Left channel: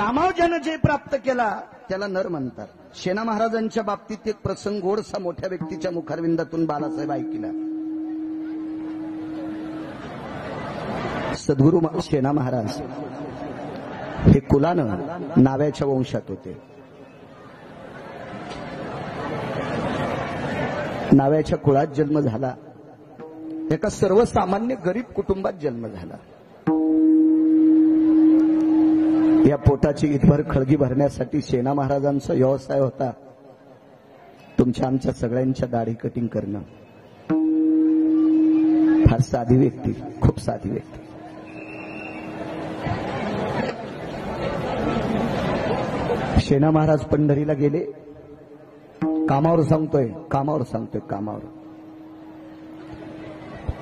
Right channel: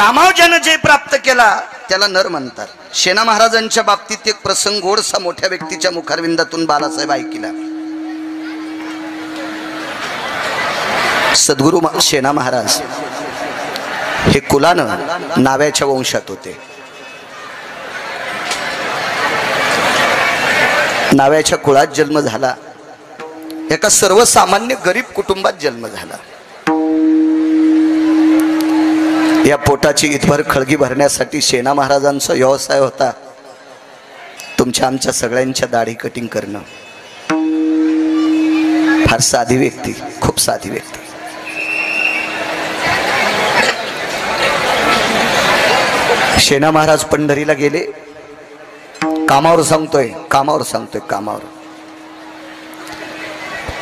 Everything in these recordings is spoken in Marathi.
कामाव ज्यानं जय प्राप्त केला त्याला नर म्हणतात. शेणा महाराजांच्या बाबतीत एक प्रसंग गोडसा मोठ्या व्यक्तीच्या मुखारविंदातून बालासाहेब ऐकिला. सद्गुरु शेणा महाराज हे कुलानं नाव्याच्या वंशात होते. नाव्याच्या कुळात जन्म झाला. एका सर्वसामान्य गरीब कुटुंबात जन्म झाला. या पोटाची इथभर खळगी भरण्यासाठी शेणा महाराजांचा व्यवसाय होता तुमच्या आमच्या सगळ्यांच्या दाढी कटिंग करणं. फार साधी व्यक्ती, खूप साधी व्यक्ती. शेणा महाराज पंढरीला गेले. कामावर सांगतोय, कामावर सांगतोय, कामावर.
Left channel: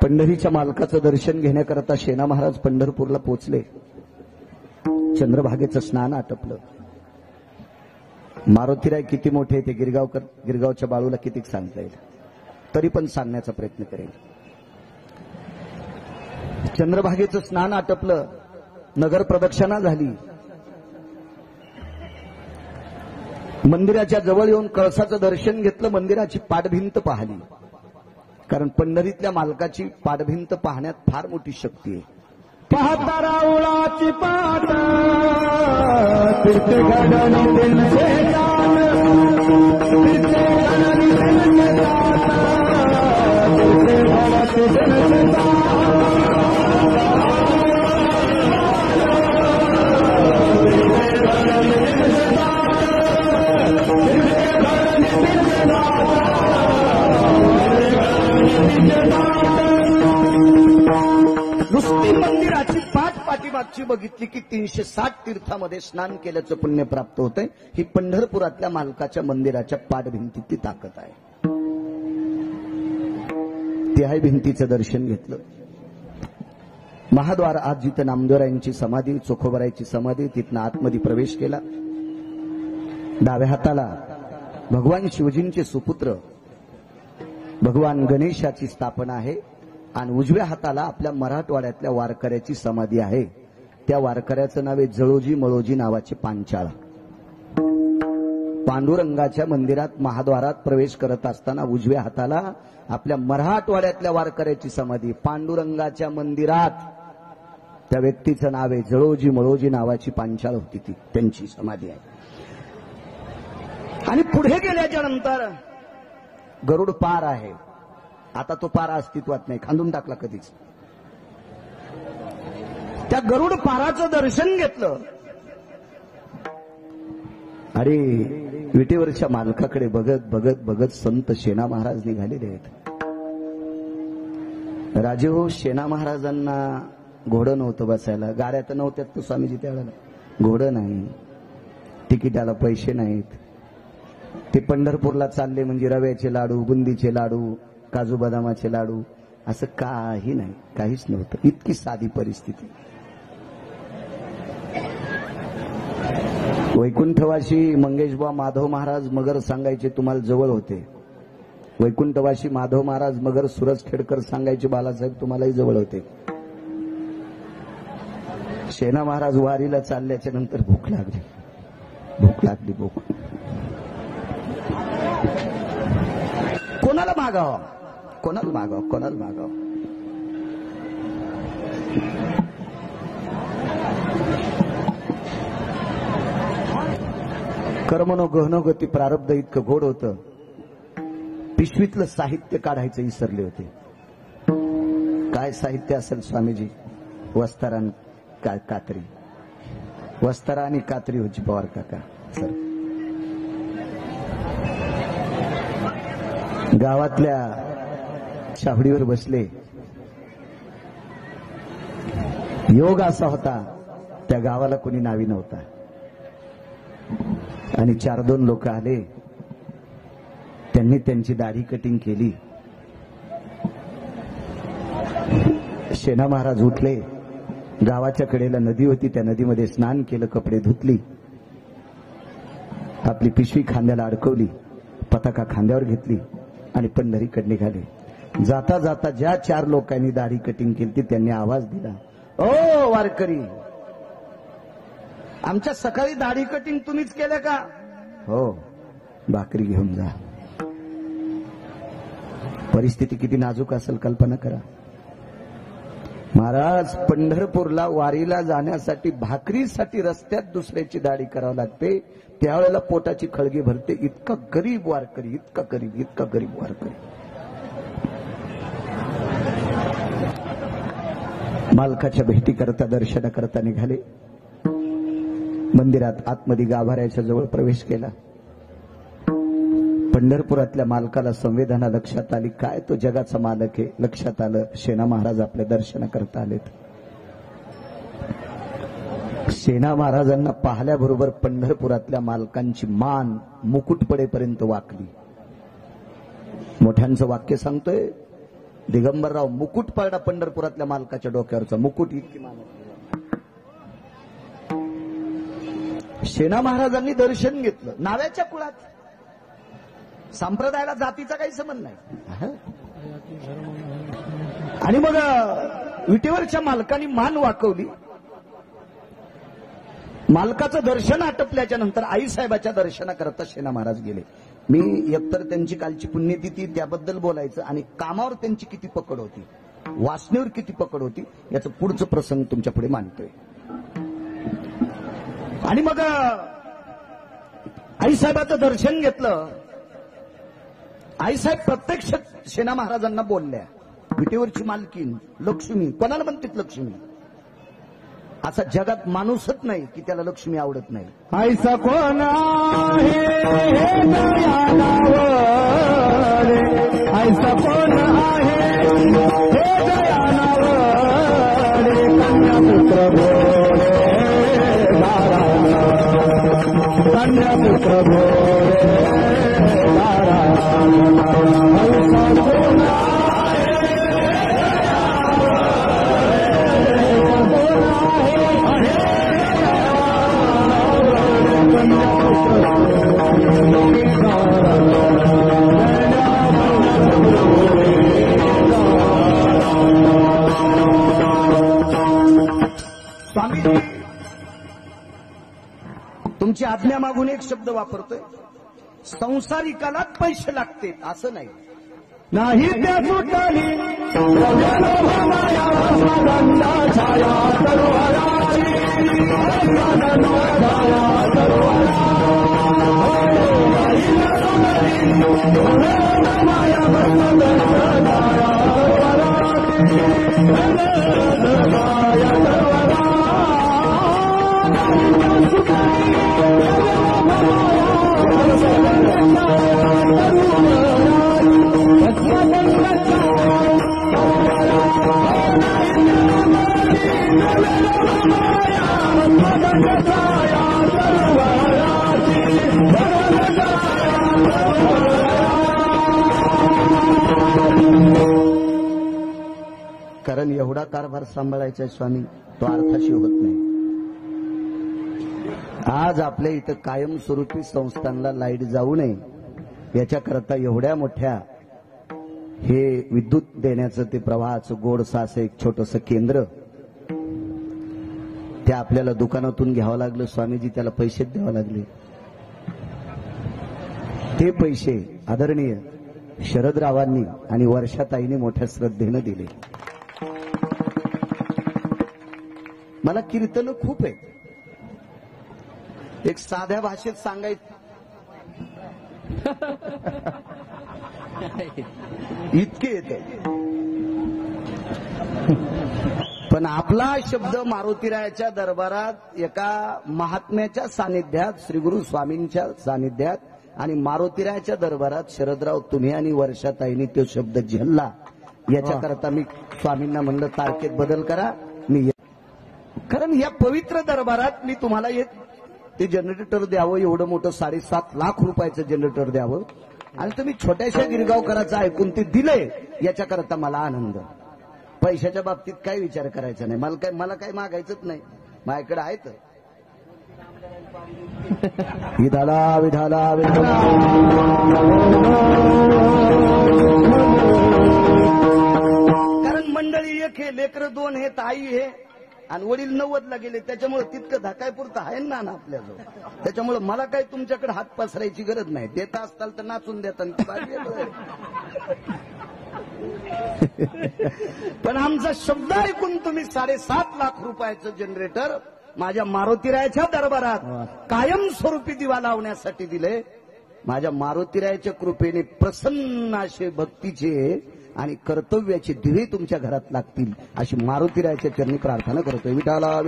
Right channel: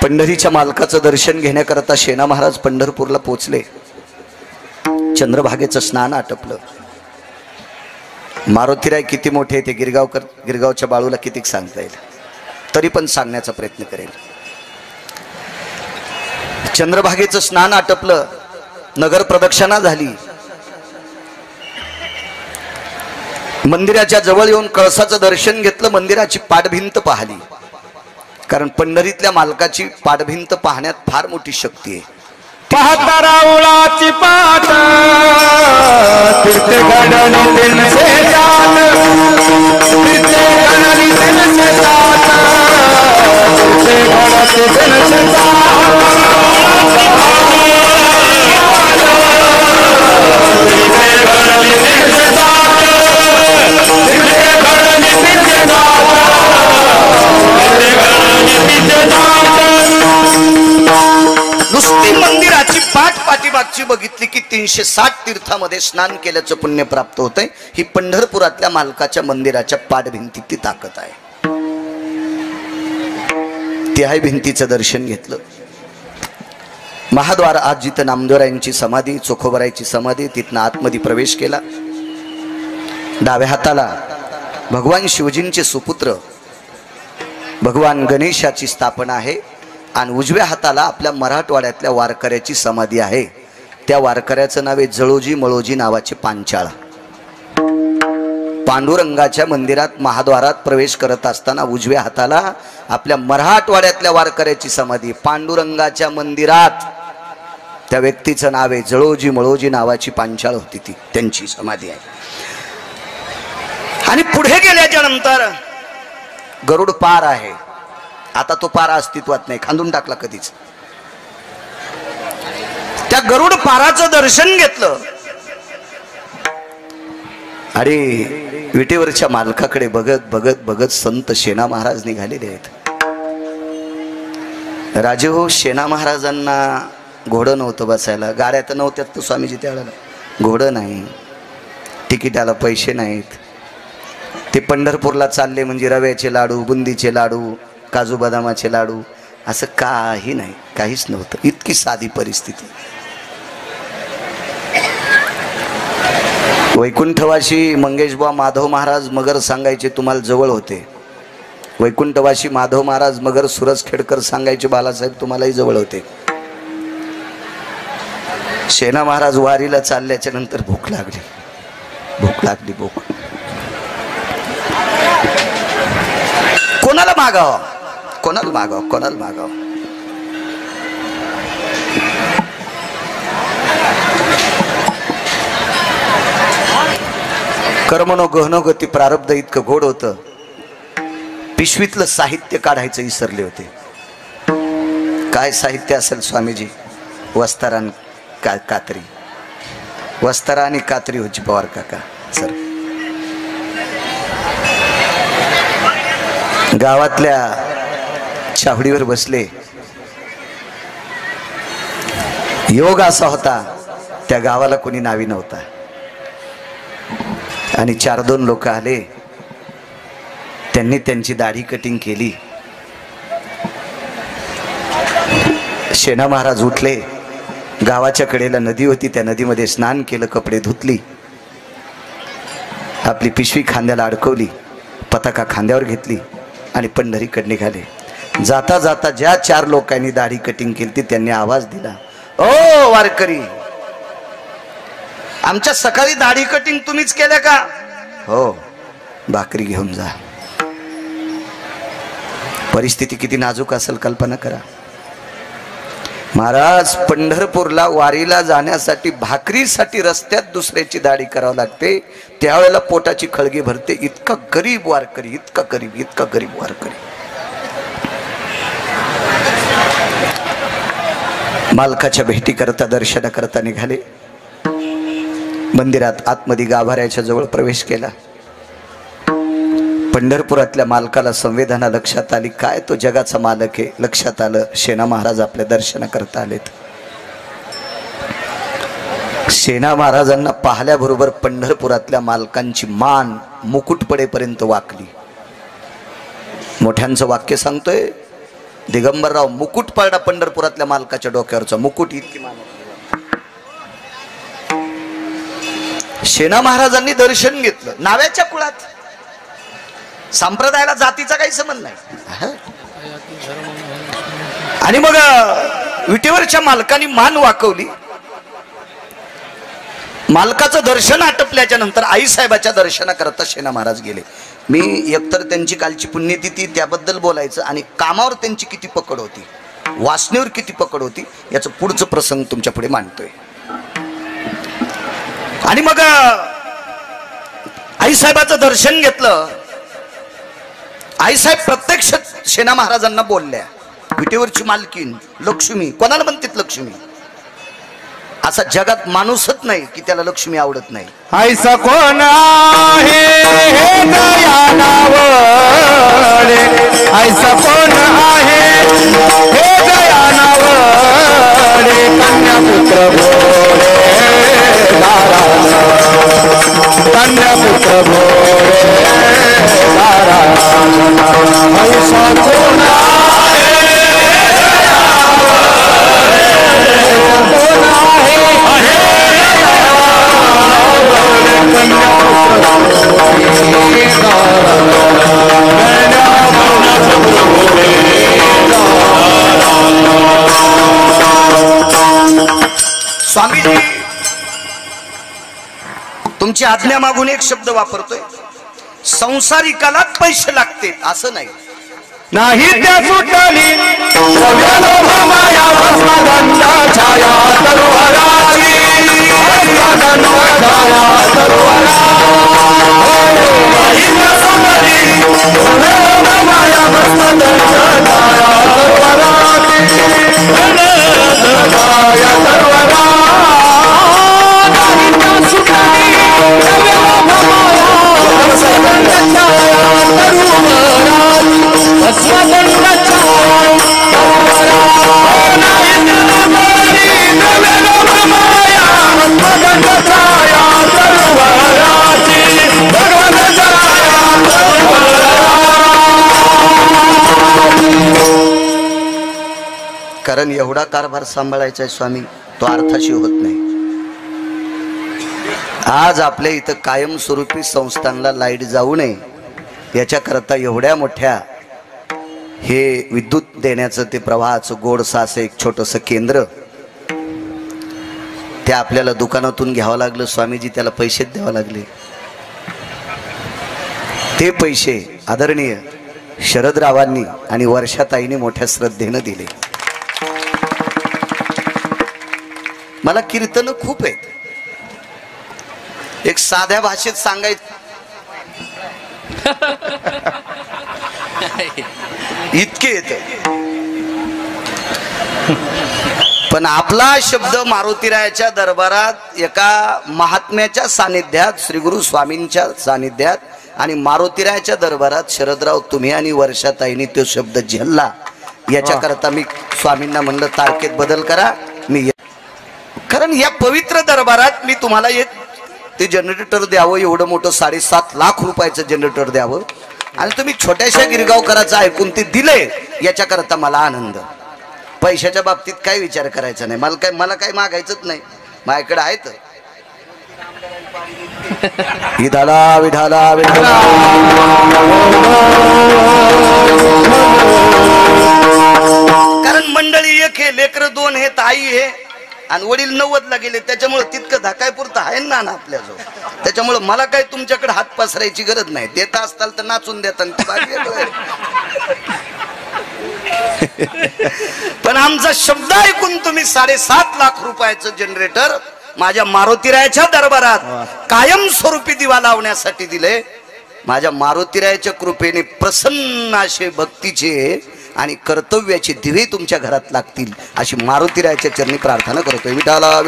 पंढरीच्या मालकाचं दर्शन घेण्याकरता शेणा महाराज पंढरपूरला पोचले. चंद्रभागेचं स्नान आटपलं. मारुतीराय किती मोठे ते गिरगावच्या बाळूला किती सांगता येईल, तरी पण सांगण्याचा प्रयत्न करेल. चंद्रभागेचं स्नान आटपलं. नगर प्रदक्षिणा झाली. मंदिराच्या जवळ येऊन कळसाचं दर्शन घेतलं. मंदिराची पाठभिंत पाहिली, कारण पंढरीतल्या मालकाची पाठभिंत पाहण्यात फार मोठी शक्ती आहे. पाहता रावळाची पाट तीर्थ घडणी दिनसे जात, तीर्थ घडणी दिनसे जात, तीर्थ घडणी दिनसे जात. नुसती मंदिराची पाठीमागची बघितली की 360 तीर्थामध्ये स्नान केल्याचं पुण्य प्राप्त होतंय. ही पंढरपुरातल्या मालकाच्या मंदिराच्या पाठभिंतीत ती ताकद आहे. त्याही भिंतीचं दर्शन घेतलं. महाद्वार आज जिथं नामदेवरायांची समाधी, चोखोबरायची समाधी, तिथनं आतमध्ये प्रवेश केला. डाव्या हाताला भगवान शिवजींचे सुपुत्र भगवान गणेशाची स्थापना आहे आणि उजव्या हाताला आपल्या मराठवाड्यातल्या वारकऱ्याची समाधी आहे. त्या वारकऱ्याचं नाव आहे जळोजी मळोजी नावाचे पांचाळ. पांडुरंगाच्या मंदिरात महाद्वारात प्रवेश करत असताना उजव्या हाताला आपल्या मराठवाड्यातल्या वारकऱ्याची समाधी. पांडुरंगाच्या मंदिरात त्या व्यक्तीचं नाव आहे जळोजी मळोजी नावाची पांचाळ होती, ती त्यांची समाधी आहे. आणि पुढे गेल्याच्या नंतर गरुड पार आहे. आता तो पारा अस्तित्वात नाही, खांदून टाकला कधीच. त्या गरुड पाराचं दर्शन घेतलं. अरे विटेवरच्या मालकाकडे बघत बघत बघत संत शेणा महाराज निघालेले आहेत. राजे हो, शेणा महाराजांना घोडं नव्हतं बसायला, गाड्या तर नव्हत्यात तर स्वामीजी त्यावेळेला. घोडं नाही, तिकिटाला पैसे नाहीत. ते पंढरपूरला चालले म्हणजे रव्याचे लाडू, बुंदीचे लाडू, काजू बदामाचे लाडू, असं काही नाही, काहीच नव्हतं. इतकी साधी परिस्थिती. वैकुंठवासी मंगेशबुवा माधव महाराज मगर सांगायचे तुम्हाला जवळ होते. वैकुंठवासी माधव महाराज मगर सुरजखेडकर सांगायचे बालासाहेब तुम्हालाही जवळ होते. शेणा महाराज वारीला चालल्याच्या नंतर भूक लागली, भूक लागली, भूक. कोणाला मागाव, कोणाला मागाव, कोणाला मागाव. कर्मनो गहनो गती प्रारब्ध इतकं गोड होतं. पिशवीतलं साहित्य काढायचं विसरले होते. काय साहित्य असेल स्वामीजी? वस्तारा आणि कात्री. वस्तारा आणि कात्री होती पवार काका सर. गावातल्या छावडीवर बसले. योग असा होता त्या गावाला कोणी नावी नव्हता आणि 4-2 लोक आले. त्यांनी त्यांची दाढी कटिंग केली. शेणा महाराज उठले. गावाच्या कडेला नदी होती, त्या नदीमध्ये स्नान केलं, कपडे धुतली, आपली पिशवी खांद्याला अडकवली, पताका खांद्यावर घेतली आणि पंढरीकडे निघाले. जाता जाता ज्या 4 लोकांनी दाढी कटिंग केली त्यांनी आवाज दिला, ओ वारकरी, आमच्या सकाळी दाढी कटिंग तुम्हीच केल्या का? हो, भाकरी घेऊन जा. परिस्थिती किती नाजूक असेल कल्पना करा. महाराज पंढरपूरला वारीला जाण्यासाठी भाकरीसाठी रस्त्यात दुसऱ्याची दाढी करावं लागते. त्यावेळेला पोटाची खळगी भरते. इतका गरीब वारकरी, इतका गरीब वारकरी. मालकाच्या भेटी करता दर्शन करता निघाले. मंदिरात आतमध्ये गाभाऱ्याच्या जवळ प्रवेश केला. पंढरपुरातल्या मालकाला संवेदना लक्षात आली. काय तो जगाचा मालक आहे लक्षात आलं. सेना महाराज आपल्या दर्शन करता आलेत. सेना महाराजांना पाहिल्याबरोबर पंढरपुरातल्या मालकांची मान मुकुट पडेपर्यंत वाकली. मोठ्यांचं वाक्य सांगतोय, दिगंबरराव मुकुट पडला पंढरपुरातल्या मालकाच्या डोक्यावरचा मुकुट. इतकी मान. सेना महाराजांनी दर्शन घेतलं. नाव्याच्या कुळात, संप्रदायाला जातीचा काही संबंध नाही. आणि मग विटेवरच्या मालकाने मान वाकवली. मालकाचं दर्शन आटपल्याच्या नंतर आईसाहेबाच्या दर्शनाकरता सेना महाराज गेले. मी एकतर त्यांची कालची पुण्यतिथी त्याबद्दल बोलायचं आणि कामावर त्यांची किती पकड होती, वासनेवर किती पकड होती, याचं पुढचं प्रसंग तुमच्या पुढे मांडतोय. आणि मग आईसाहेबाचं दर्शन घेतलं. आईसाहेब प्रत्यक्ष सेना महाराजांना बोलल्या, विटेवरची मालकीन लक्ष्मी. कोणाला म्हणतात लक्ष्मी? असा जगात माणूसच नाही की त्याला लक्ष्मी आवडत नाही. ऐसा कोण आहे हे दयानावरे, ऐसा कोण आहे हे दयानावरे, कन्यापुत्र भोळे नारायण, कन्यापुत्र भोळे नारायण. ऐसा कोण स्वामीजी तुमची आज्ञा मागून एक शब्द वापरतोय. संसारिकालाच पैसे लागते असं नाही. नाही त्या सुटली माया छाया तरुहराची, कारण एवढा कारभार सांभाळायचा आहे स्वामी, तो अर्थाशी होत नाही. आज आपल्या इथं कायमस्वरूपी संस्थांना लाईट जाऊ नये याच्याकरता एवढ्या मोठ्या हे विद्युत देण्याचं ते प्रवाहाचं गोडसं असं एक छोटंसं केंद्र ते आपल्याला दुकानातून घ्यावं लागलं. स्वामीजी त्याला पैसेच द्यावं लागले. ते पैसे आदरणीय शरदरावांनी आणि वर्षाताईंनी मोठ्या श्रद्धेनं दिले. मला कीर्तन खूप आहेत. एक साध्या भाषेत सांगायचं इतके येते, पण आपला शब्द मारुतीरायाच्या दरबारात एका महात्म्याच्या सानिध्यात, श्री गुरु स्वामींच्या सानिध्यात आणि मारुतीरायाच्या दरबारात शरदराव तुम्ही आणि वर्षाताईंनी तो शब्द झेलला. याच्याकरता मी स्वामींना म्हणलं तारखेत बदल करा. मी कारण या पवित्र दरबारात मी तुम्हाला एक ते जनरेटर द्यावं, एवढं मोठं 7.5 लाख रुपयाचं जनरेटर द्यावं आणि तुम्ही छोट्याशा गिरगावकराचं ऐकून ते दिले. याच्याकरता मला आनंद. पैशाच्या बाबतीत काय विचार करायचा नाही. मला काय मागायचंच नाही. माझ्याकडे आहे तर विधाला विधाला विधाला. कारण मंडळी एक हे, लेकर दोन हे, ताई हे, आणि वडील 90ला गेले, त्याच्यामुळे तितकं धाकायपुरतं आहे ना आपल्याजवळ. त्याच्यामुळे मला काही तुमच्याकडे हात पसरायची गरज नाही. देत असताल तर नाचून देता. पण आमचा शब्द ऐकून तुम्ही 7.5 लाख रुपयाचं जनरेटर माझ्या मारुतीरायाच्या दरबारात कायमस्वरूपी दिवा लावण्यासाठी दिले. माझ्या मारुतीरायाच्या कृपेने प्रसन्न असे भक्तीचे आणि कर्तव्याचे दिवे तुमच्या घरात लागतील अशी मारुतीरायाच्या चरणी प्रार्थना करतोय. विठाला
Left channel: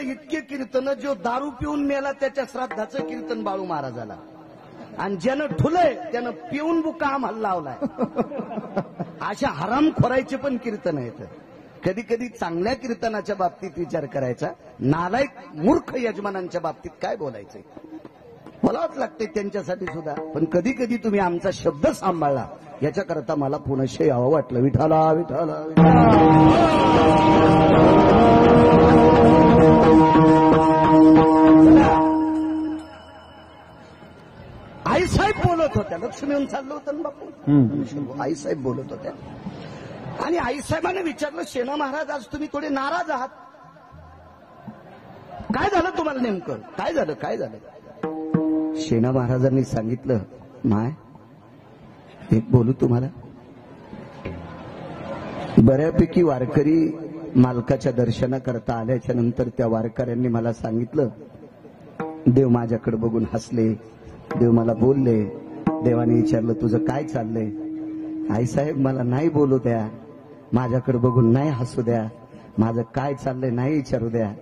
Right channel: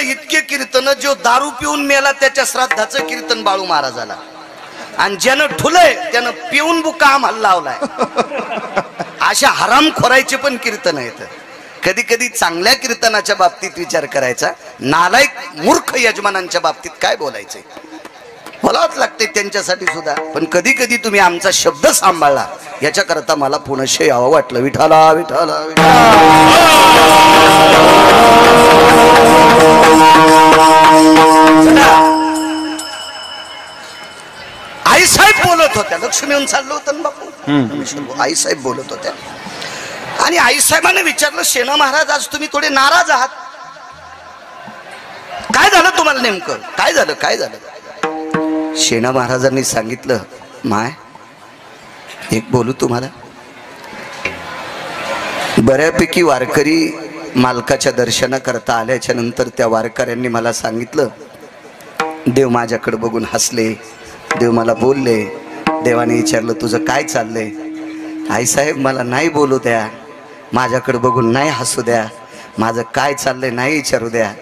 इतके कीर्तन जो दारू पिऊन मेला त्याच्या श्राद्धाचं कीर्तन बाळू महाराजाला, आणि ज्यानं ठुलय त्यानं पिऊन बुका आम्हाला लावलाय. अशा हरामखोरायचे पण कीर्तन आहेत. कधी कधी चांगल्या कीर्तनाच्या बाबतीत विचार करायचा, नालायक मूर्ख यजमानांच्या बाबतीत काय बोलायचंय बोलावंच लागते त्यांच्यासाठी सुद्धा. पण कधी कधी तुम्ही आमचा शब्द सांभाळला याच्या करता मला पुनश्च यावं वाटलं. विठाला विठाला आई साहेब बोलत होत्या. लक्ष्मी येऊन चाललो होतं ना बापू. आई साहेब बोलत होत्या आणि आई साहेबांनी विचारलं, शेना महाराज आज तुम्ही थोडे नाराज आहात, काय झालं तुम्हाला नेमकं, काय झालं काय झालं. शेना महाराजांनी सांगितलं, माय एक बोलू तुम्हाला. बऱ्यापैकी वारकरी मालकाच्या दर्शनाकरता आल्याच्या नंतर त्या वारकऱ्यांनी मला सांगितलं, देव माझ्याकडे बघून हसले, देव मला बोलले. देवाने विचारलं तुझं काय चाललंय. आई साहेब मला नाही बोलू द्या, माझ्याकडे बघून नाही हसू द्या, माझं काय चाललंय नाही विचारू द्या,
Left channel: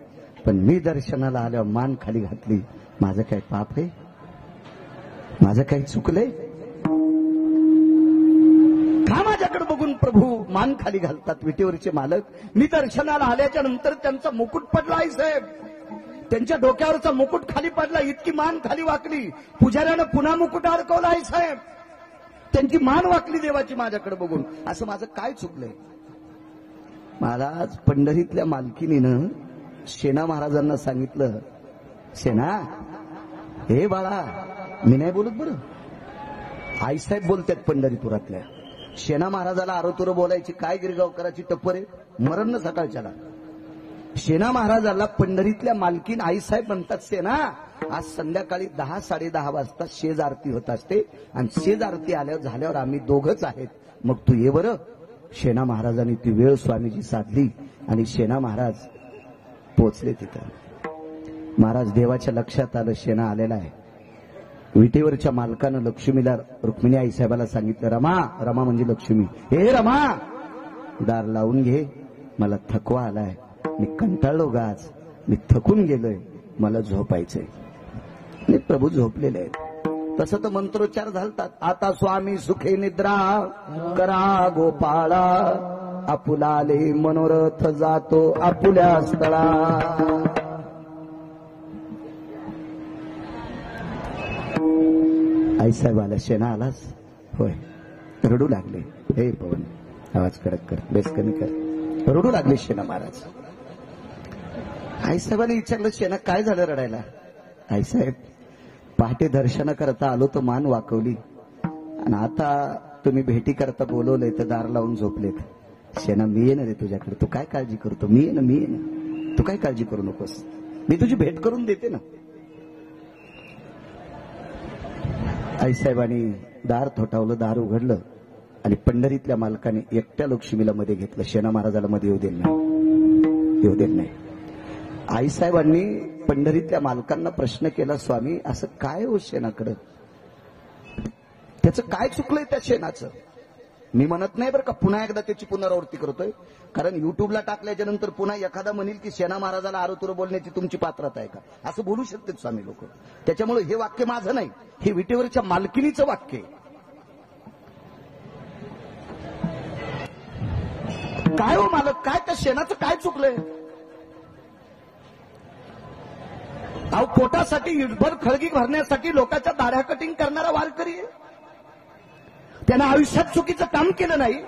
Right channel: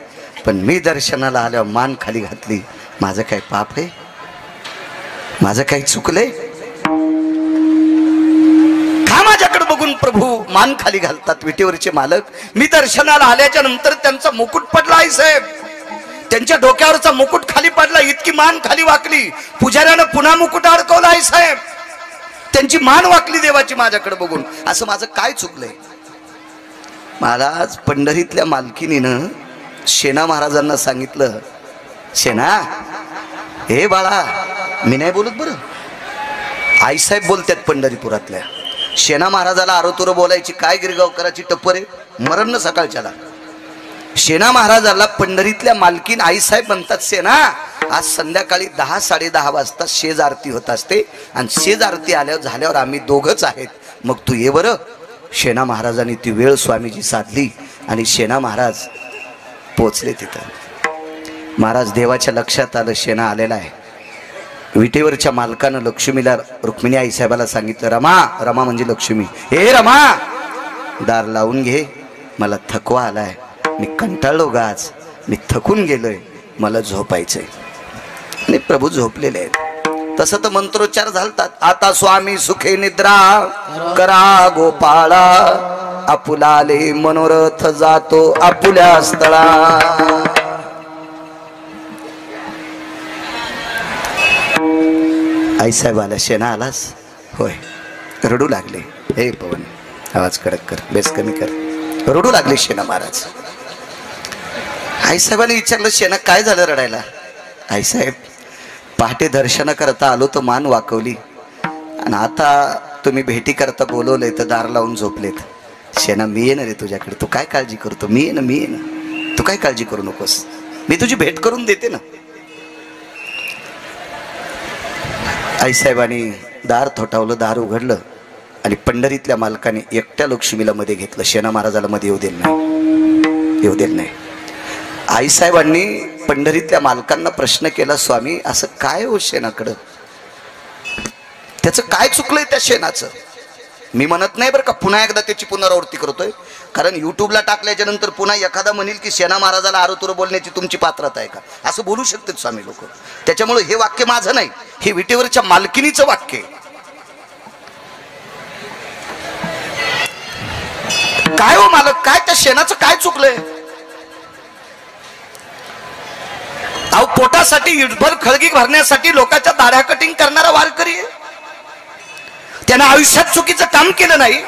पण मी दर्शनाला आल्यावर मान खाली घातली. माझं काय पाप आहे, माझं काही चुकलंय का माझ्याकडे बघून प्रभू मान खाली घालतात विटेवरचे मालक. मी दर्शनाला आल्याच्या नंतर त्यांचा मुकुट पडला आई साहेब, त्यांच्या डोक्यावरचा मुकुट खाली पडला, इतकी मान खाली वाकली. पुजाऱ्यानं पुन्हा मुकुट अडकवला आई साहेब, त्यांची मान वाकली देवाची माझ्याकडे बघून. असं माझं काय चुकलंय. मला आज पंढरीतल्या मालकीनीनं शेना महाराजांना सांगितलं, शेना हे बाळा मी नाही बोलत बरं, आईसाहेब बोलतात पंढरीपुरातल्या. शेना महाराजाला आरोतुरं बोलायची काय गिरगावकराची टप्पर आहे, मरण न सकाळच्याला. शेना महाराजाला पंढरीतल्या मालकीन आईसाहेब म्हणतात, शेना आज संध्याकाळी 10-10:30 वाजता शेज आरती होत असते आणि शेज आरती झाल्यावर आम्ही दोघंच आहेत, मग तू ये बरं. शेना महाराजांनी ती वेळ स्वामीजी साधली आणि शेना महाराज पोचले तिथं. महाराज देवाच्या लक्षात आलं शेना आलेला आहे. विटेवरच्या मालकानं लक्ष्मीला रुक्मिणी आईसाहेबाला सांगितलं, रमा, रमा म्हणजे लक्ष्मी, हे रमा दार लावून घे, मला थकवा आलाय, मी कंटाळलो गाज, मी थकून गेलोय, मला झोपायचंय. आणि प्रभू झोपलेले आहेत. तसं तर मंत्रोच्चार झालतात, आता स्वामी सुखे निद्रा करा गोपाळा, आपुलाले मनोरथ जातो आपुल्या स्थळा. आईसाहेब आला, शेना आलास, होय. रडू लागले, हे पवन आवाज कडक कर, बेस कमी कर. रडू लागले शेना महाराज. आईसाहेबांनी विचारलं, शेना काय झालं रडायला. आईसाहेब पहाटे दर्शन करता आलो तर मान वाकवली, आणि आता तुम्ही भेटी करता बोलवले तर दार लावून झोपलेत. शेना मी येणार रे तुझ्याकडे, तू काय काळजी करतो, मी येणं मी येणं, तू काय काळजी करू नकोस, मी तुझी भेट करून देते ना. आईसाहेबांनी दार थोटावलं, दार उघडलं आणि पंढरीतल्या मालकाने एकट्या लक्ष्मीला मध्ये घेतलं. शेना महाराजाला मध्ये येऊ दिलं नाही, येऊ दिलं नाही. आईसाहेबांनी पंढरीतल्या मालकांना प्रश्न केला, स्वामी असं काय हो शेणाकडं, त्याचं काय चुकलंय त्या शेणाचं. मी म्हणत नाही बरं का, पुन्हा एकदा त्याची पुनरावृत्ती करतोय, कारण युट्यूबला टाकल्याच्या नंतर पुन्हा एखादा म्हणेल की शेना महाराजाला आरोतुरं बोलण्याची तुमची पात्रता आहे का, असं बोलू शकतात स्वामी लोक. त्याच्यामुळे हे वाक्य माझं नाही, हे विटेवरच्या मालकिनीचं वाक्य आहे. काय हो मालक, काय त्या शेणाचं काय चुकलंय. अहो पोटासाठी इटभर खळगी भरण्यासाठी लोकांच्या दाढ्या कटिंग करणारा वारकरी आहे. त्यानं आयुष्यात चुकीचं काम केलं नाही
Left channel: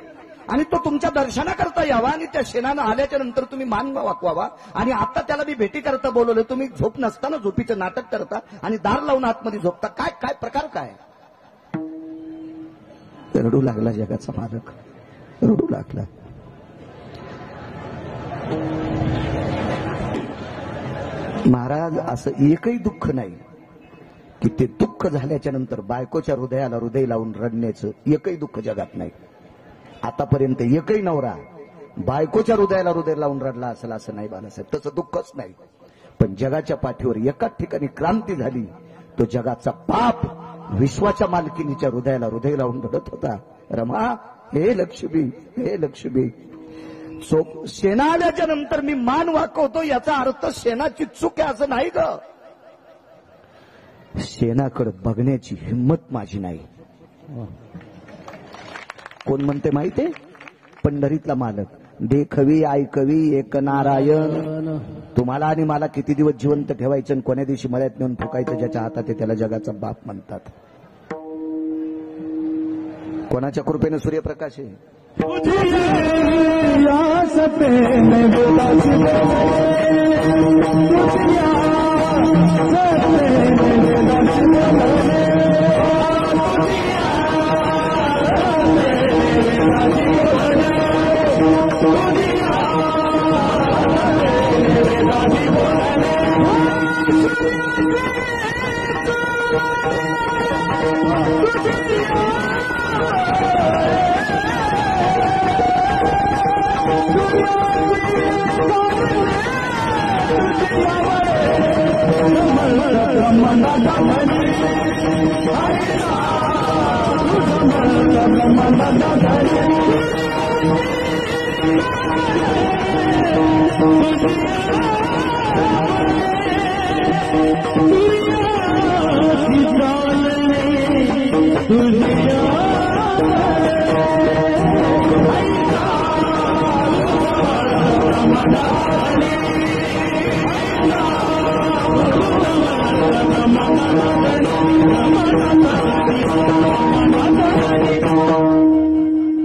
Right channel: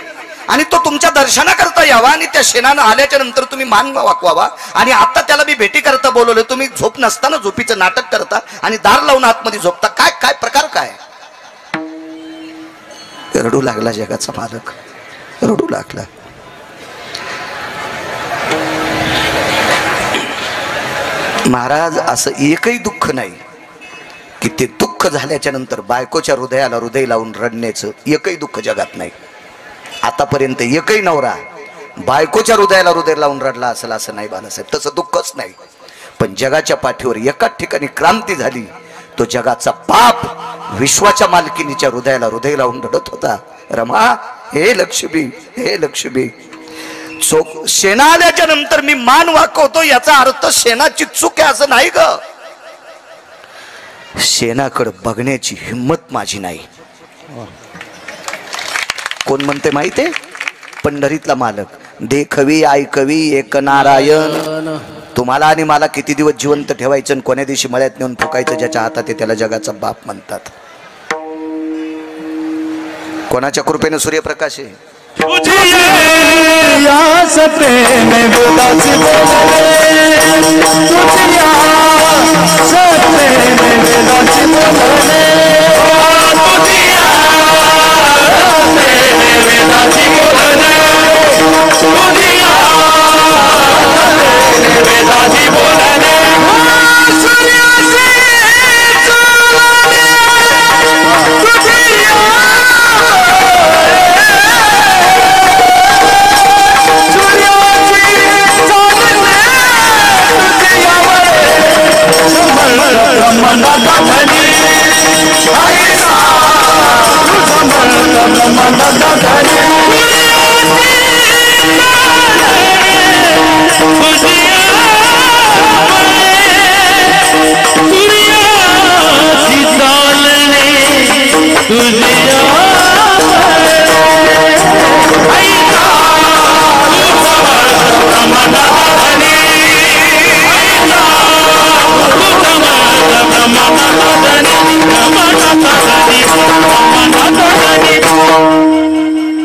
आणि तो तुमच्या दर्शनाकरता यावा आणि त्या शेणानं आल्याच्या नंतर तुम्ही मान वाकवावा, आणि आता त्याला मी भेटी करता बोलवलं, तुम्ही झोप नसताना झोपीचं नाटक करता आणि दार लावून आतमध्ये झोपता. काय काय प्रकार काय. रडू लागला जगाचा मालक, रडू लागला. महाराज असं एकही दुःख नाही की ते दुःख झाल्याच्या नंतर बायकोच्या हृदयाला हृदय लावून रडण्याचं एकही दुःख जगात नाही. आतापर्यंत एकही नवरा बायकोच्या हृदयाला हृदय लावून रडला असेल असं नाही बाळासाहेब, तसं दुःखच नाही. पण जगाच्या पाठीवर एकाच ठिकाणी क्रांती झाली. तो जगाचा पाप विश्वाच्या मालकिनीच्या हृदयाला हृदय लावून रडत होता. रमा, हे लक्ष्मी, हे लक्ष्मी. शेणा आल्याच्या नंतर मी मान वाकवतो याचा अर्थ शेणाची चूक आहे असं नाही ग. शेणाकडे बघण्याची हिम्मत माझी नाही. कोण म्हणते माहितीये? पंढरीतला मालक. देखवी ऐकवी एक नारायण. तुम्हाला आणि मला किती दिवस जिवंत ठेवायचं आणि कोण्या दिवशी मळ्यात नेऊन फुकायचं ज्याच्या हातात आहे त्याला जगाचा बाप म्हणतात. कोणाच्या कृपेने सूर्यप्रकाश आहे?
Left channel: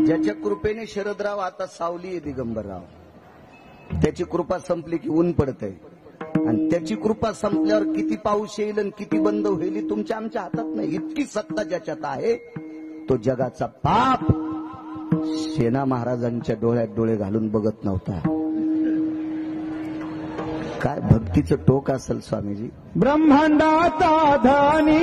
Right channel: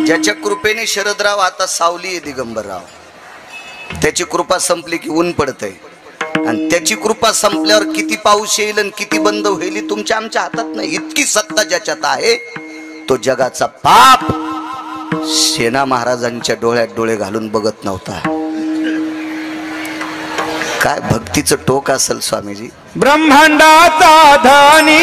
ज्याच्या कृपेने शरदराव आता सावली आहे दिगंबरराव, त्याची कृपा संपली की ऊन पडतंय. आणि त्याची कृपा संपल्यावर किती पाऊस येईल आणि किती बंद होईल तुमच्या आमच्या हातात नाही. इतकी सत्ता ज्याच्यात आहे तो जगाचा पाप सेना महाराजांच्या डोळ्यात डोळे घालून बघत नव्हता. काय भक्तीचं टोक असेल स्वामीजी. ब्रह्मांडाचा धनी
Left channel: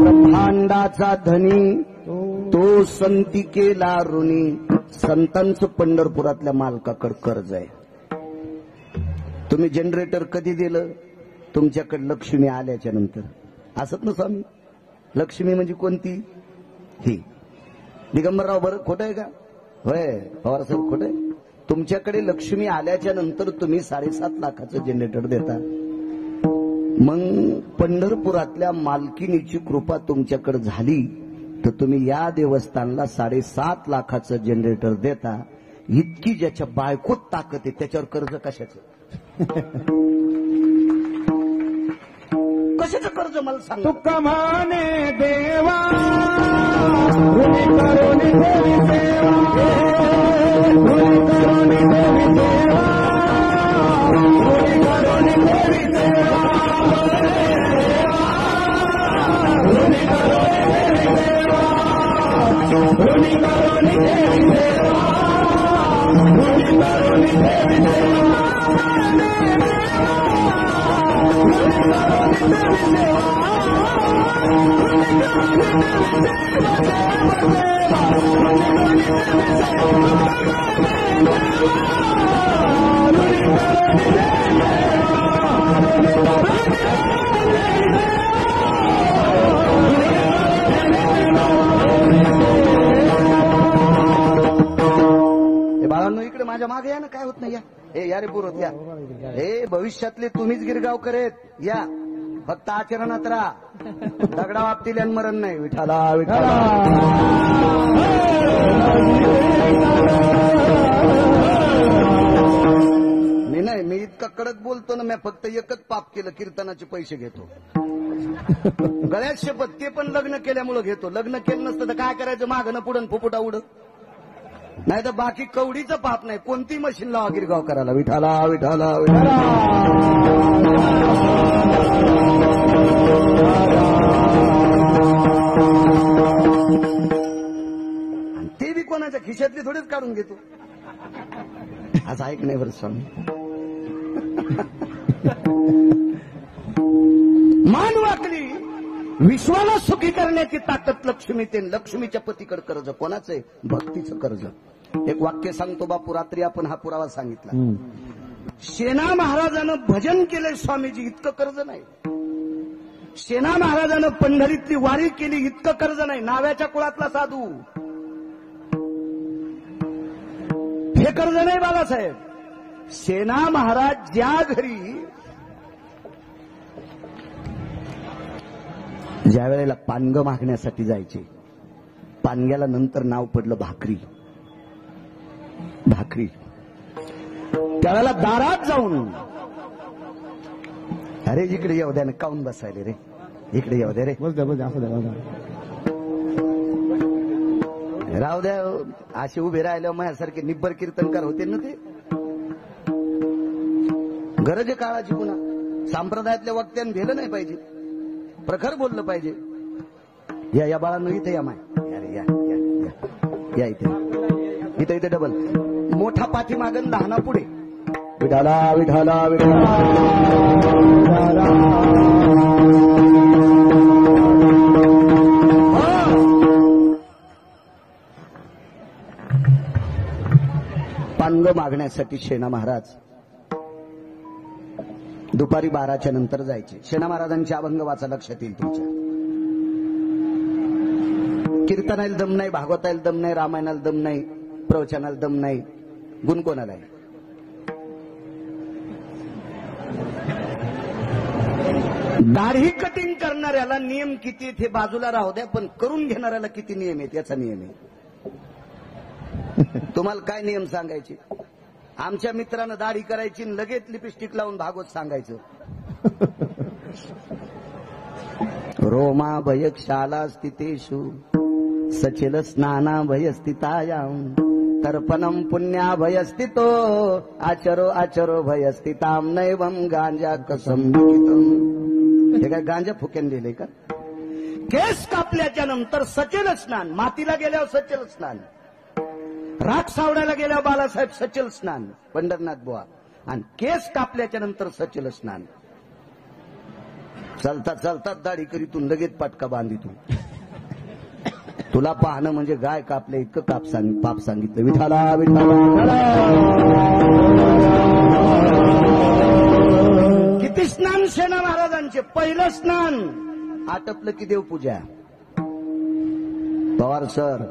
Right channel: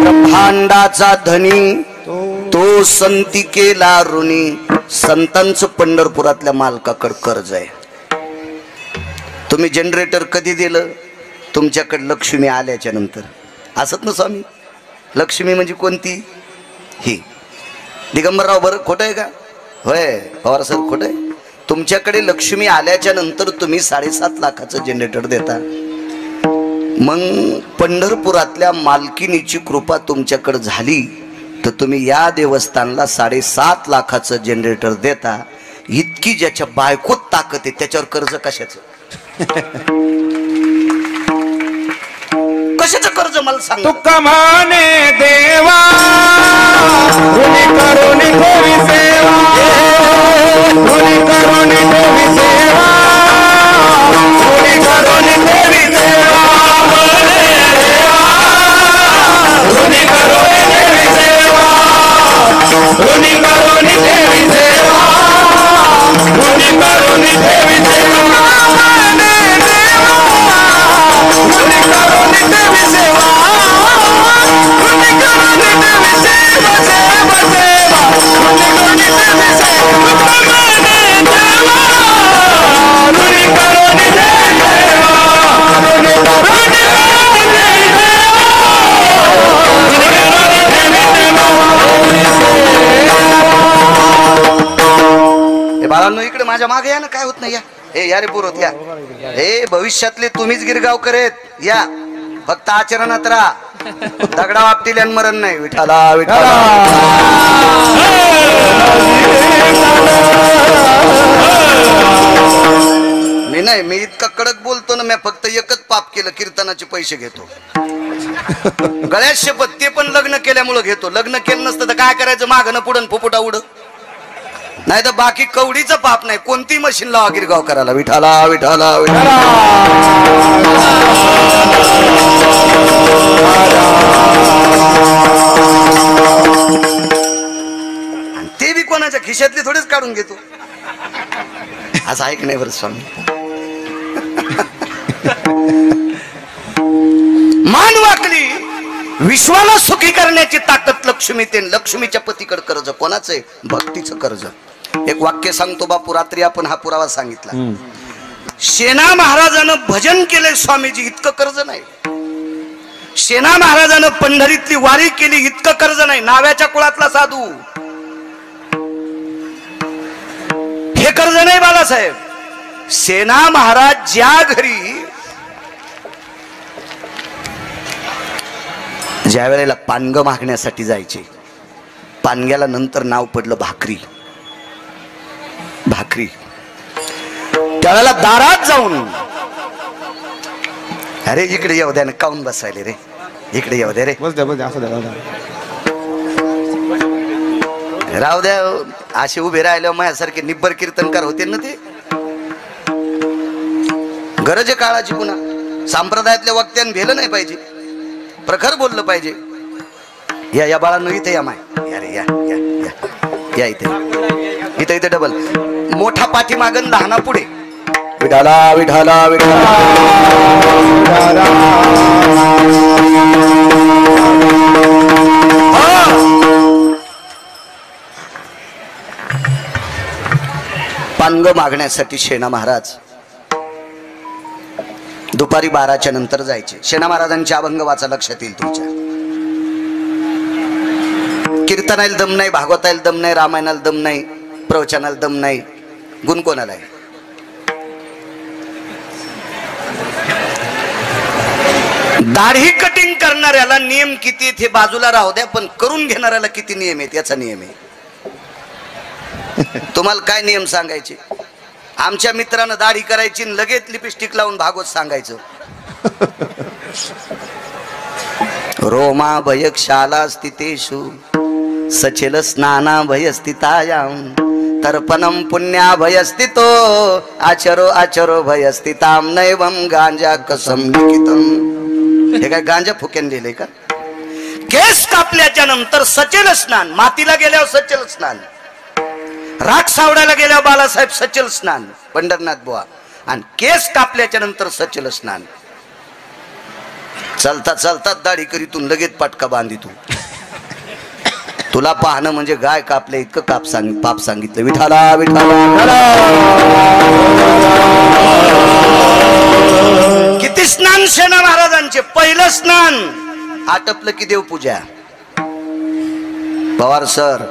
ब्रह्मांडाचा धनी तो संती केला ऋणी. संतांचं पंढरपुरातल्या मालकाकडे कर्ज आहे. तुम्ही जनरेटर कधी दिलं? तुमच्याकडे लक्ष्मी आल्याच्या नंतर. असत ना स्वामी? लक्ष्मी म्हणजे कोणती? ही दिगंबरराव बरं खोटं आहे का? होय पवार सर खोटं आहे. तुमच्याकडे लक्ष्मी आल्याच्या नंतर तुम्ही 7.5 लाखाचं जनरेटर देता. मग पंढरपुरातल्या मालकिनीची कृपा तुमच्याकडे झाली तर तुम्ही या देवस्थानला 7.5 लाखाचं जनरेटर देता. इतकी ज्याच्या बायकोत ताकद आहे त्याच्यावर कर्ज कशाचं? कशाचं कर्ज मला सांग. तुका माने देवा ऋणी करुणी ठेवी सेवा, ऋणी करुणी ठेवी सेवा, ऋणी करुणी ठेवी सेवा, ऋणी करुणी ठेवी सेवा, ऋणी करुणी ठेवी सेवा, ऋणी करुणी ठेवी सेवा, ऋणी करुणी ठेवी सेवा, ऋणी करुणी ठेवी सेवा, सेवा सेवा, ऋणी करुणी ठेवी सेवा, ऋणी करुणी ठेवी सेवा, ऋणी करुणी बाळांनो इकडे माझ्या मागे या ना. काय होत नाही या. ए या रे पुरोत या. ए भविष्यातले तुम्हीच गिरगावकर आहेत. या फक्त आचरणात राहा. दगडा बाबतीत मरण नाही. विठाला विठाला. नाही मी इतका कडक बोलतो ना, मी फक्त एकच पाप केलं, कीर्तनाचे पैसे घेतो. गळ्यात शपथ, ते पण लग्न केल्यामुळं घेतो. लग्न केलं नसतं तर काय करायचं, मागणं पुढं फुफुटा उड. नाही तर बाकी कवडीचं पाप नाही. कोणती मशीन लावा गिरगाव करायला. विठाला विठाला विठाला. आणि ते बी कोणाच्या खिशातली थोडेच काढून घेतो. असं ऐक नाही बरं स्वामी. मान वाकली, विश्वाला सुखी करण्याची ताकद लक्ष्मी. ते लक्ष्मीच्या पतीकडे कर्ज कोणाचं आहे? भक्तीचं कर्ज. एक वाक्य सांगतो बापू, रात्री आपण हा पुरावा सांगितला. सेना महाराजानं भजन केले स्वामीजी, इतकं कर्ज नाही. सेना महाराजानं पंढरीतली वारी केली, इतकं कर्ज नाही. नाव्याच्या कुळातला साधू, हे कर्ज नाही बाळासाहेब. सेना महाराज ज्या घरी ज्या वेळेला पानग मागण्यासाठी जायचे, पानग्याला नंतर नाव पडलं भाकरी. भाकरी त्यावेळेला दारात जाऊन, अरे इकडे येऊ द्या ना, काऊन बसायले रे, इकडे येऊ द्या रे, राहू द्या. असे उभे राहिल्यावर माझ्यासारखे निब्बर कीर्तनकार होते ना ते. गरज आहे काळाची. पुन्हा संप्रदायातल्या वक्त्यानं भेलं नाही पाहिजे, प्रखर बोललं पाहिजे. या या बाळांनो इथे या. माय या रे, या या या या इथे, इथे इथे डबल मोठा पाठीमागन लहाना पुढे. विठाला विठाला विठाला. पानग मागण्यासाठी सेना महाराज दुपारी 12च्या नंतर जायचे. सेना महाराजांचे अभंग वाचा, लक्षात येईल तुमच्या. कीर्तनाला दम नाही, भागवताला दम नाही, रामायणाला दम नाही, प्रवचनाला दम नाही, गुण कोणाला आहे? दाढी कटिंग करणाऱ्याला नियम किती आहेत हे बाजूला राहू द्या, पण करून घेणाऱ्याला किती नियम आहेत याचा नियम आहे. तुम्हाला काय नियम सांगायचे? आमच्या मित्रानं दाढी करायची, लगेच लिपस्टिक लावून भागवत सांगायचं. रोमा भयक्षाला स्थितेषु सचेल स्नाना भयस्थितायाम तर्पणम पुण्या भयस्थितो आचरो आचरो भयस्थिताम नैवम गांजा कसम लिखितम. हे काय गांजा फुक्यान लिहिलंय का? केस कापल्याच्या नंतर सचेल स्नान, मातीला गेल्यावर सचेल स्नान, राख सावडायला गेल्यावर बाळासाहेब सचल स्नान, पंढरनाथ बुवा, आणि केस कापल्याच्या नंतर सचल स्नान. चालता चालता दाढी करीतून लगेच पटका बांधी तू. तुला पाहणं म्हणजे गाय कापले इतकं पाप सांगितलं. विठाला विठाला. किती स्नान सेना महाराजांचे. पहिलं स्नान आटपलं की देवपूजा. पवार सर,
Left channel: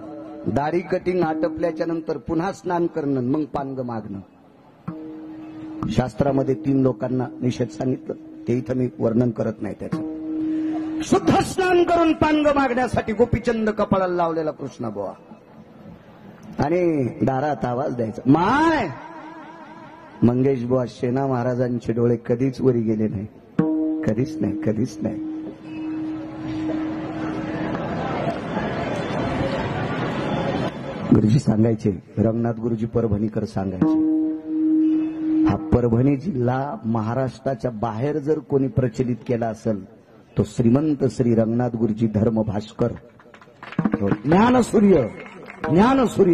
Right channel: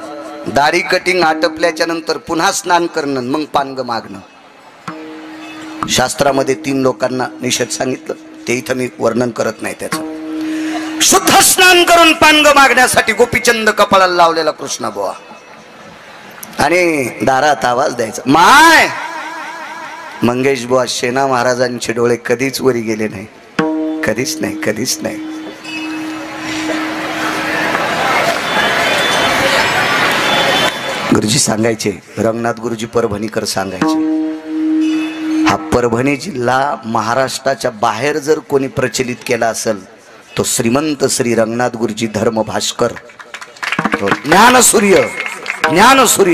दाढी कटिंग आटपल्याच्या नंतर पुन्हा स्नान करणं, मग पानग मागणं. शास्त्रामध्ये 3 लोकांना निषेध सांगितलं, ते इथं मी वर्णन करत नाही त्याचं. शुद्ध स्नान करून पानग मागण्यासाठी गोपीचंद कपाळाला लावलेला कृष्णा बुवा, आणि दारात आवाज द्यायचा. माय मंगेश बुवा, सेना महाराजांचे डोळे कधीच वरी गेले नाही, कधीच नाही, कधीच नाही. गुरुजी सांगायचे, रंगनाथ गुरुजी परभणीकर सांगायचे, हा परभणी जिल्हा महाराष्ट्राच्या बाहेर जर कोणी प्रचलित केला असेल तो श्रीमंत श्री रंगनाथ गुरुजी धर्म भास्कर, ज्ञानसूर्य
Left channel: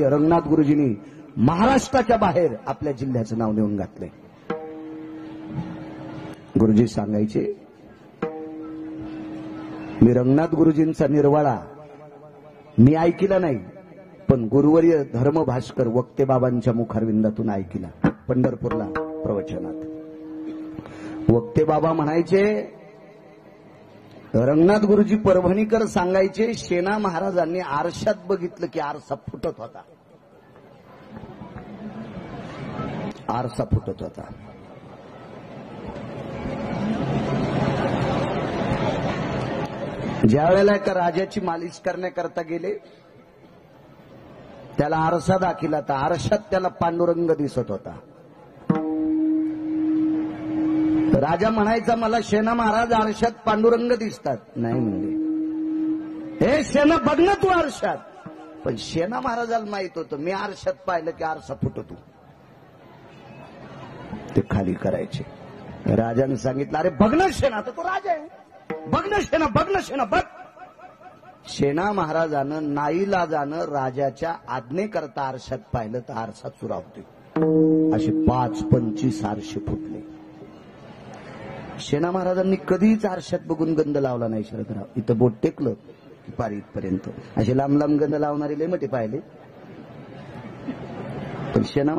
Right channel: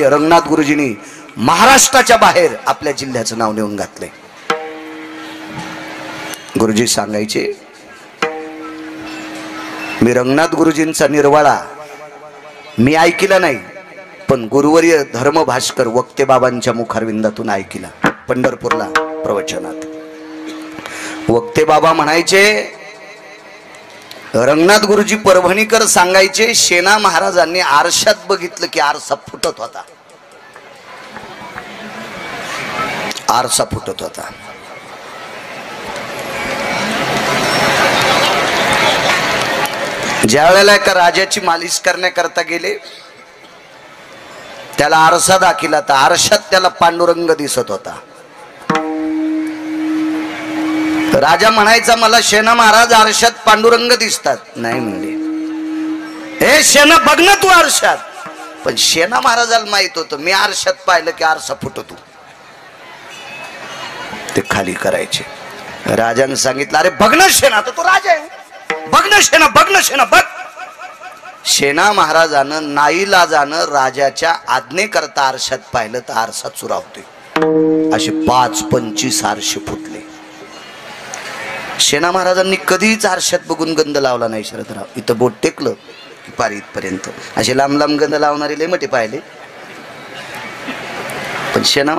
रंगनाथ गुरुजींनी महाराष्ट्राच्या बाहेर आपल्या जिल्ह्याचं नाव नेऊन घातले. गुरुजी सांगायचे, मी रंगनाथ गुरुजींचा निर्वाळा मी ऐकला नाही, पण गुरुवर्य धर्म भास्कर वक्ते बाबांच्या मुखारविंदातून ऐकला. पंढरपूरला प्रवचनात वक्ते बाबा म्हणायचे, रंगनाथ गुरुजी परभणीकर सांगायचे, सेना महाराजांनी आरशात बघितलं की आरसा फुटत होता, आरसा फुटत होता. ज्या वेळेला एका राजाची मालिश करण्याकरता गेले, त्याला आरसा दाखिला, तर आरशात त्याला पांडुरंग दिसत होता. तर राजा म्हणायचा मला शेणा महाराज आरशात पांडुरंग दिसतात. नाही म्हणले, हे शेणा बघ ना तू आरशात. पण शेणा महाराजाला माहित होतं मी आरशात पाहिलं की आरसा फुटतो. ते खाली करायचे. राजाने सांगितलं अरे बघ ना शेणा, तर तो राजा आहे, बघ ना शेणा, बघ ना शेणा, बघ. शेणा महाराजानं नाईलाजानं राजाच्या आज्ञेकरता आरशात पाहिलं तर आरसा चुरावते. असे 5-25 आरसे फुटले. शेणा महाराजांनी कधीच आरशात बघून गंध लावला नाही. शरदराव इथं बोट टेकलं की पार इथपर्यंत. असे लांब लांब गंध लावणारे लय मोठे पाहिले, पण शेणा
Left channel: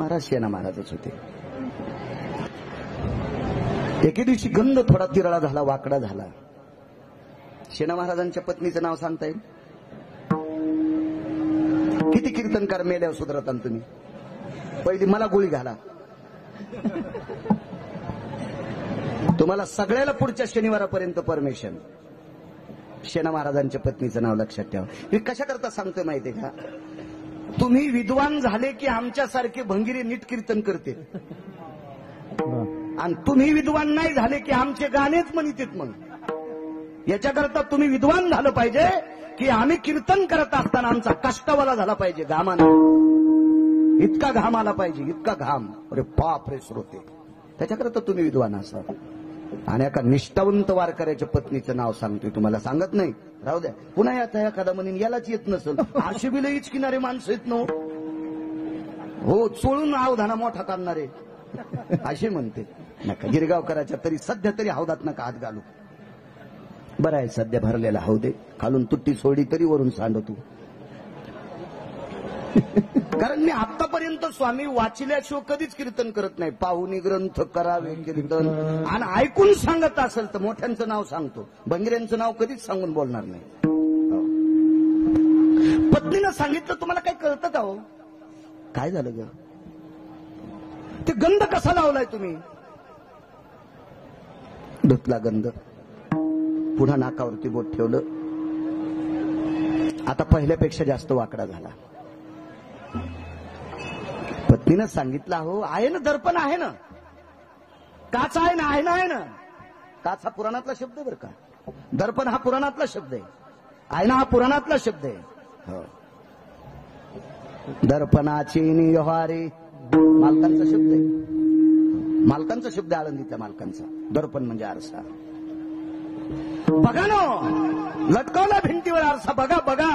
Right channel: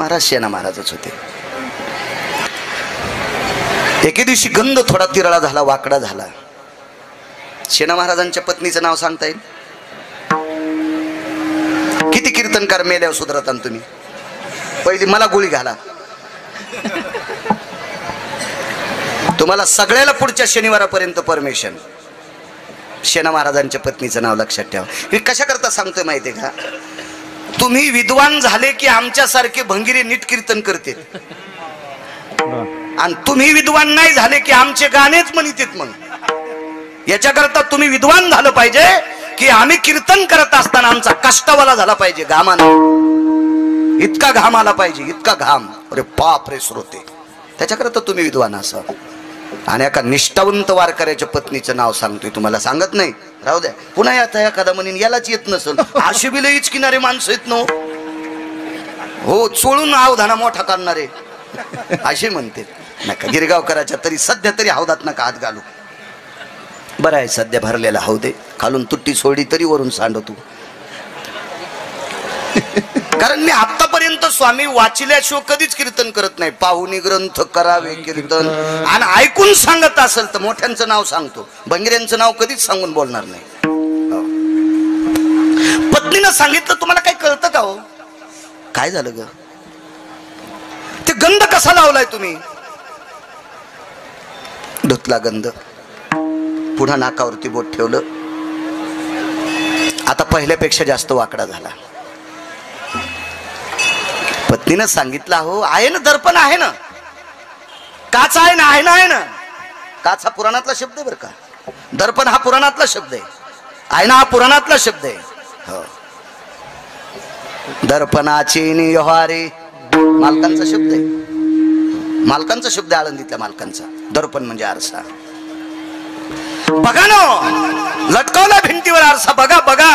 महाराजच होते. एके दिवशी गंध थोडा तिरळा झाला, वाकडा झाला. शेणा महाराजांच्या पत्नीचं नाव सांगता येईल? किती कीर्तनकार मेल्यावर सुधरता तुम्ही? पहिली मला गोळी घाला. तुम्हाला सगळ्याला पुढच्या शनिवारापर्यंत परमिशन. शेणा महाराजांच्या पत्नीचं नाव लक्षात ठेवा. हे कशा करता सांगतोय माहितीये का? तुम्ही विद्वान झाले की आमच्यासारखे भंगिरे नीट कीर्तन करते, आणि तुम्ही विद्वान नाही झाले की आमचे गाणेच म्हणतात. मग याच्याकरता तुम्ही विद्वान झालं पाहिजे की आम्ही कीर्तन करत असताना आमचा कष्टवाला झाला पाहिजे, घामानं. इतका घाम आला पाहिजे, इतका घाम. अरे बाप रे श्रोते, त्याच्याकरता तुम्ही विद्वान असा. आणि एका निष्ठावंत वारकऱ्याच्या पत्नीचं नाव सांगतोय, तुम्हाला सांगत नाही, राहू द्या. पुन्हा आता एखादा म्हणून यालाच येत नसल. आशेबीला इचकिनारे माणसं येत नो हो, चोळून अवधाना मोठा करणारे असे म्हणते. नका गिरगावकराच्या तरी सध्या तरी हौदात नका हात घालू. बरं आहे सध्या भरलेला हौदे, खालून तुट्टी सोडी तरी वरून सांडतो. कारण मी आतापर्यंत स्वामी वाचिल्याशिवाय कधीच कीर्तन करत नाही. पाहुणी ग्रंथ करावे कीर्तन, आणि ऐकून सांगत असेल तर मोठ्यांचं नाव सांगतो, भंगिऱ्यांचं नाव कधीच सांगून बोलणार नाही. पत्नीनं सांगितलं तुम्हाला काही कळतं का हो? काय झालं ग? ते गंध कसा लावलाय तुम्ही? धुतला गंध, पुन्हा नाकावरती बोट ठेवलं. आता पहिल्यापेक्षा जास्त वाकडा झाला. पत्नीनं सांगितलं हो आहे ना, दर्पण आहे ना, काच आहे ना, आहे ना, आहे ना. काच हा पुराणातला शब्द आहे बरं का, दर्पण हा पुराणातला शब्द आहे, आयना हा पुराणातला शब्द आहे. हो, दर्पणाची निहारे मालकांचा शब्द आहे, मालकांचा शब्द आहे, आळंदीतल्या मालकांचा. दर्पण म्हणजे आरसा. बघा ना, लटकवला भिंतीवर आरसा, बघा बघा.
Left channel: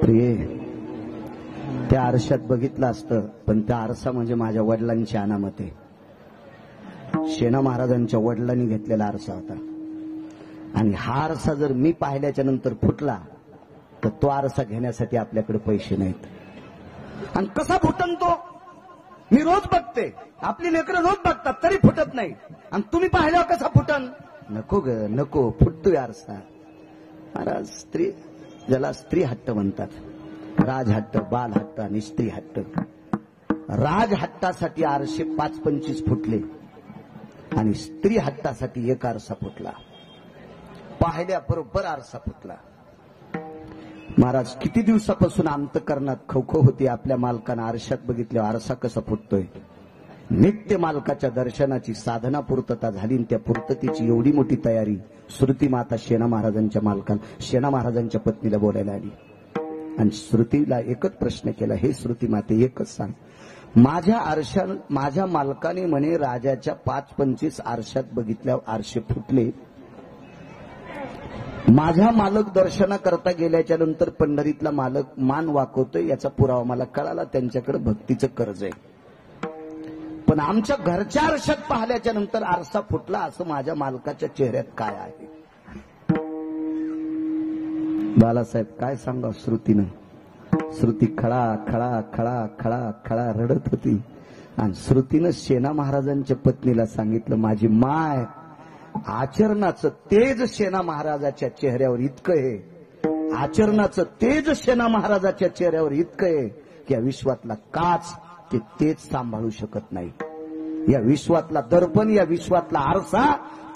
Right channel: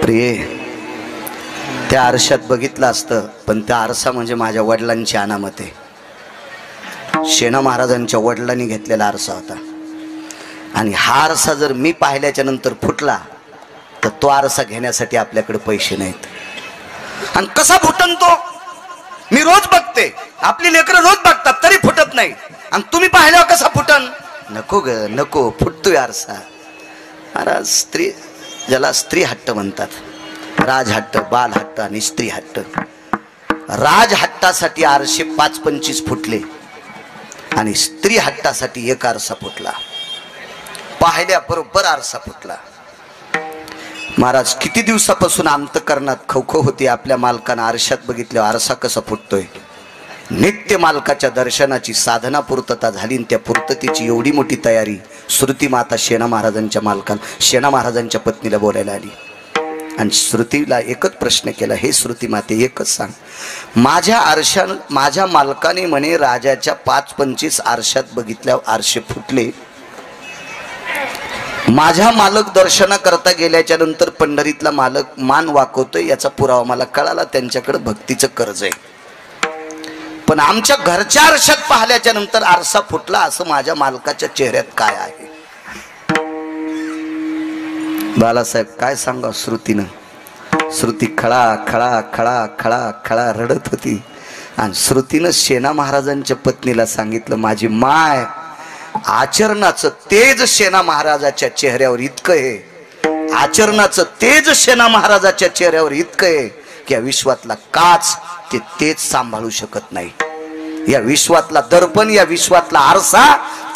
प्रिय, त्या आरशात बघितलं असतं, पण त्या आरसा म्हणजे माझ्या वडिलांची अनामत आहे. शेणा महाराजांच्या वडिलांनी घेतलेला आरसा होता. आणि हा आरसा जर मी पाहिल्याच्या नंतर फुटला तर तो आरसा घेण्यासाठी आपल्याकडे पैसे नाहीत. आणि कसा फुटन तो? मी रोज बघते, आपली लेकरं रोज बघतात तरी फुटत नाही, आणि तुम्ही पाहिल्यावर कसा फुटन? नको ग नको, फुटतोय आरसा. महाराज स्त्री, ज्याला स्त्री हट्ट म्हणतात, राजहट्ट, बालहट्ट आणि स्त्री हट्ट. राजहट्टासाठी आरशे 5-25 फुटले आणि स्त्री हट्टासाठी एक आरसा फुटला. पाहिल्या बरोबर आरसा फुटला. महाराज किती दिवसापासून अंतकरणात खवखव होती आपल्या मालकानं आरशात बघितल्यावर आरसा कसा फुटतोय. नित्य मालकाच्या दर्शनाची साधना पूर्तता झाली, त्या पूर्ततेची एवढी मोठी तयारी श्रुती माता शेणा महाराजांच्या मालकाला, शेणा महाराजांच्या पत्नीला बोलायला आली. आणि श्रुतीला एकच प्रश्न केला, हे श्रुती माते एकच सांग, माझ्या मालकाने म्हणे राजाच्या 5-25 आरशात बघितल्यावर आरशे फुटले, माझ्या मालक दर्शना करता गेल्याच्या नंतर पंढरीतला मालक मान वाकवतोय, याचा पुरावा मला कळाला, त्यांच्याकडे भक्तीचं कर्ज आहे. पण आमच्या घरच्या आरशात पाहिल्याच्या नंतर आरसा फुटला, असं माझ्या मालकाच्या चेहऱ्यात काय आहे? बालासाहेब काय सांगा श्रुतीनं. श्रुती खळा खळा खळा खळा खळा रडत होती. आणि श्रुतीनं शेणा महाराजांच्या पत्नीला सांगितलं, माझी माय, आचरणाचं तेज शेणा महाराजाच्या चेहऱ्यावर इतकं आहे, आचरणाचं तेज शेणा महाराजाच्या चेहऱ्यावर इतकं आहे की या विश्वातला काच ते तेज सांभाळू शकत नाही, या विश्वातला दर्पण, या विश्वातला आरसा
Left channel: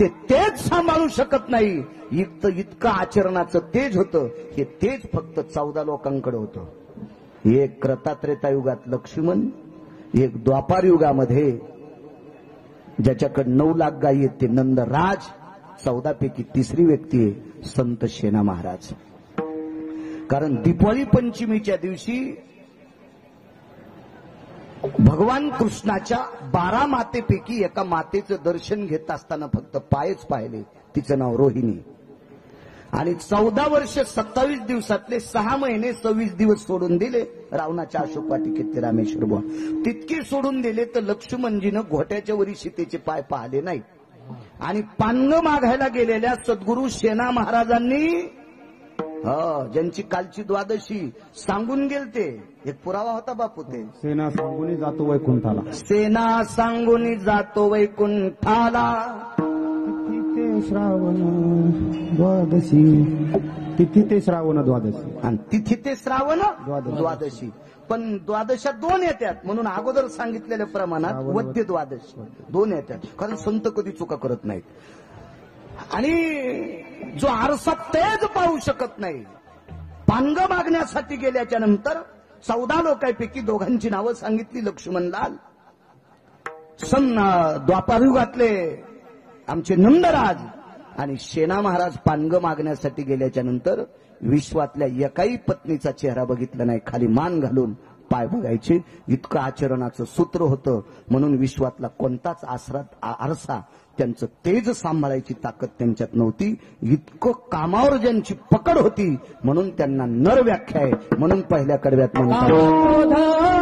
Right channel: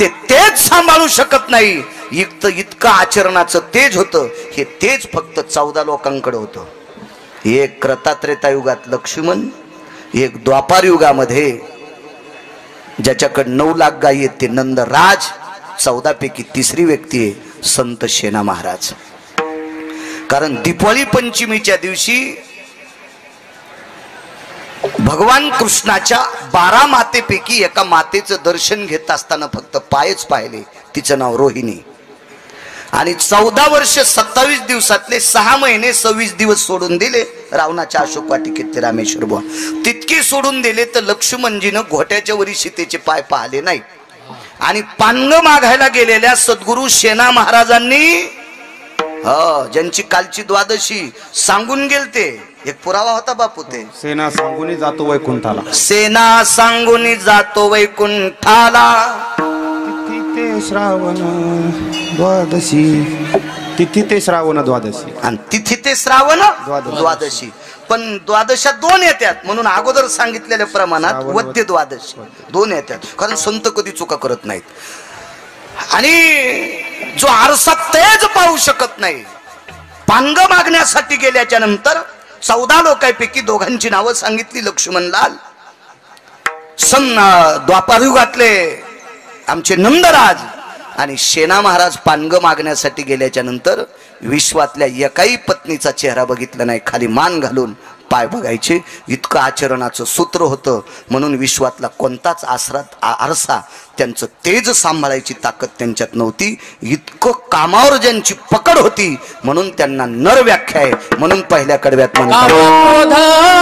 ते तेज सांभाळू शकत नाही. इतकं आचरणाचं तेज होतं. हे तेज फक्त 14 लोकांकडे होतं. एक कृता त्रेता युगात लक्ष्मण, एक द्वापार युगामध्ये ज्याच्याकडे 9 लाख गायी आहेत ते नंदराज, 14 पैकी तिसरी व्यक्ती आहे संत शेना महाराज. कारण दीपावली पंचमीच्या दिवशी भगवान कृष्णाच्या 12 मातेपैकी एका मातेचं दर्शन घेत असताना फक्त पायच पाहिले. तिचं नाव रोहिणी. आणि 14 वर्ष 27 दिवसातले 6 महिने 26 दिवस सोडून दिले रावणाच्या अशोक वाटिकेतले रामेश्वर बुवा. तितके सोडून दिले तर लक्ष्मणजीनं घोट्याच्या वरी सीतेचे पाय पाहिले नाही. आणि पांग मागायला गेलेल्या सद्गुरू शेना महाराजांनी ज्यांची कालची द्वादशी सांगून गेलते, एक पुरावा होता बापू ते. सेना सांगून जातो वैकुंठाला, सेना सांगून जातो वैकुंठाला, तिथे श्रावण द्वादशी, तिथी ते श्रावण द्वादशी, आणि तिथी ते श्रावण द्वादशी. पण द्वादशा 2 येतात म्हणून अगोदर सांगितलेल्या प्रमाणात वद्य द्वादशी 2 येतात. कारण संत कधी चुका करत नाहीत. आणि जो आरसा तेज पाहू शकत नाही, पांग मागण्यासाठी गेल्याच्या नंतर 14 लोकांपैकी दोघांची नावं सांगितली. लक्ष्मणलाल, द्वापार युगातले आमचे नंदराज, आणि शेना महाराज पांग मागण्यासाठी गेल्याच्या नंतर विश्वातल्या एकाही पत्नीचा चेहरा बघितला नाही. खाली मान घालून पाय बघायचे, इतकं आचरणाचं सूत्र होतं. म्हणून विश्वातला कोणताच आरसा त्यांचं तेज सांभाळायची ताकद त्यांच्यात नव्हती. इतकं कामावर ज्यांची पकड होती म्हणून त्यांना नर व्याख्या आहे. म्हणून पहिल्या कडव्यात म्हणतात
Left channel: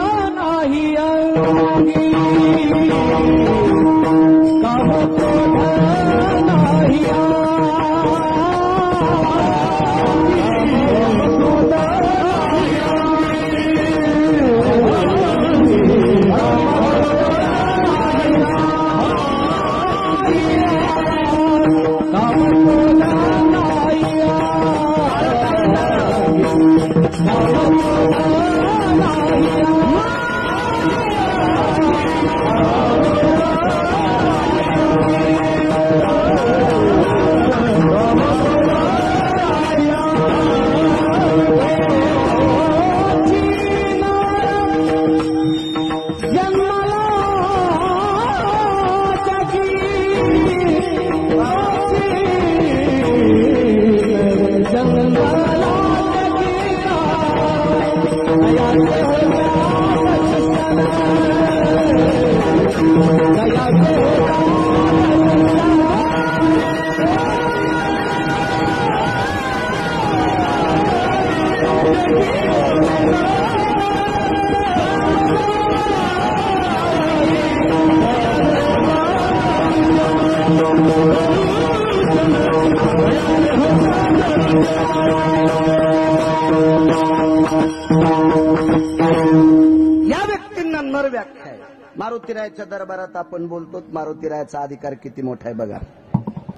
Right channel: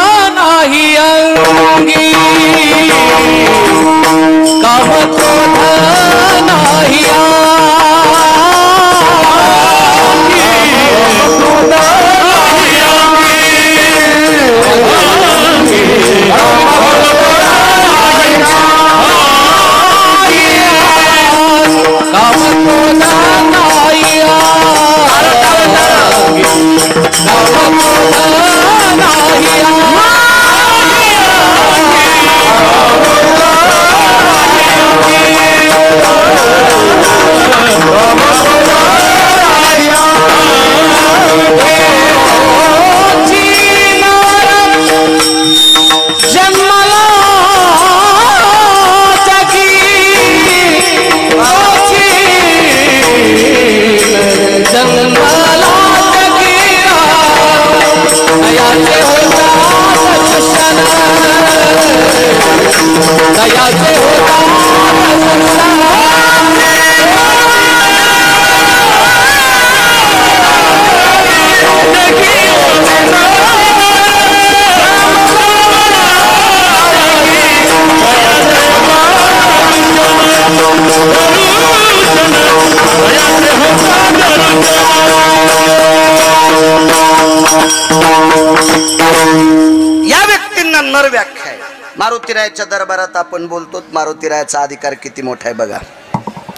या व्यक्तींना नर व्याख्या आहे. मारुतीरायाच्या दरबारात आपण बोलतो, मारुतीरायाचा अधिकार किती मोठा आहे बघा.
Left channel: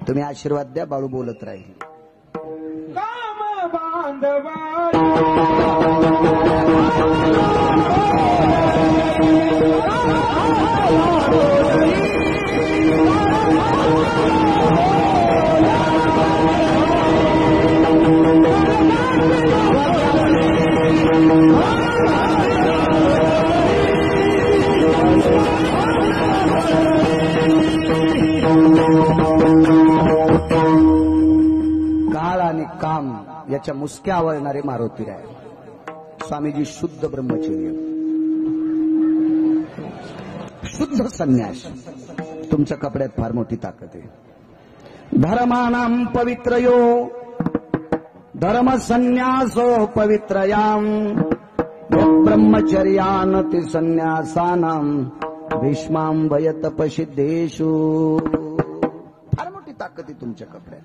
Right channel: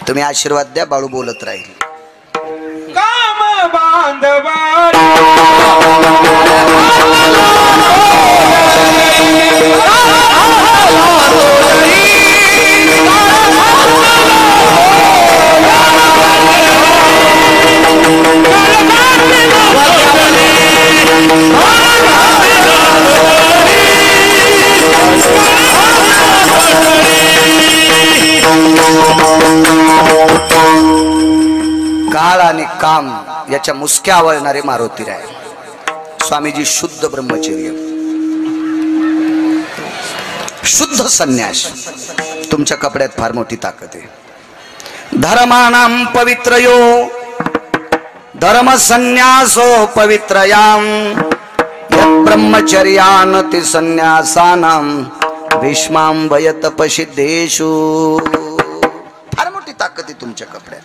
तुम्ही आशीर्वाद द्या, बाळू बोलत राहील. काम बांधवा काळ आणि काम याच्या मुसक्या आवळणारे मारुतीराय. स्वामीजी शुद्ध ब्रह्मचर्य, शुद्ध संन्यास. तुमच्या कपड्यात फार मोठी ताकद आहे. धर्मानां पवित्रयो धर्म संन्यासो पवित्रयाम यत् ब्रह्मचर्यानति संन्यासानां भीष्मांभय तपसिद्धेषु. फार मोठी ताकद आहे तुमच्या कपड्यात.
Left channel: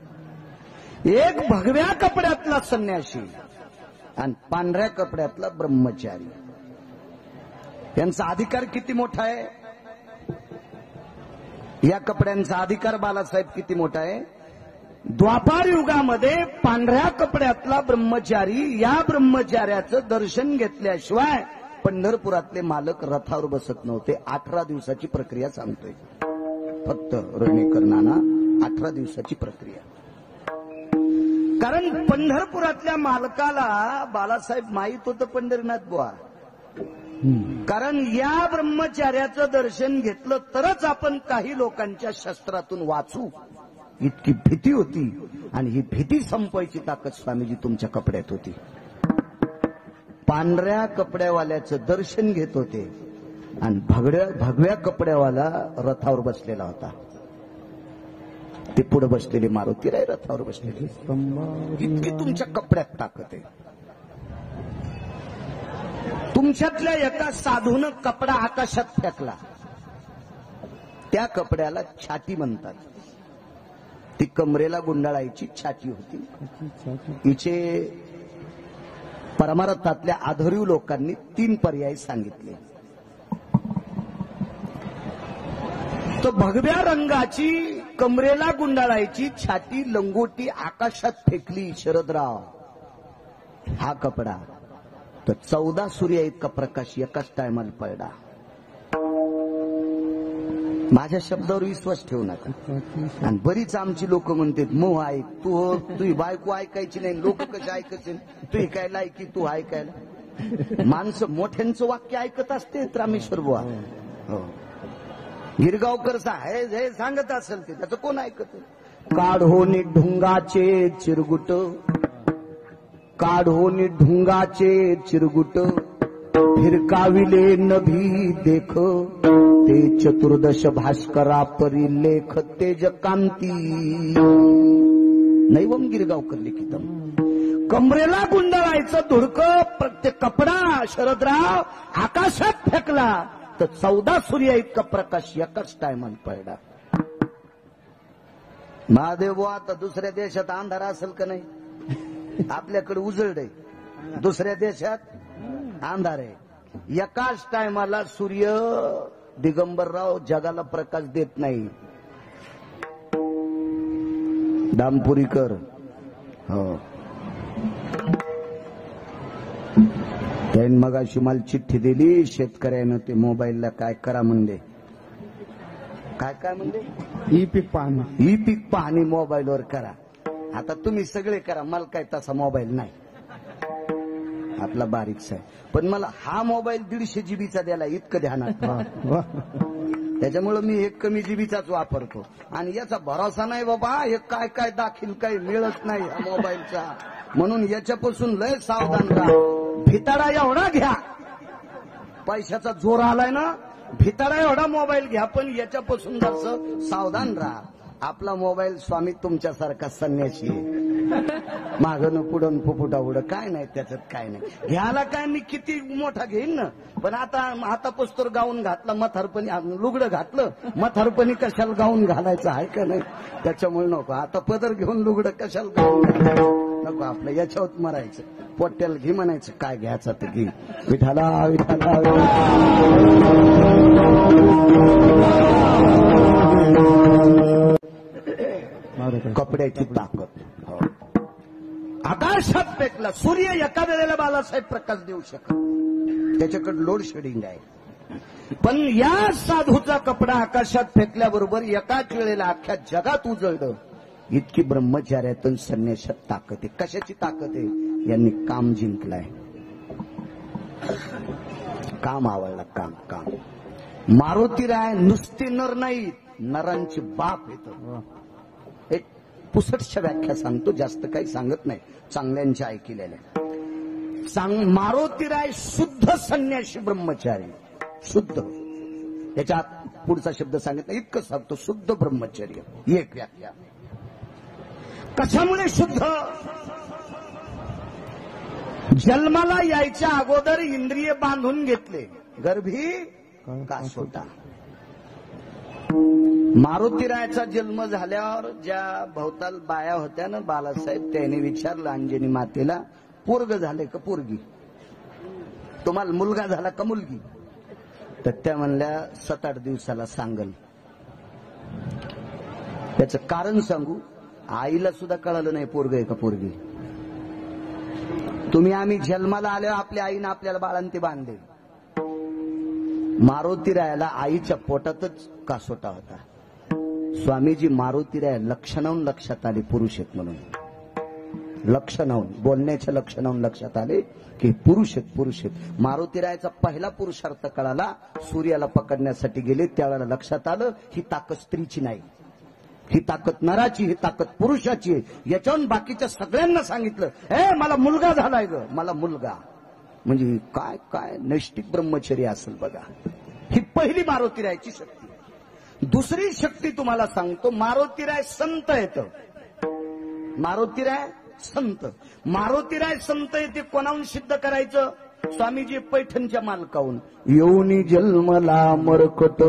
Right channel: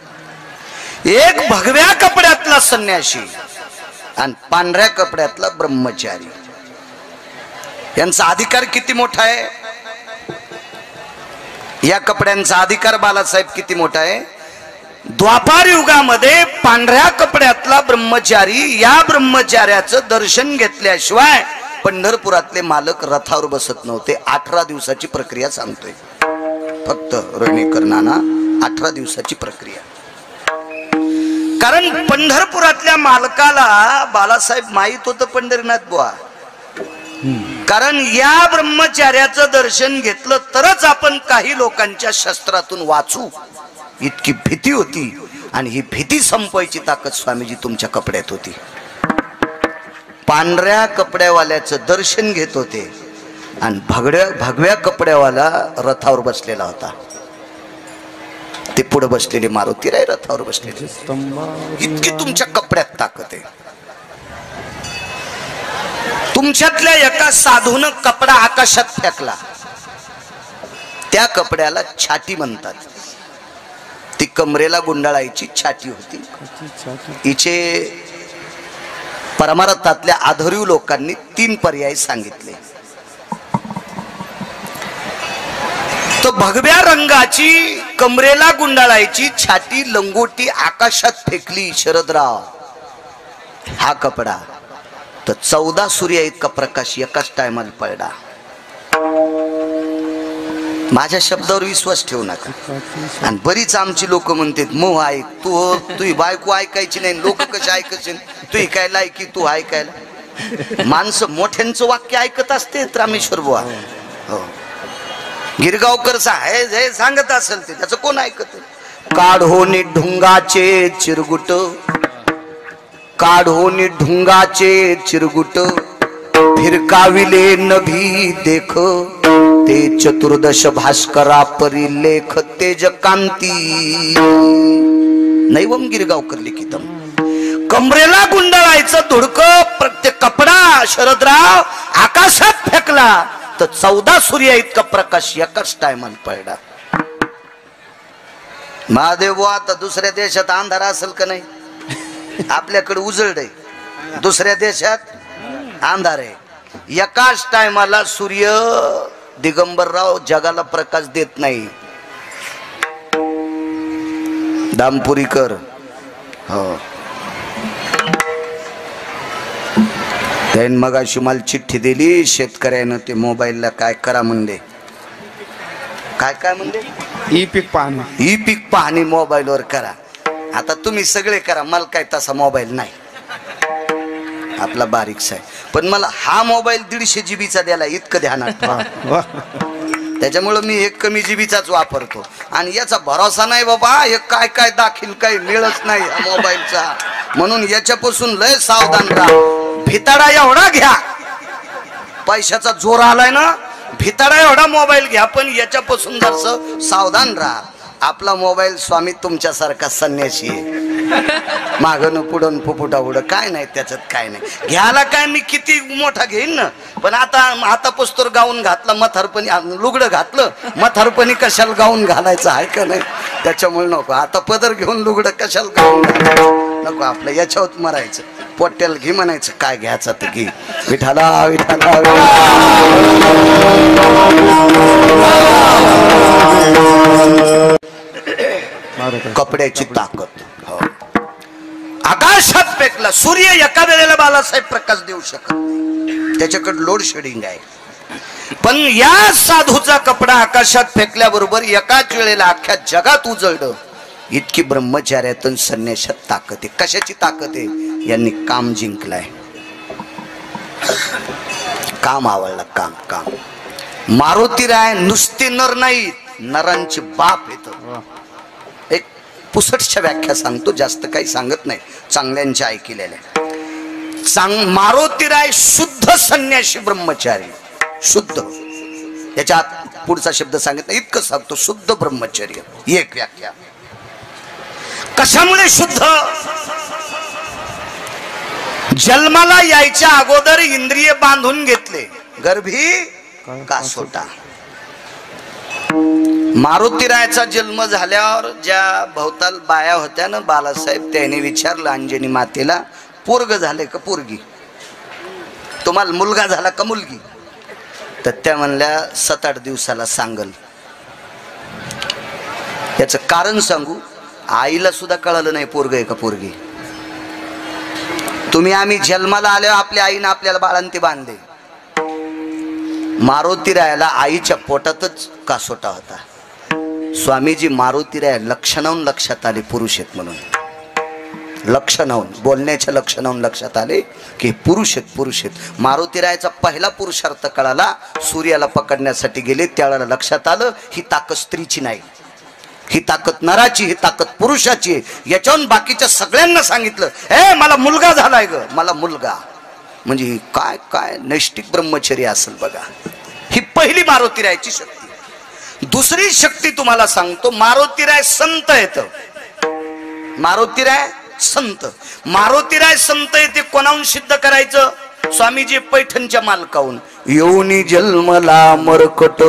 एक भगव्या कपड्यातला संन्यासी आणि पांढऱ्या कपड्यातला ब्रह्मचारी, यांचा अधिकार किती मोठा आहे. या कपड्यांचा अधिकार बालासाहेब किती मोठा आहे. द्वापार युगामध्ये पांढऱ्या कपड्यातला ब्रह्मचारी, या ब्रह्मचार्याचं दर्शन घेतल्याशिवाय पंढरपुरातले मालक रथावर बसत नव्हते. 18 दिवसाची प्रक्रिया सांगतोय फक्त रोहिणीकर नाना, 18 दिवसाची प्रक्रिया. कारण पंढरपुरातल्या मालकाला बालासाहेब माहित होतं पंढरीनाथ बुवा कारण या ब्रह्मचार्याचं दर्शन घेतलं तरच आपण काही लोकांच्या शस्त्रातून वाचू, इतकी भीती होती. आणि ही भीती संपवायची ताकद स्वामीजी तुमच्या कपड्यात होती. पांढऱ्या कपड्यावाल्याचं दर्शन घेत होते आणि भगव्या कपड्यावाला रथावर बसलेला होता. ते पुढे बसलेले मारुतीराय रथावर बसलेले. इतकी तुमच्या कपड्यात ताकद आहे. तुमच्यातल्या एका साधूनं कपडा आकाशात फेकला. त्या कपड्याला छाटी म्हणतात. ती कमरेला गुंडाळायची छाटी होती. हिचे परमार्थातल्या आधुरीव लोकांनी 3 पर्याय सांगितले. तो भगव्या रंगाची कमरेला गुंडाळायची छाटी लंगोटी आकाशात फेकली शरदराव, हा कपडा तर 14 सूर्य इतका प्रकाश एकाच टायमाला पडला. माझ्या शब्दावर विश्वास ठेवू नका. आणि बरीच आमची लोक म्हणतात मोह ऐक, तू बायको ऐकायची नाही, लोक कसे ऐकायचे, तू काय लायकी तू ऐकायला. माणसं मोठ्यांचं वाक्य ऐकत असते रामेश्वर बुवा. हो, गिरगावकर हे सांगत असेल ते त्याचं कोण ऐकत. काढोनी ढुंगाचे चिरगुट, काढोनी ढुंगाचे चिरगुट, फिरकाविले नभी देख, ते चतुर्दश भास्करा परी लेख तेज कांती. नैवम गिरगावकर लिखितम. कमरेला गुंडाळायचं धुडकं प्रत्येक कपडा शरदराव आकाशात फेकला तर 14 सूर्य इतका प्रकाश एकाच टायमाला पडला. महादेव आता दुसऱ्या देशात अंधार असेल का नाही? आपल्याकडे उजळ आहे, दुसऱ्या देशात अंधार आहे. एकाच टायमाला सूर्य दिगंबरराव जगाला प्रकाश देत नाही. दामपुरीकर हो त्याने मगाशी मला चिठ्ठी दिली. शेतकऱ्यानं ते मोबाईलला काय करा म्हणले. काय म्हणले? ई पीक पाहणी. ई पीक पाहणी मोबाईलवर करा. आता तुम्ही सगळे करा, मला काय तसा मोबाईल नाही, आपला बारीकसा आहे. पण मला हा मोबाईल 150 GB चा द्याला इतकं ध्यानात. त्याच्यामुळं मी एक कमी जीबीचाच वापरतो. आणि याचा भरोसा नाही बाबा, हे काय दाखील काही मिळत नाही मोबाईलचा. म्हणून याच्यापासून लय सावधान राहा. भिताडा एवढा घ्या, पैशाचा जोर आलाय ना, भिताडा एवढा मोबाईल घ्या, पण याच्यापासून जरासं सावधान राहा. आपला मोबाईल स्वामी तुमच्यासारखा संन्यासी आहे. मागणं पुढं फुफुटा उडं काय नाही, त्याच्यात काय नाही. घ्यायला काय मी किती मोठा घेईन ना, पण आता पुस्तोर गाऊन घातला, मथारपणी लुगडं घातलं, मथारपणी कशाला गाऊन घालायचं आहे का नाही. त्याच्यामुळे नको. आता पदर घेऊन लुगडं कशाला गाऊन घालायचं नको. आपलं याच्यावर मरायचं. पोट्याला घे म्हणायचं, काय घ्यायचं ते घे. विठाला विठाला कपड्याची ताकद. आकाशात फेकला सूर्य एका वेळेला बालासाहेब प्रकाश देऊ शकत, त्याच्याकडे लोड शेडिंग आहे. पण या साधूचा कपडा आकाशात फेकल्याबरोबर एकाच वेळेला अख्ख्या जगात उजळलं. इतकी ब्रह्मचार्यातून संन्यासात ताकद आहे. कशाची ताकद आहे? यांनी काम जिंकलाय. काम आवडलं. काम मारुतीराय नुसते नर नाही, नरांचे बाप येत. एक पुसटच्या व्याख्या सांगतो, जास्त काही सांगत नाही, चांगल्यांच्या ऐकलेल्या. मारुतीराय शुद्ध संन्यासी ब्रह्मचारी. शुद्ध, याच्यात पुढचा शब्द सांगितला, इतकं सांगतो, शुद्ध ब्रह्मचर्य. एक व्याख्या. कशामुळे शुद्ध? जन्माला यायच्या अगोदर इंद्रिय बांधून घेतले, गर्भी कासोटा. मारुतीरायाचा जन्म झाल्यावर ज्या भोवताल बाया होत्या ना बालासाहेब, त्याने विचारलं अंजनी मातेला, पोरग झाले का पोरगी? तुम्हाला मुलगा झाला का मुलगी? तर त्या म्हणल्या 7-8 दिवसाला सांगल. याचं कारण सांगू, आईला सुद्धा कळलं नाही पोरग आहे का पोरगी. आम्ही जन्माला आल्यावर आपल्या आईने आपल्याला बाळंती बांधले. मारुतीरायाला आईच्या पोटातच कासोटा होता. स्वामीजी मारुतीराय लक्षणाहून लक्षात आले पुरुष आहेत म्हणून. लक्षणावून बोलण्याच्या लक्षणावून लक्षात आले की पुरुष आहेत. मारुतीरायाचा पहिला पुरुषार्थ कळाला. सूर्याला पकडण्यासाठी गेले, त्यावेळेला लक्षात आलं ही ताकद स्त्रीची नाही, ही ताकद नराची, ही ताकद पुरुषाची आहे. याच्यावरून बाकीच्या सगळ्यांना सांगितलं, ए मला मुलगा झालाय ग, मला मुलगा. म्हणजे काय काय नैष्टिक ब्रह्मचर्य असेल बघा. ही पहिली मारुतीरायाची शक्ती. दुसरी शक्ती तुम्हाला सांगतो, मारुतीराय संत आहेत. मारुतीराय संत, मारुतीराय संत येते कोणाहून सिद्ध करायचं? स्वामीजी पैठणच्या मालकाहून. योनी जन्मला मरकट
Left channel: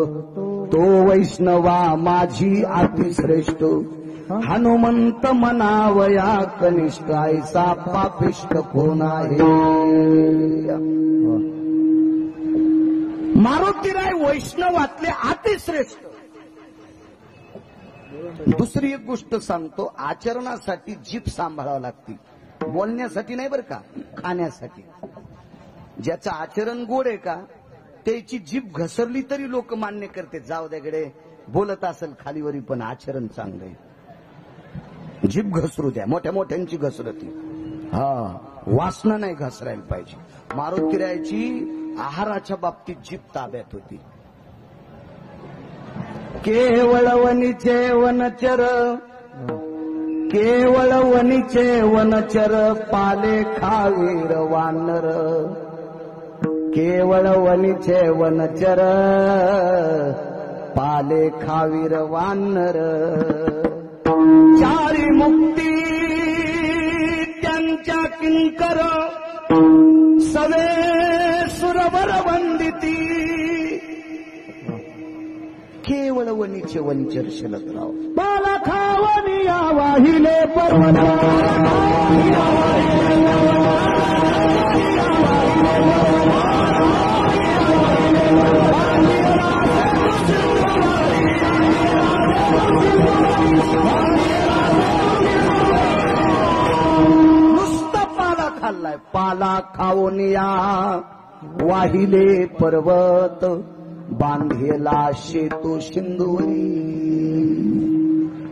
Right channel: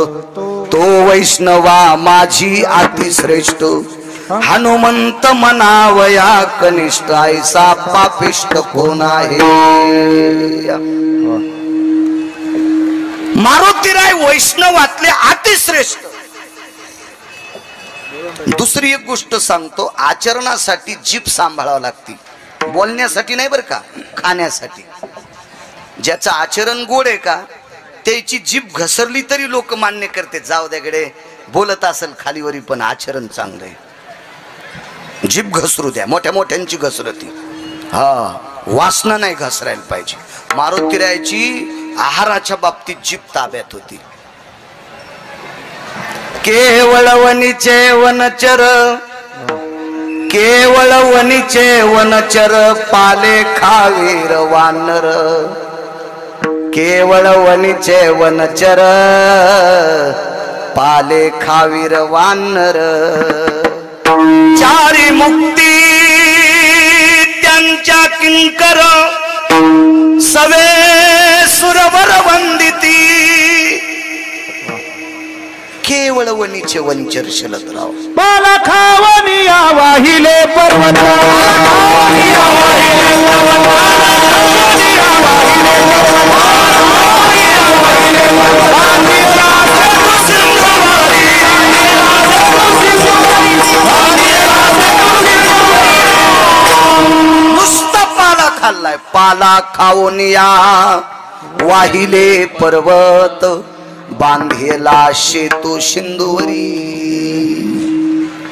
तो वैष्णवा माझी अतिश्रेष्ठ, हनुमंत मनावया कनिष्ठ ऐसा पापिष्ट कोण आहे. मारुतीराय वैष्णवातले अतिश्रेष्ठ. दुसरी एक गोष्ट सांगतो, आचरणासाठी जीभ सांभाळावं लागते, बोलण्यासाठी नाही बरं का, खाण्यासाठी. ज्याचं आचरण गोड आहे का त्याची जीभ घसरली तरी लोक मान्य करते, जाऊ द्याकडे बोलत असेल खालीवरी पण आचरण चांगलं आहे. जीभ घसरू द्या, मोठ्या मोठ्यांची घसरती, हा वासना नाही घसरायला पाहिजे. मारुतीरायाची आहाराच्या बाबतीत जीभ ताब्यात होती. केवळ वनीचे वनचर, केवळ वनीचे वनचर पाले खावीर वानर. केवळ वनीचे वनचर पाले खावीर वानर. चारी मुक्ती त्यांच्या किंकर, सवे सुरवर वंदिती. केवळ वनीचे वंचर शलदराव, बाला खावनिया वाहिले पर्वत, नुसता पाला खाल्लाय. पाला खावनिया वाहिले पर्वत, बांधेला शेतू सिंधुवरी.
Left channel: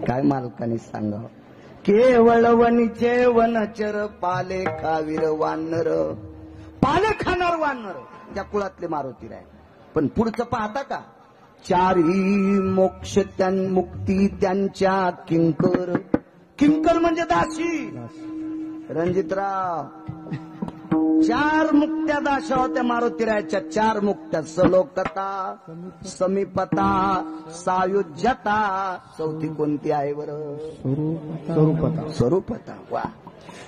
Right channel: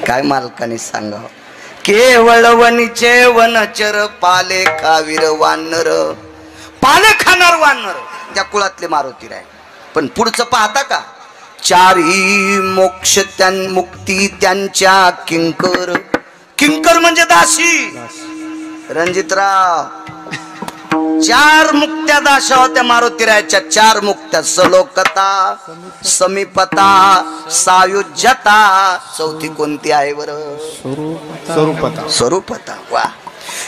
काय मालकाने सांगा. केवळ वनीचे वनचर पाले खावीर वानर. पाले खाणार वानर त्या कुळातले मारुतीराय. पण पुढचं पाहता का, चारी मोक्ष मुक्ती त्यांच्या किंकर. किंकर म्हणजे दासी. रणजितराव, चार मुक्त्या दाशा होत्या मारुतीरायाच्या. चार मुक्त्या, सलोकता, समीपता, सायुज्यता. चौथी कोणती आहे बरं? स्वरूपता. स्वरूपता. वा,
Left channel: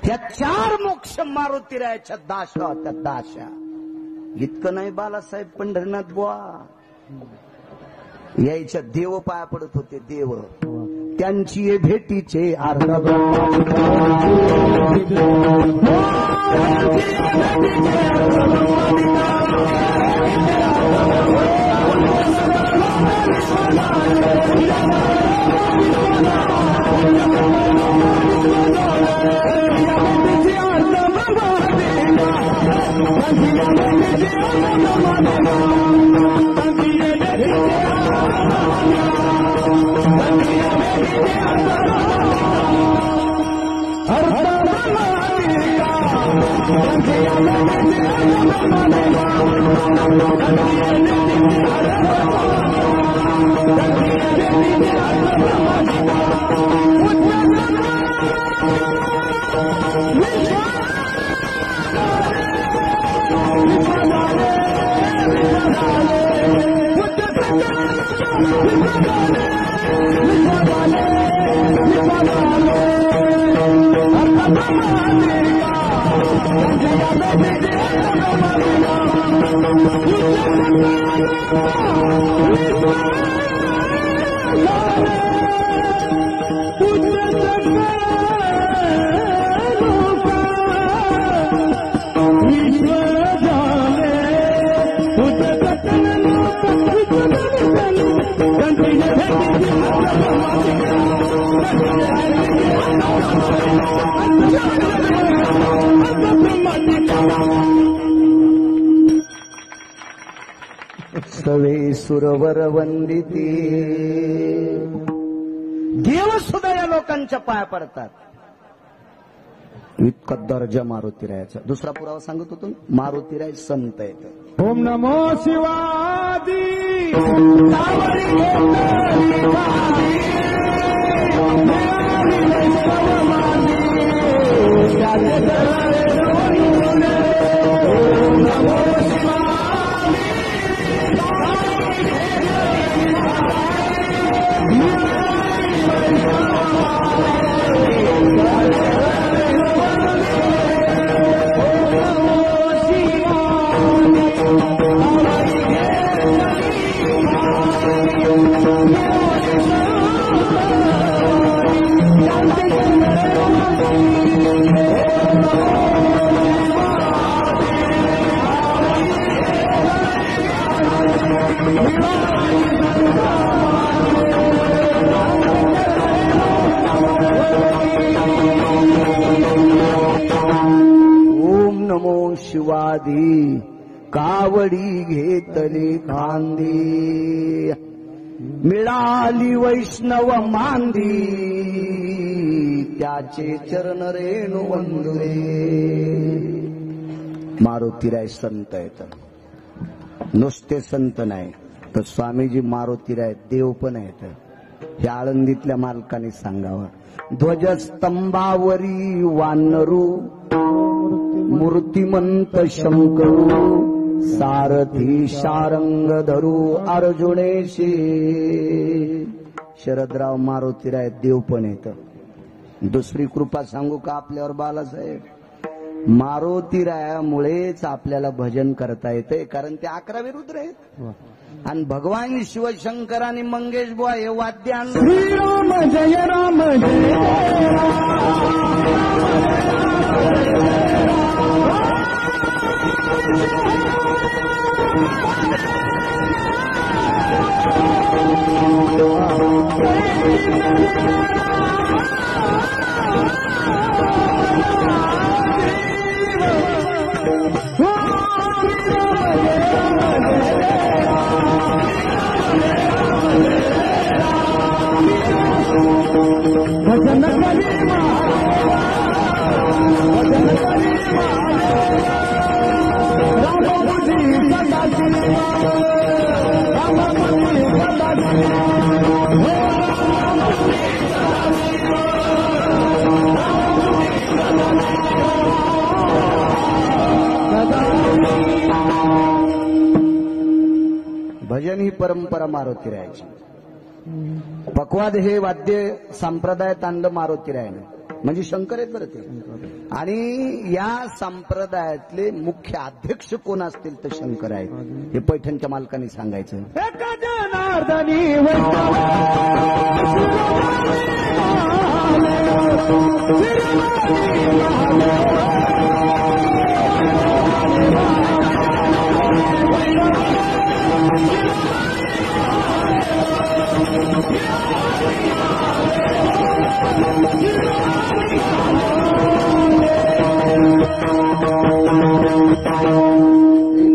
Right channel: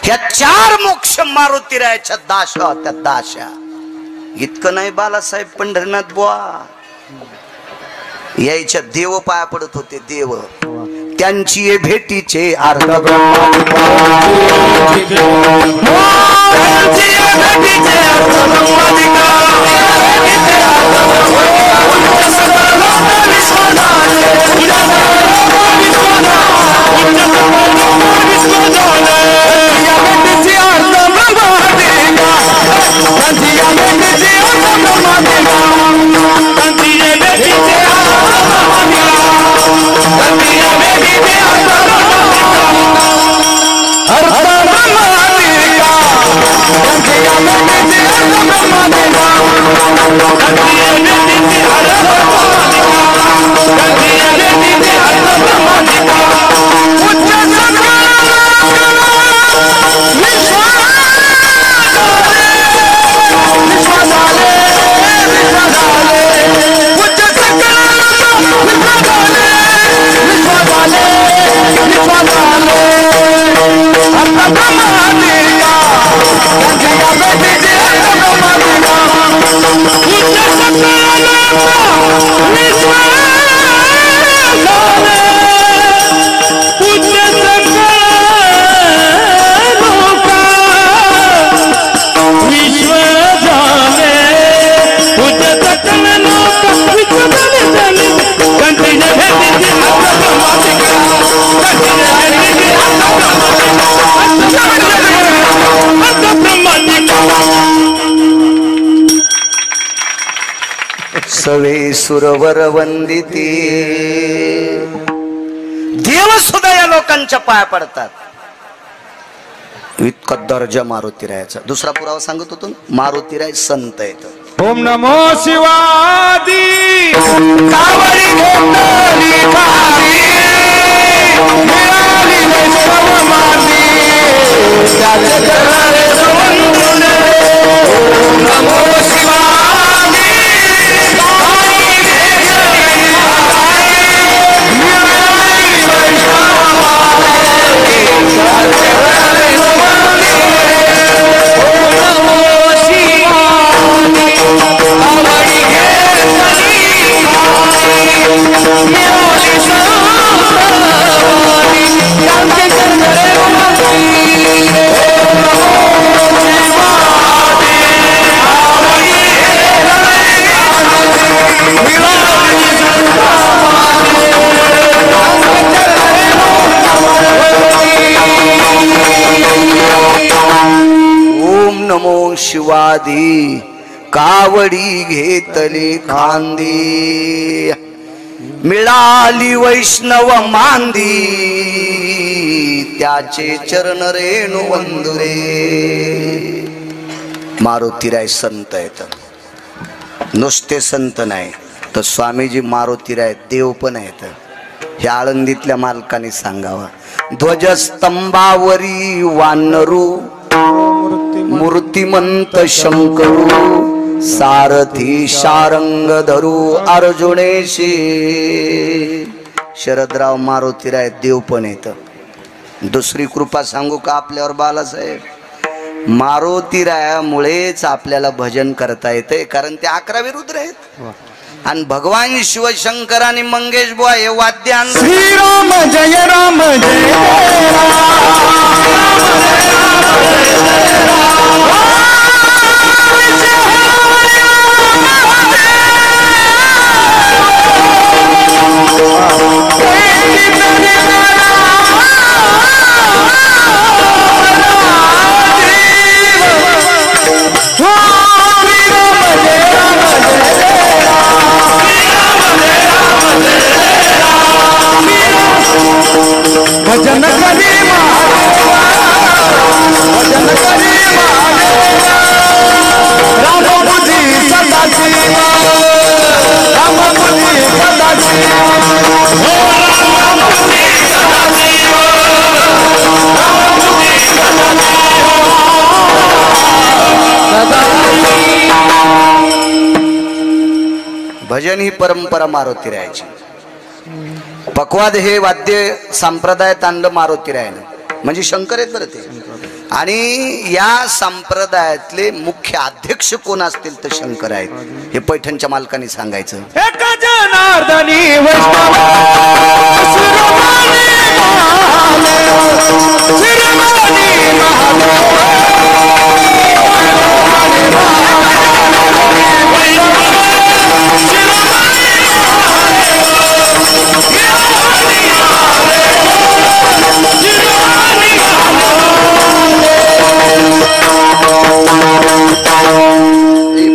ह्या चार मोक्ष मारुतीरायाच्या दाशा होत्या. दाशा इतकं नाही, बालासाहेब पंढरीनाथ बुवा यायच्या देव पाया पडत होते. देव त्यांची भेटीचे अर्थ सवे सुरवर वंदिती. देव सुद्धा या लोकांच्या पाया पडतात. इतका दर्जा मारुतीरायाचा. दुसरा पुरावा सांगत होतो ना, मारुतीराय संत आहेत. ओम नमो शिवादी कावडी घेतली खाली मिळाली वैष्णव माती त्याचे चरणे समजून ओम नमो शिवादी कावडी घेतली खाली मिळाली वैष्णव माती त्याचे चरणे समजून ओम नमो शिवादी ओम नमो शिवादी कावडी घेतली खांदी मिळाली वैष्णव मांदी त्याचे चरण रेणू वंदुरे. मारुतीराय संत आहेत. नुसते संत नाही तर स्वामीजी मारुतीराय देव पण आहेत. हे आळंदीतल्या मालकाने सांगावा. ध्वजस्तंभावरी वानरू मूर्तिमंत शंकरू सारथी शारंग धरू अर्जुनेशी. शरदराव मारुतीराय देव पण येत. दुसरी कृपा सांगू का आपल्यावर बालासाहेब? मारुतीरायामुळेच आपल्याला भजन करता येते, कारण ते 11 रुद्र आहेत आणि भगवान शिवशंकर आणि मंगेश बुवा हे वाद्य आणलं. श्रीराम जय राम जय भजन करी भजन करी राम बुद्धी सदाशिव राम बुद्धी सदाशिव राम बुद्धी सदाशिव राम बुद्धी सदाशिव. भजन ही परंपरा मारुतीरायाची. पक्वाद हे वाद्य संप्रदायात आणलं मारुतीरायानं, म्हणजे शंकर आहेत बरं ते. आणि या संप्रदायातले मुख्य अध्यक्ष कोण असतील तर शंकर आहेत. हे पैठणच्या मालकाने सांगायचं. एक जनार्दनी वैष्णव शिरोमणी महादेव शिरोमणी महादेव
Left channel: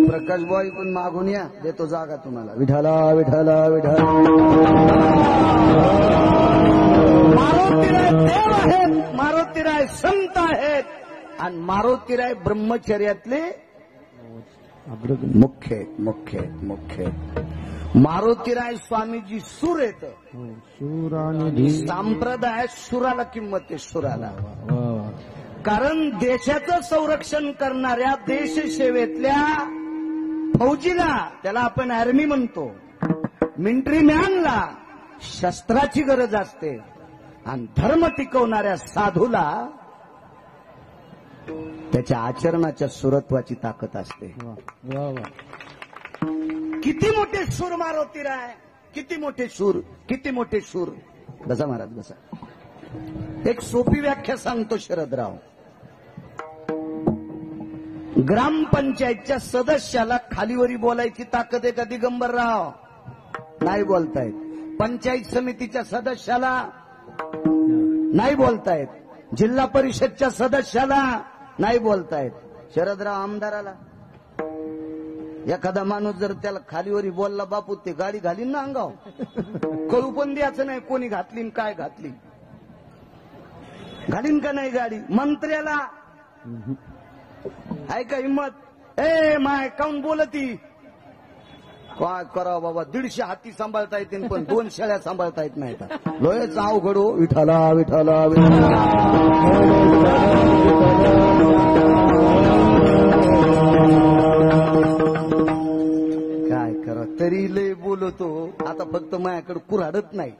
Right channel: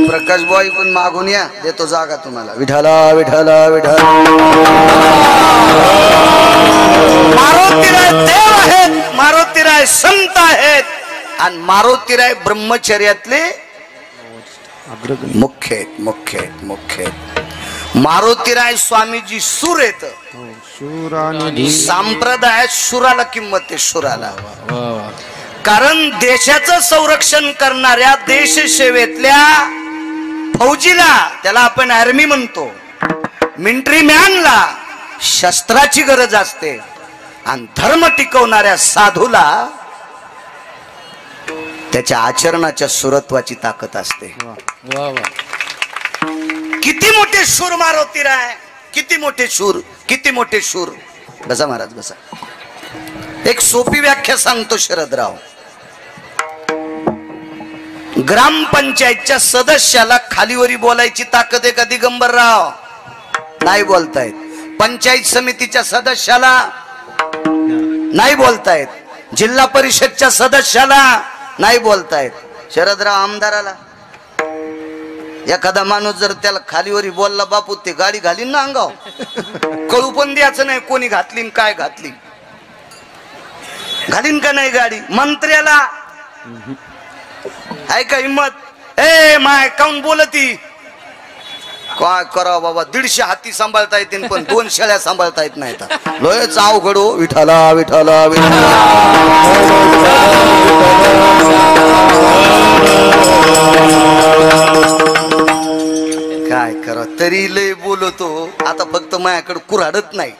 प्रकाश बॉय पण मागून या, देतो जागा तुम्हाला. विठाला विठाला विठाला. मारुतीराय देव आहेत, मारुतीराय संत आहेत आणि मारुतीराय ब्रह्मचर्यातले मुख्य आहेत. मुख्य आहेत मुख्य आहेत. मारुतीराय स्वामीजी सूर आहेत. संप्रदायात शुराला किंमत आहे. शुराला, कारण देशाचं संरक्षण करणाऱ्या देश सेवेतल्या फौजीला, त्याला आपण आर्मी म्हणतो, मिलिटरी मॅनला शस्त्राची गरज असते आणि धर्म टिकवणाऱ्या साधूला त्याच्या आचरणाच्या सुरत्वाची ताकद असते. किती मोठे शूर मारुतीराय, किती मोठे शूर, किती मोठे शूर. बसा महाराज बसा. एक सोपी व्याख्या सांगतो शरदराव. ग्रामपंचायतच्या सदस्याला खालीवरी बोलायची ताकद आहे का दिगंबरराव? नाही बोलतायत. पंचायत समितीच्या सदस्याला नाही बोलतायत. जिल्हा परिषदच्या सदस्याला नाही बोलतायत. शरदराव आमदाराला एखादा माणूस जर त्याला खालीवरी बोलला, बापू ते गाडी घालीन ना अंगाव, कळू पण द्यायचं नाही कोणी घातली काय घातली. घालीन का नाही गाडी मंत्र्याला? आहे का हिम्मत? ए माय काऊन बोलती? काय करा बाबा, 150 हाती सांभाळता येतील पण 2 शेळ्या सांभाळता येत नाहीत. लयच अवघड हो. विठाला विठाला विठाला. काय करा, तरी लय बोलतो. आता फक्त माझ्याकडे कुऱ्हाडत नाही,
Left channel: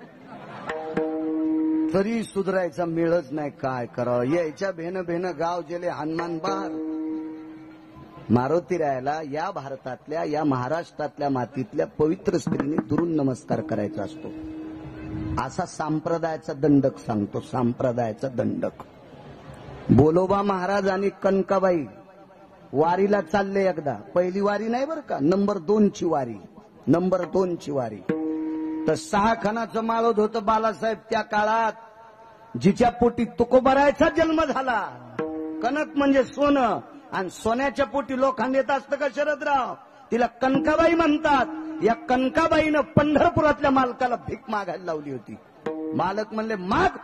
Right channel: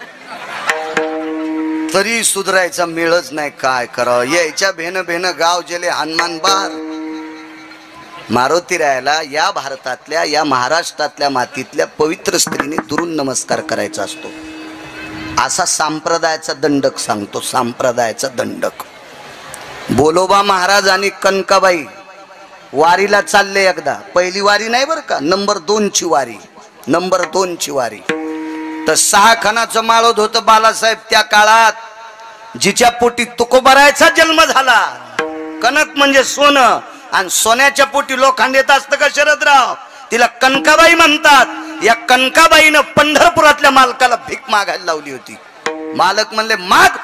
तरी सुधरायचा मेळच नाही. काय करा, यायच्या भेन गाव जेले हनुमान बार. मारुती रायाला या भारतातल्या, या महाराष्ट्रातल्या मातीतल्या पवित्र स्त्रीने दुरून नमस्कार करायचा असतो. असा संप्रदायाचा दंडक सांगतो, संप्रदायाचा दंडक. बोलोबा महाराज आणि कनकाबाई वारीला चालले एकदा. पहिली वारी नाही बरं का, नंबर 2 ची वारी, नंबर 2 ची वारी. तर 6 खणाचं माळोद होतं बालासाहेब त्या काळात, जिच्या पोटी तुकोबारायचा जन्म झाला. कनक म्हणजे सोनं, आणि सोन्याच्या पोटी लोखंड येत असतं का शरदराव? तिला कनकाबाई म्हणतात. या कनकाबाईनं पंढरपुरातल्या मालकाला भीक मागायला लावली होती. मालक म्हणले माग,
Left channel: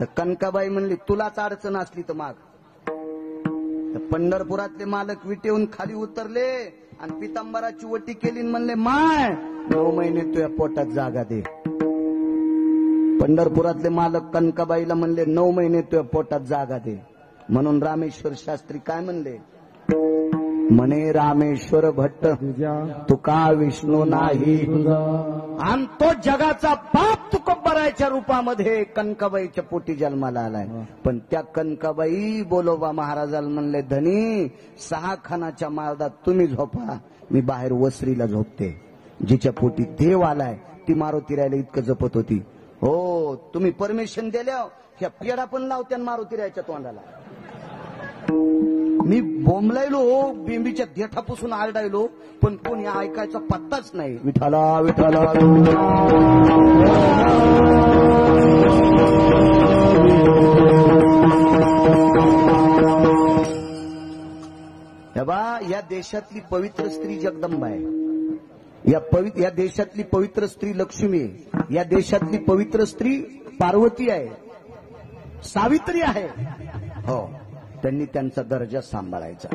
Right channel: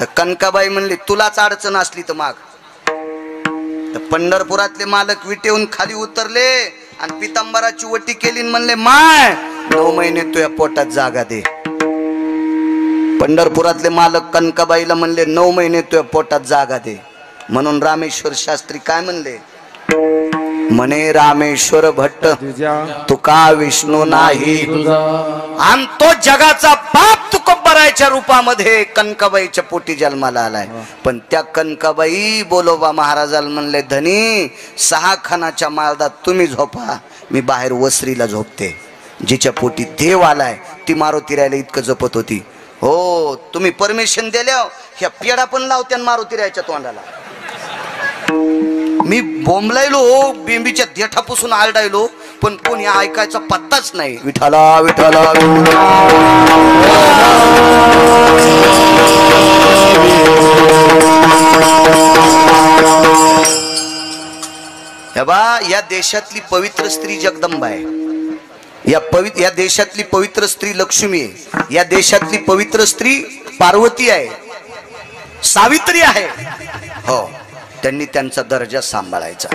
तर कनकाबाई म्हणली तुलाच अडचण असली तर माग. तर पंढरपुरातले मालक विटेहून खाली उतरले आणि पितांबराची वटी केली, म्हणले माय 9 महिने तुझ्या पोटात जागा दे. पंढरपुरातले मालक कनकाबाईला म्हणले 9 महिने तुझ्या पोटात जागा दे. म्हणून रामेश्वर शास्त्री काय म्हणले? म्हणे रामेश्वर भट्ट तुका विष्णू नाही. आणि तो जगाचा बाप तुकोबारायच्या रूपामध्ये कनकाबाईच्या पोटी जन्माला आलाय. पण त्या कनकाबाई बोलोबा महाराजाला म्हणले धनी 6 खणाच्या माळदात तुम्ही झोपा, मी बाहेर वसरीला झोपते. जिच्या पोटी देव आलाय ती मारुती रायाला इतकं जपत होती. हो, तुम्ही परमिशन दिल्या ह्या पेडा पण लावत्या मारुती रायाच्या तोंडाला. मी बोंबलायलो, बेंबीच्या देठापासून आरडायलो, पण कोणी ऐकायचा पत्ताच नाही. विठाला विठाला हे बा, या देशातली पवित्र स्त्री जगदंबा आहे. या देशातली पवित्र स्त्री लक्ष्मी आहे. या देशातली पवित्र स्त्री पार्वती आहे, सावित्री आहे. हो, त्यांनी त्यांचा दर्जा सांभाळायचा.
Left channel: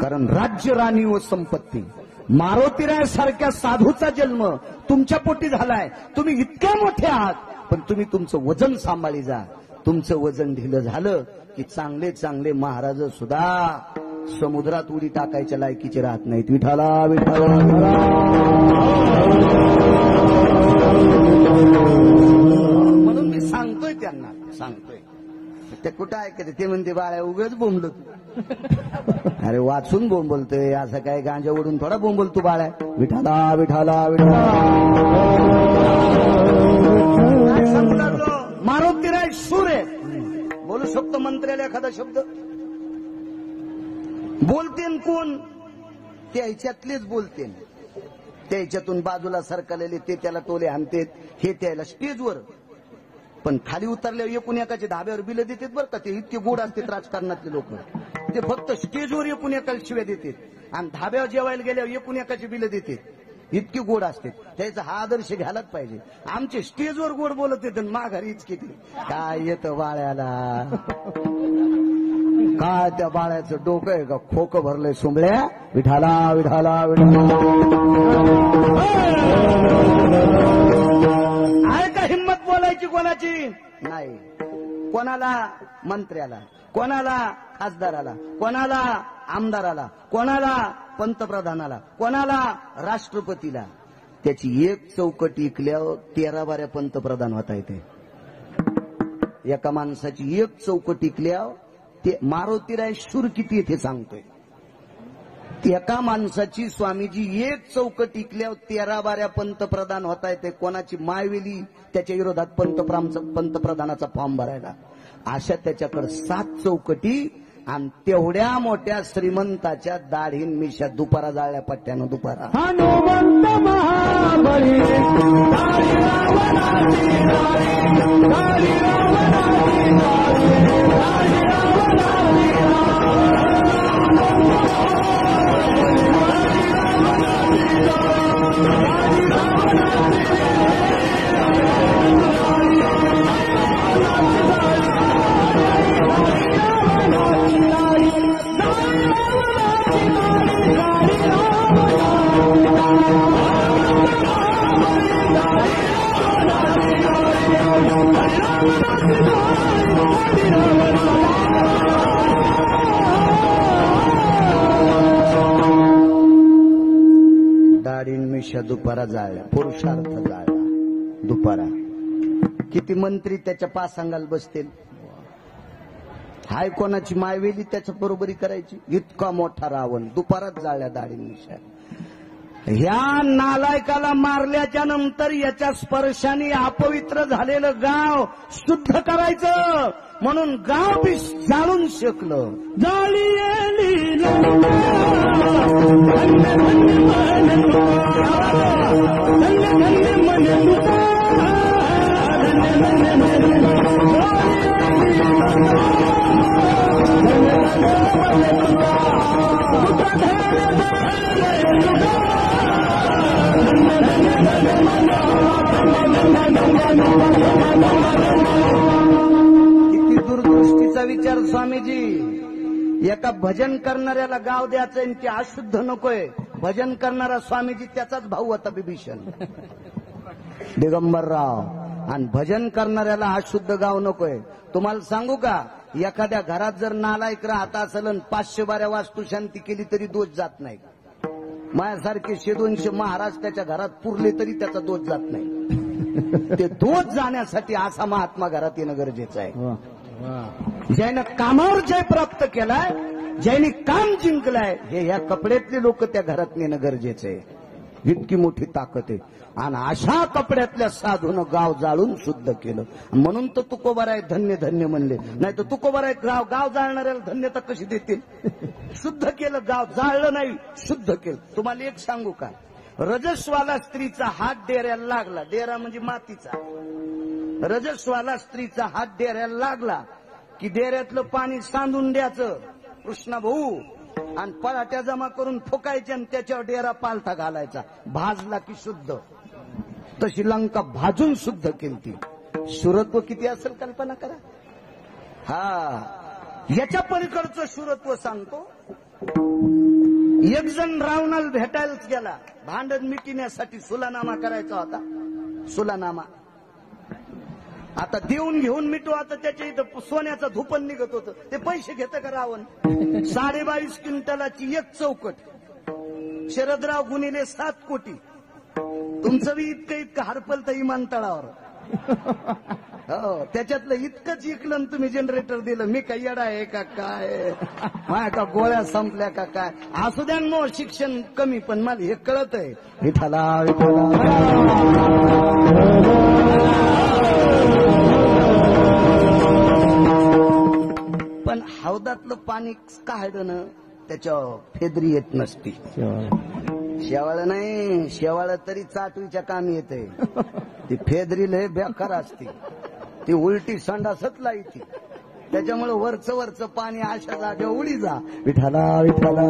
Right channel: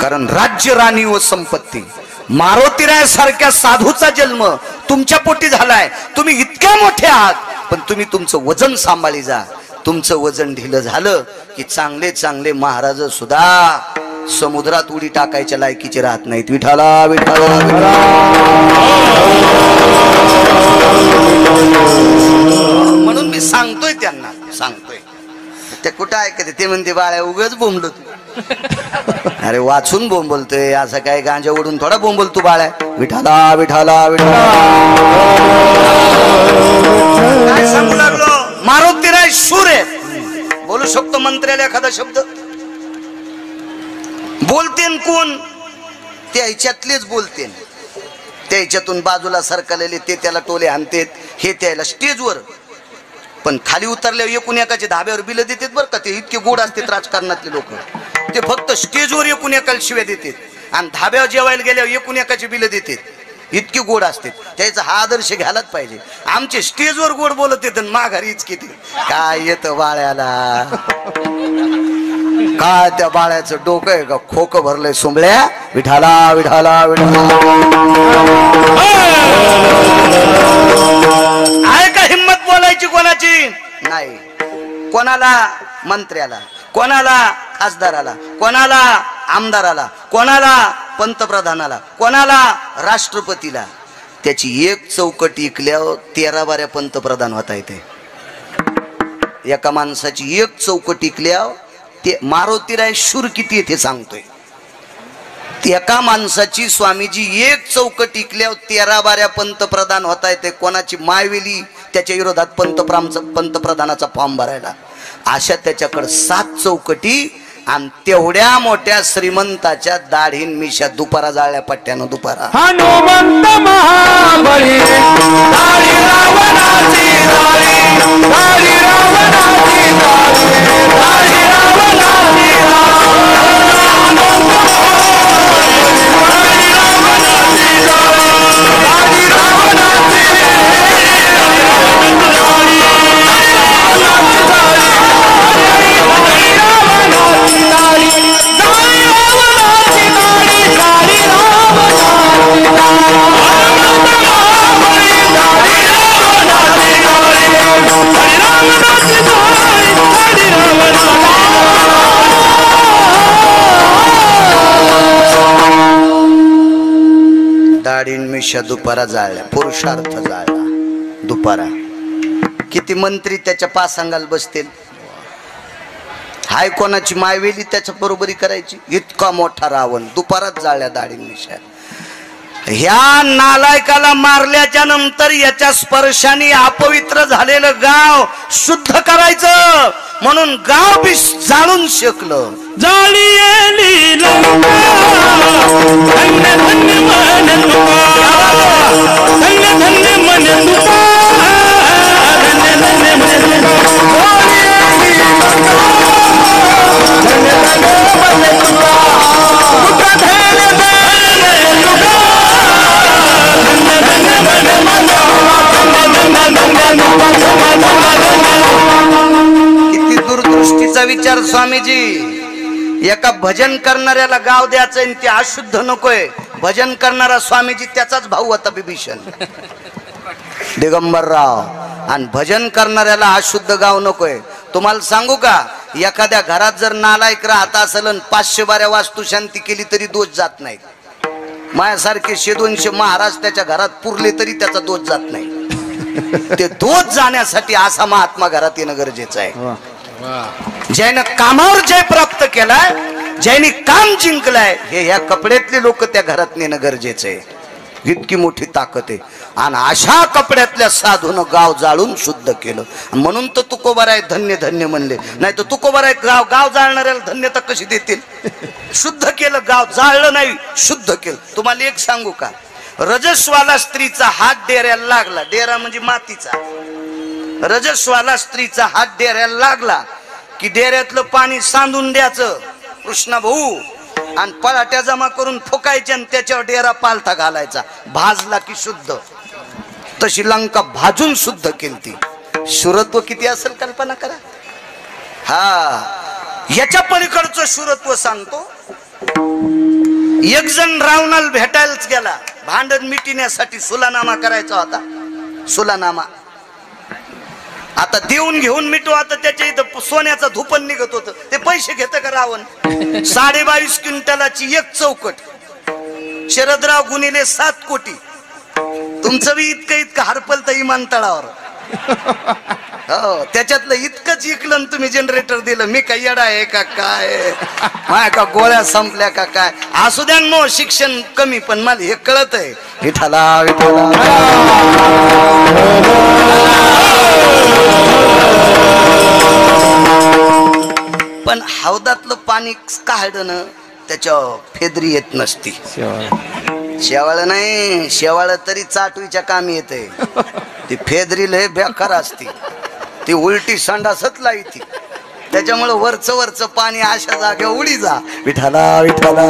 कारण राज्य, राणी व संपत्ती. मारुतीरायासारख्या साधूचा जन्म तुमच्या पोटी झालाय. तुम्ही इतक्या मोठे आहात, पण तुम्ही तुमचं वजन सांभाळी जा. तुमचं वजन ढिलं झालं की चांगले चांगले महाराज सुद्धा समुद्रात उडी टाकायच्या लायकीचे राहत नाहीत. विठाला विठाला. म्हणून मी सांगतोय त्यांना, सांगतोय. ते कुठं ऐकते? ते म्हणते बाळ्या उगच बोंबलो तू. अरे वाचून बोंबलतोय, असं काय गांजा ओढून थोडा बोंबल तू बाळ्या. विठाला विठाला विठाला. काय सांगू लागलो? मारुतीराय शूर आहे. बोलू शकतो मंत्र्याला एखादा शब्द? बोलतेन कोण? ते ह्याच्यातलेच बोलतेन. त्या ह्याच्यातून बाजूला सरकलेले ते त्याला टोले आणतेत, हे त्याला स्टेजवर. पण खाली उतरल्यावर एकूण एकाचे धाब्यावर बिल देतात बरं का. ते इतके गोड असतात राजकारणातले लोक. ते फक्त स्टेजवर एकूण एकाला शिव्या देतात आणि धाब्यावर जेवायला गेल्यावर एकूण एकाचे बिल देतात. इतके गोड असतात. त्याचा हा आदर्श घ्यायलाच पाहिजे. आमचे स्टेजवर गोड बोलत येत, माघारीच किती काय येतं बाळ्याला. काय त्या बाळ्याचं डोकं आहे का खोकं भरलंय सुंबळ्या. विठाला विठाला विठाला. आहे का हिम्मत बोलायची कोणाची? नाही. कोणाला? मंत्र्याला, कोणाला खासदाराला, कोणाला आमदाराला, कोणाला पंतप्रधानाला, कोणाला राष्ट्रपतीला. त्याची एक चौकट इकल्यावर 13-12 पंतप्रधान होता येते. एका माणसाची एक चौकट इकल्यावर ते मारुतीराय शूर किती येते सांगतोय. एका माणसाची स्वामीजी एक चौकट इकल्यावर 13-12 पंतप्रधान होता येते. कोणाची मायवेली त्याच्या विरोधात पंतप्रधानाचा फॉर्म भरायला. अशा त्याच्याकडे 7 चौकटी आणि तेवढ्या मोठ्या श्रीमंताच्या दाढीन मिशा दुपारा जाळल्या पट्ट्यानं दुपारा. हनुमंत महाबळी दाढी रावणाची दाढी, दाढी रावणाची दाढी, दाढी रावणाची दाढी. मिशा दुपारा जाळल्या, पुरुषार्थ जाळला दुपारा. किती मंत्री त्याच्या पासांगाल बसतील. हाय कोणाची मायवेली त्याच्या बरोबरी करायची. इतका मोठा रावण दुपारात जाळल्या दाढी मिशा. ह्या नालायकाला मारल्याच्या नंतर याच्या स्पर्शाने अपवित्र झालेलं गाव शुद्ध करायचं म्हणून गाव बी जाळून शकलं. जाळी लंका धन्य धन्य मन धन्य धन्य मन धन्य धन्य किती दूरदृष्टीचा विचार स्वामीजी. एका भजन करणाऱ्याला गाव द्यायचं आणि ते अशुद्ध नकोय. भजन करणारा स्वामीजी त्याचाच भाऊ होता बिभीषण दिगंबरराव. आणि भजन करणाऱ्याला अशुद्ध गाव नकोय. तुम्हाला सांगू का, एखाद्या घरात जर नालायक राहत असेल आणि 500 बाऱ्या वास्तुशांती केली तरी दोष जात नाही. माझ्यासारखे 100-200 महाराज त्याच्या घरात पुरले तरी त्याचा दोष जात नाही. ते दोष जाण्यासाठी असा महात्मा घरात येणं गरजेचं आहे. ज्यानं कामावर जय प्राप्त केलाय, ज्याने काम जिंकलाय, हे ह्या कपड्यातले लोक त्या घरात नेणं गरजेचं आहे. इतकी मोठी ताकद आहे. आणि अशा कपड्यातल्या साधून गाव जाळून शुद्ध केलं. म्हणून तर तुकोबाराय धन्य धन्य म्हणले. नाही तर तुकोबाराय गाव जाळणाऱ्याला धन्यता कशी देतील. शुद्ध केलं गाव, जाळलं नाही, शुद्ध केलं. तुम्हाला एक सांगू का, रजस्वाला स्त्रीचा हात डेऱ्याला लागला. डेरा म्हणजे मातीचा. रजस्वाला स्त्रीचा हात डेऱ्याला लागला की डेऱ्यातलं पाणी सांडून द्यायचं कृष्णा भाऊ, आणि पळाट्या जमा करून फुकायचे आणि त्याच्यावर डेरा पालथा घालायचा. भाजला की शुद्ध. तशी लंका भाजून शुद्ध केलती. शुरत्व किती असेल कल्पना करा. हा, याच्या पलीकडचं शुरत्व सांगतो. एक जण रावणाला भेटायलाच गेला. भांडण मिटण्यासाठी सुलानामा करायचा होता. सुलानामा आता देऊन घेऊन मिटू. आता त्याच्या इथं सोन्याचं धुपण निघत होतं. ते पैसे घेत का रावण. 22.5 क्विंटलाची एक चौकट. शरदराव गुणिले 7 कोटी. तुमचं बी इतकं हरपल तर विमानतळावर. हो, त्याच्यातलं इतकंच इकलं तुम्ही जनरेटर दिलं. मी काय येडा आहे का काय, माय का गोळ्या संपल्या का काय. असू द्या नो, शिक्षण कमी, पण मला हे कळत आहे. विठाला विठाला. पण हौदातलं पाणी काढणं त्याच्या फेदरी येत नसती. शेवाळ नाही, शेवाळ तरी चाटवीच्या कामी येते. ती फेदरी लय बेकार असती. ती उलटी संडासच लाईती. त्याच्यामुळे वरचं पाणी अशा जागे उडी जा. विठाला विठाला.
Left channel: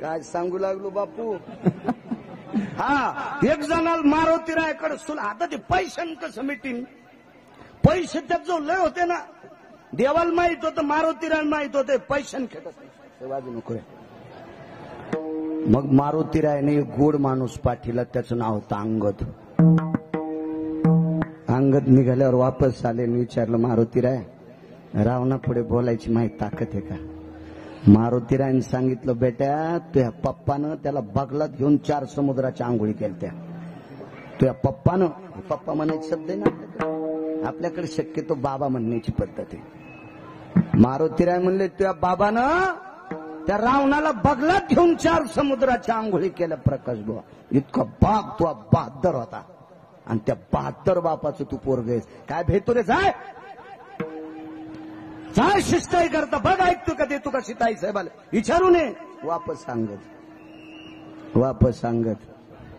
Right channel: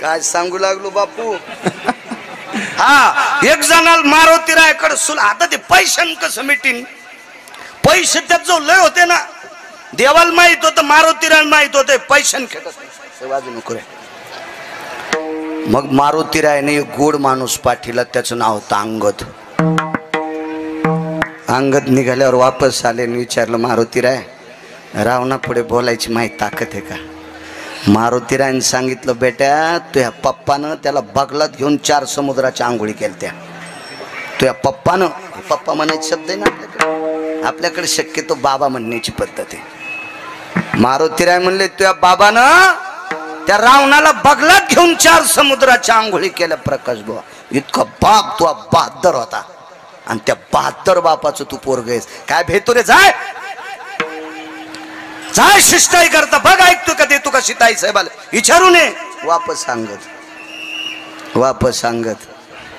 काय सांगू लागलो बापू. हा, एक जणाला मारुती रायकडे सुला. आता ते पैशान कसं मिटीन. पैसे त्यात जो लय होते ना, देवाला माहित होतं, मारुतीराय माहित होते. पैशान खेळत वाजू नको रे. मग मारुतीरायने एक गोड माणूस पाठीला. त्याचं नाव होतं अंगद. अंगद निघाल्यावर वापस आले आणि विचारलं, मारुतीराय रावणा पुढे बोलायची माहिती ताकद आहे का. मारुतीरायने सांगितलं, बेट्या तुझ्या पप्पानं त्याला बगलात घेऊन 4 समुद्राच्या आंघोळी केल्या. तुझ्या पप्पानं, पप्पा म्हणायचे शब्द आहे ना आपल्याकडे. आपल्याकडे शक्यतो बाबा म्हणण्याची पद्धत आहे. मारुतीराय म्हणले, तुझ्या बाबानं त्या रावणाला बगलात घेऊन 4 समुद्राच्या आंघोळी केल्या. प्रकाश बुवा, इतका बाप तुझा बहादर होता. आणि त्या 72 बापाचं तू पोरग आहेस. काय भेटतो रे. जाय जाय शिष्टाई करता बघ. ऐकतो का देतो का शिताई साहेबाला विचारू नये. वापस सांगत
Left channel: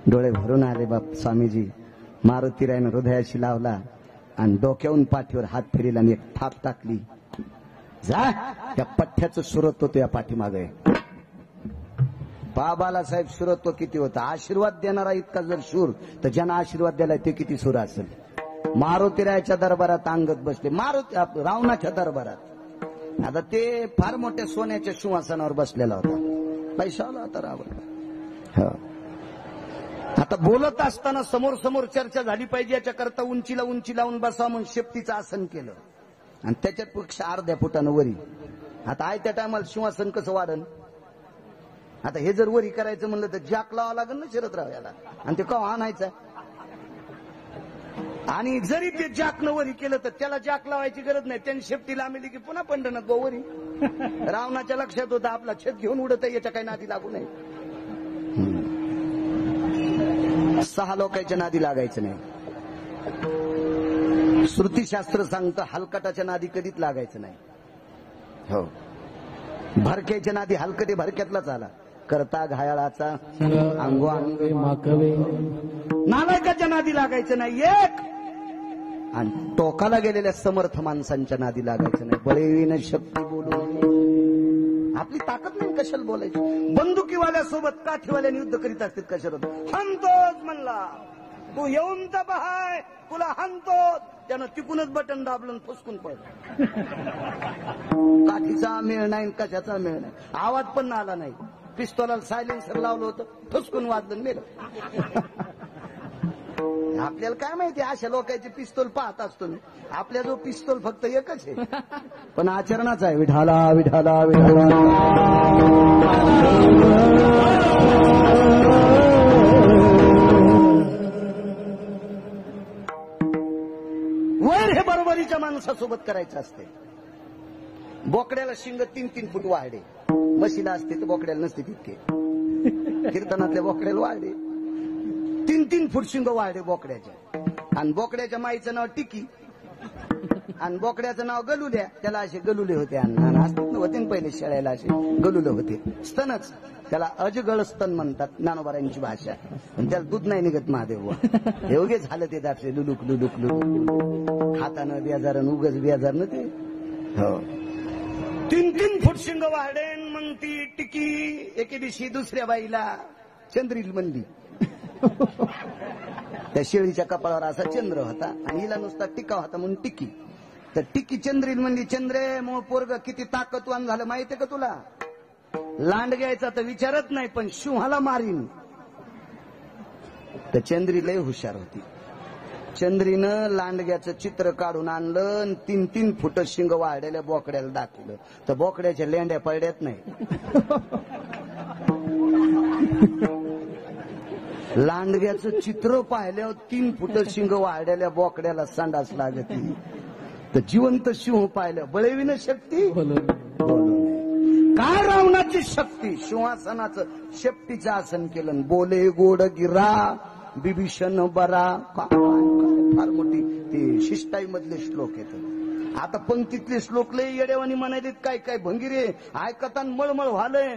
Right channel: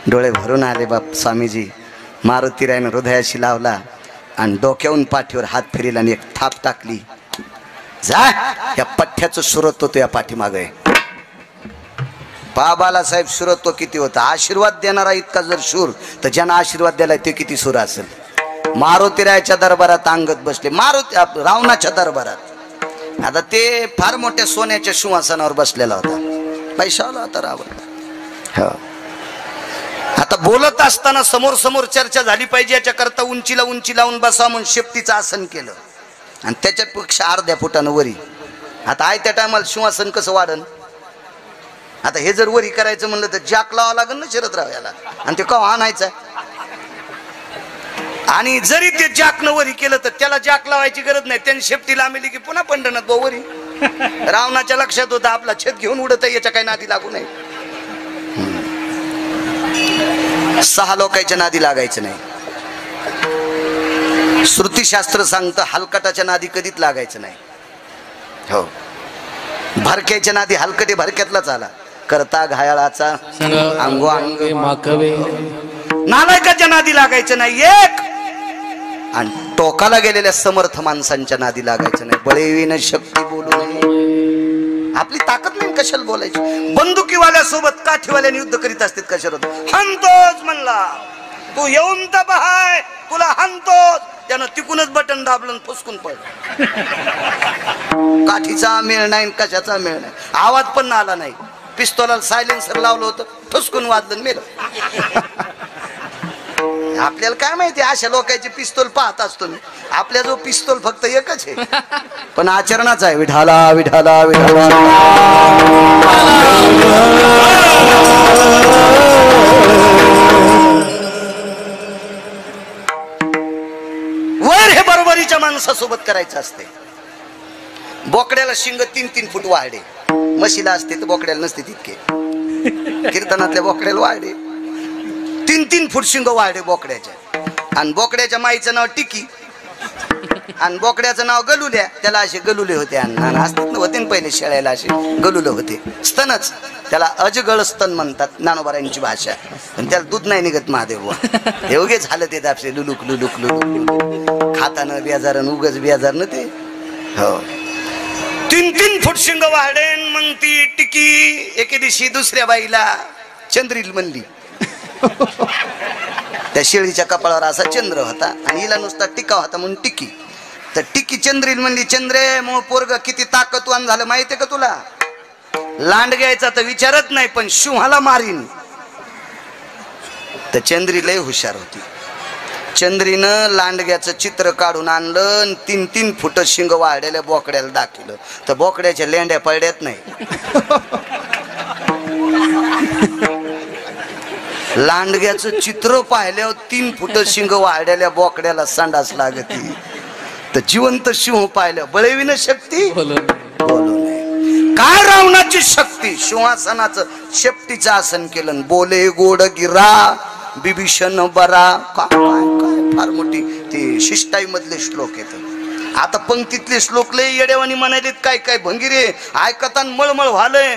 डोळे भरून आले बाप स्वामीजी. मारुतीरायनं हृदयाशी लावला आणि डोक्याहून पाठीवर हात फिरला आणि एक थाप टाकली. जा, या पठ्ठ्याचं सुरत्व तो या पाठीमाग आहे. बाबाला साहेब सुरत्व किती होतं. आशीर्वाद देणारा इतका जर शूर, तर ज्यांना आशीर्वाद दिलाय ते किती सुर असेल. मारुतीरायाच्या दरबारात अंगद बसले. रावणाच्या दरबारात. आता ते फार मोठ्या सोन्याच्या सिंहासनावर बसलेला होता. पैशावाला होता रावण. हो, आता बोलत असताना समोर समोर चर्चा झाली पाहिजे याच्याकरता उंची लावून बसा म्हणून शेपटीचं आसन केलं. आणि त्याच्यापेक्षा अर्ध्या फुटानं वरी आता आहे त्या टायमाला सिंहासन कसं वाढन? आता हे जर वरी करायचं म्हणलं तर जाक लावा लागेल ना शरदराव याला, आणि ते कवा आणायचं. आणि जरी ते जाकनं वरी केलं तर त्याला जाक लावायची गरज नाही, त्यांनी शेपटी लांबली की पुन्हा पंढरनाथ भाऊ वरी. रावणाच्या लक्षात होतं आपला छत घेऊन उडत याच्या काही नादी लागू नाही. 6 लोकांच्या नादी लागायचं नाही. श्रुतीशास्त्र सांगतं हलकटाच्या नादी कधीच लागायचं नाही. हो, भरक्याच्या नादी हलकटे भरक्यातलाच आला. करता घायाळाचा अंगो अंग माकवे. नालायकाच्या नादी लागायचं नाही एक, आणि टोकाला गेलेल्या समर्थ माणसांच्या नादी लागायचं नाही. बळीविन शक्ती बोलू नये. आपली ताकद नाही कशाला बोलायची. बंदुकीवाल्या सोबत काठीवाल्याने युद्ध करीत असतात कशाला. हंतोच म्हणला तू येऊन तर पहाय, तुला हंतोच. त्यानं तिकूनच बटन दाबलं फुसकून पड. काठीचा मेळ नाही कशाचा मेळ नाही. आवाज पण आला नाही. पिस्तोलाला सायलेन्सर लावलं होतं, फुसकून वाजलं मेलं. आपल्याला काय माहिती अशा लोकांचे पिस्तोल पाहत असतो मी. आपल्या जो पिस्तोल फक्त एकच आहे, पण आचरणाचा आहे. विठाला विठाला विठाला. वर हे बरोबरीच्या माणसासोबत करायचं असते. बोकड्याला शिंग 3-3 फूट वाढे. म्हशीला असते तर बोकड्याला नसते तितके. कीर्तनातल्या बोकड्याला वाढे 3-3 फूट शिंग वाढे बोकड्याच्या. आणि बोकड्याच्या माईचं नाव टिकी, आणि बोकड्याचं नाव गलुल्या. त्याला असे गलुले होते. आणि असतात ना होते पहिले शेळ्याला असे गलुले होते. स्तनच त्याला अजगळ स्तन म्हणतात ज्ञानोबारांची भाषा. पण त्याला दूध नाही निघत महादेव. हे उगे झालं ते दापसे लुलुक लुलुक लुलुक खातानं बेजारन उगच बेजारन ते. हो, 3-3 फूट शिंग वाढेन. मग ती टिकी एके दिवशी दुसऱ्या बाईला चंद्रील म्हणली. त्या शेळीच्या कपाळावर असा चंद्र होता आणि हिला नुसता टिका होता म्हणून टिकी. तर टिकी चंद्रील म्हणली, चंद्रे मग पोरग किती ताकदवान झालं माहितीये का तुला? लांड घ्यायचा तर विचारत नाही, पण शिंहाला मारीन. तर चंद्री लय हुशार होती. चंद्रीनं लांडग्याचं चित्र काढून आणलं. 3-3 फूट शिंग वाढलेल्या बोकड्याला दाखवलं. तर बोकड्याच्या लेंड्या पडल्यात नाही. लांडग्याचं चित्र पाहिल्यावर 3 फूट शिंग वाढलेल्या बोकड्याला संडास लागती. तर जिवंत शिंह पाहिलं बळविन शक्ती बोलू नये. काय रावणाची शक्ती. सिंहासनाचं शेपटीचं आसन केलं. बोले गोड गिरा बिभीषण बरा. काय काय फार मोठी ते शिष्टाई मधले श्लोक येत. आता पंक्तीतले श्लोक लय येड्यावानी म्हणालेत. काय काय भंगिरे ऐकतान मळमळ व्हालय.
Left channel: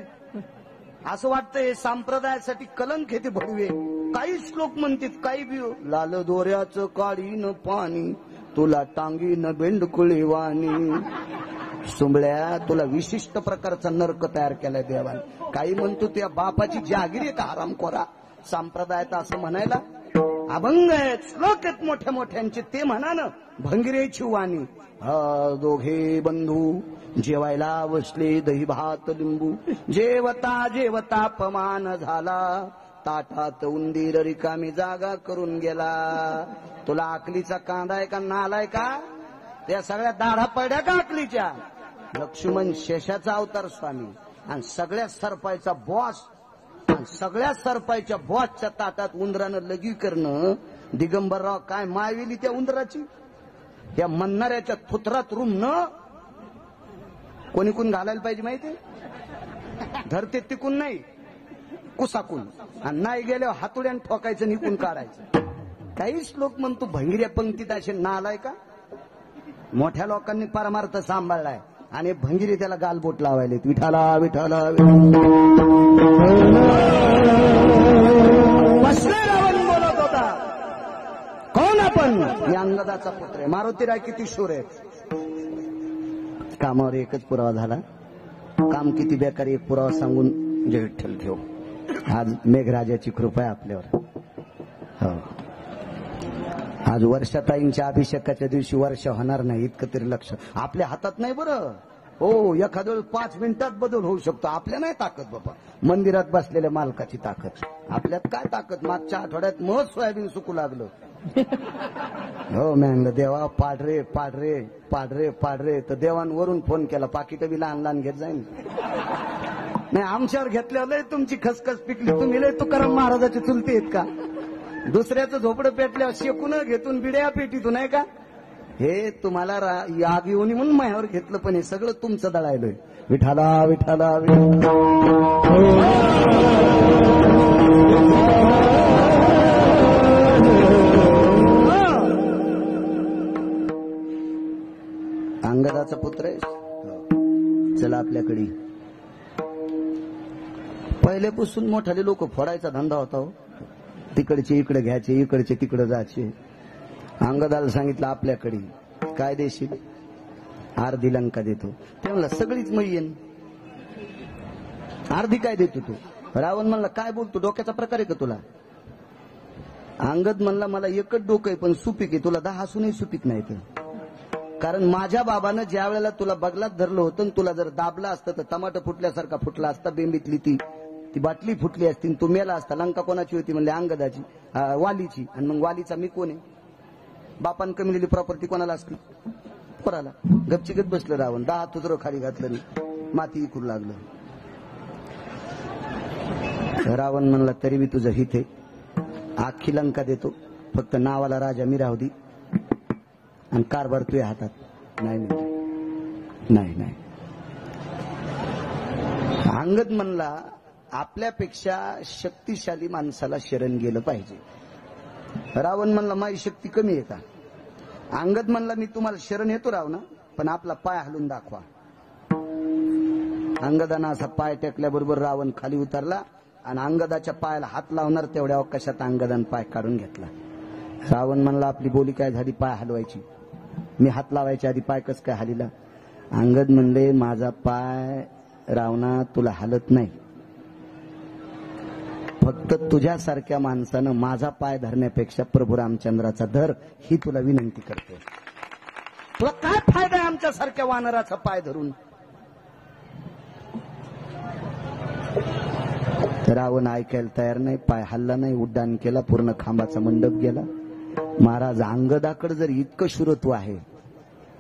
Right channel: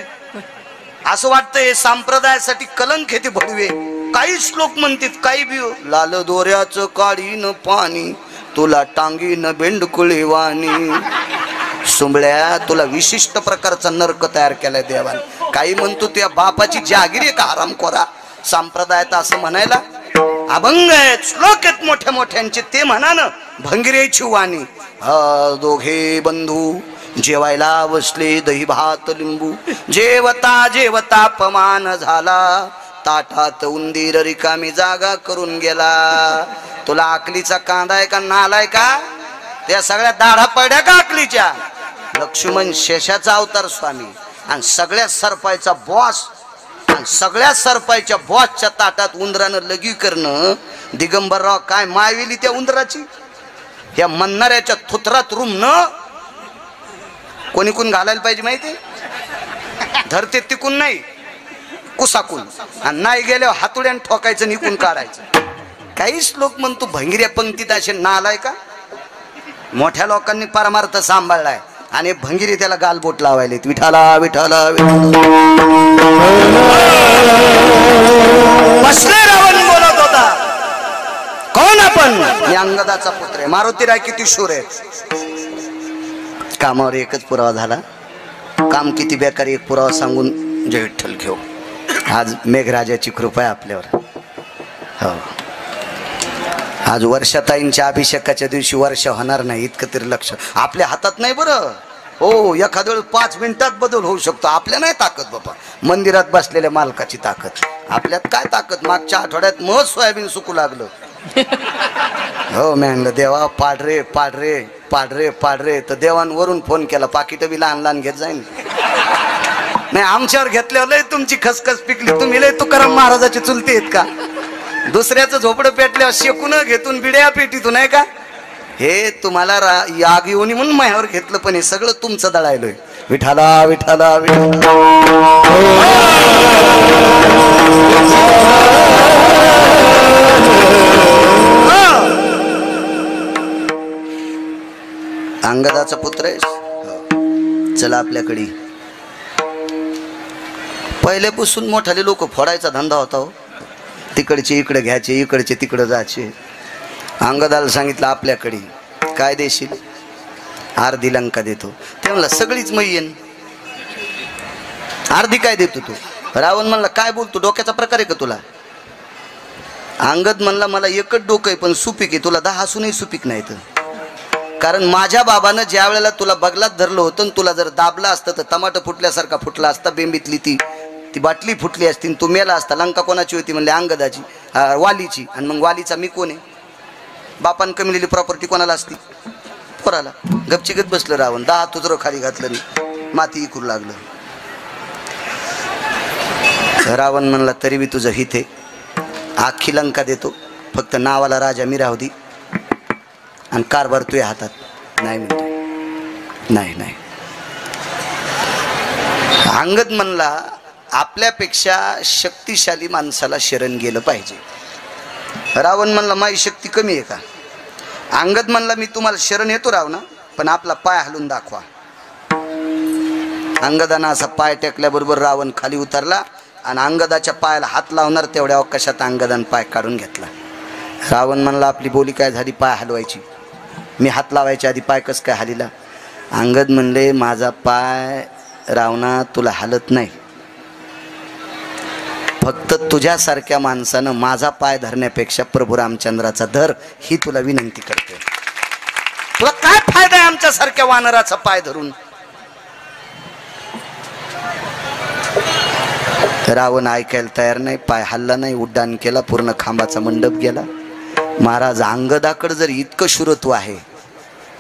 असं वाटतंय संप्रदायासाठी कलंक हे ते भडवे. काही श्लोक म्हणतात काही बी. लाल दोऱ्याचं काढीन पाणी तुला टांगीन बेंडकुळी वाणी. सुंबळ्या तुला विशिष्ट प्रकारचा नरक तयार केलाय देवान. काही म्हणतो त्या बापाची जागीर आहे का हरामखोरा. संप्रदायात असं म्हणायला अभंग आहेत, श्लोक आहेत मोठ्या मोठ्यांचे. ते म्हणा ना भंगिरेची वाणी. दोघे बंधू जेवायला बसले दही भात लिंबू. जेवता जेवता अपमान झाला. ताटात उंदीर रिकामी जागा करून गेला. तुला अकलीचा कांदा आहे का नालाय का? त्या सगळ्या दाढा पडल्या का अकलीच्या? लक्ष्मण शेषाचा अवतार स्वामी आणि सगळ्या सरपायचा बॉस. आणि सगळ्या सरपायच्या बॉसच्या ताटात उंदरानं लगी करणं. दिगंबरराव काय मायविली त्या उंदराची. या म्हणणाऱ्याच्या थुत्रात रुमणं. कोणी कोण घालायला पाहिजे माहिती. धरते तिकून नाही कुसाकून. आणि नाही गेल्यावर हातुड्यान ठोकायचं निकून काढायचं. काही श्लोक म्हणतो भंगिऱ्या पंक्तीत असे नालाय का. मोठ्या लोकांनी परमार्थ सांभाळलाय आणि भंगिरी त्याला गालबोट लावायले. विठाला विठाला बसले. रावण बोलत होता कोण आपण. मी अंगदाचा पुत्र आहे. मारुतीराय किती शूर आहे. कामावर एकच पुरावा झाला. काम किती बेकार एक पुरावा सांगून जय विठ्ठल घेऊ. आज मेघराजाची कृपा आहे आपल्यावर. हो, आज वर्षाताईंच्या अभिषेकाच्या दिवशी वर्षा होणार नाही इतकं तरी लक्ष आपल्या हातात नाही बरं. हो, एखाद्या वेळेस 5 मिनिटात बदल होऊ शकतो. आपल्या नाही ताकद बाबा. मंदिरात बसलेल्या मालकाची ताकद. आपल्यात काय ताकद. मागच्या आठवड्यात सोयाबीन सुकू लागलं. हो मी म्हणलं देवा पाडरे पाडरे पाडरे पाडरे, तर देवांवरून फोन केला पाकिट बी लहान लहान घेत जाईल. नाही आमच्यावर घेतल्यावर लय तुमची खसखस पिकली, तुम्ही लय तुकाराम महाराजाची चुलते आहेत का? दुसऱ्याचं झोपडं पेटल्यावर शेकून घेतून बिड्या पेटीतून नाही का? हे तुम्हाला याग येऊन म्हणून मायावर घेतलं, पण हे सगळं तुमचं दळायलोय. विठाला विठाला विठाला. अंगदाचा पुत्र आहेस, चला आपल्याकडे. पहिल्यापासून मोठाले लोक फोडायचा धंदा होता हो. तिकडचे इकडे घ्यायचे, इकडचे तिकडे जायचे. अंगदाला सांगितलं आपल्याकडे काय देशील? अर्धी लंका देतो. ते म्हणला सगळीच मै येईन. अर्धी काय देतो तू? रावण म्हणला काय बोलतो, डोक्याचा प्रकार आहे का तुला? अंगद म्हणला मला एकच डोकं आहे पण सुपीक आहे, तुला 10 असूनही सुपीक नाही. तर कारण माझ्या बाबानं ज्या वेळेला तुला बगलात धरलं होतं, तुला जर दाबला असतं तर टमाटर फुटल्यासारखा फुटला असता. बेंबीतली ती बाटली फुटली असती, तू मेला असता. लंका कोणाची होती म्हणले? अंगदाची, वालीची. आणि मग वालीचा मी कोण आहे? बापान कमिलेली प्रॉपर्टी कोणाला असती? पोराला. गपचिगत बसलं रावण. 10 तुजरं खाली घातलं नाही, माती इकरू लागलं. रावण म्हणला तरी बी तुझं हित आहे, आखी लंका देतो, फक्त नावाला राजा मी राहू दे आणि कारभार तुझ्या हातात. नाही म्हणतो, नाही नाही. अंगद म्हणला आपल्यापेक्षा शक्तिशाली माणसाला शरण गेलं पाहिजे. रावण म्हणला माझी शक्ती कमी आहे का? अंगद म्हणला मी तुम्हाला शरण येतो राव ना, पण आपला पाय हलवून दाखवा. अंगदानं असा पाय टेकल्याबरोबर रावण खाली उतरला आणि अंगदाच्या पायाला हात लावणार तेवढ्या अवकाशात अंगदानं पाय काढून घेतला. रावण म्हणला आपली बोली काय झाली? पाय हलवायची. मी हात लावायच्या आधी पाय कस काय हलीला? अंगद म्हणले माझा पाय रावणा तुला हलत नाही, फक्त तुझ्यासारख्या माणसानं माझा पाय धरण्यापेक्षा प्रभू रामचंद्राचा धर ही तुला विनंती करते. तुला काय फायदा आहे आमच्यासारख्या वानराचा पाय धरून? रावण ऐकायला तयार नाही. पाय हल्ला नाही, उड्डाण केला, पूर्ण खांबाचा मंडप गेला. महाराज अंगदाकडे जर इतकं शुरत्व आहे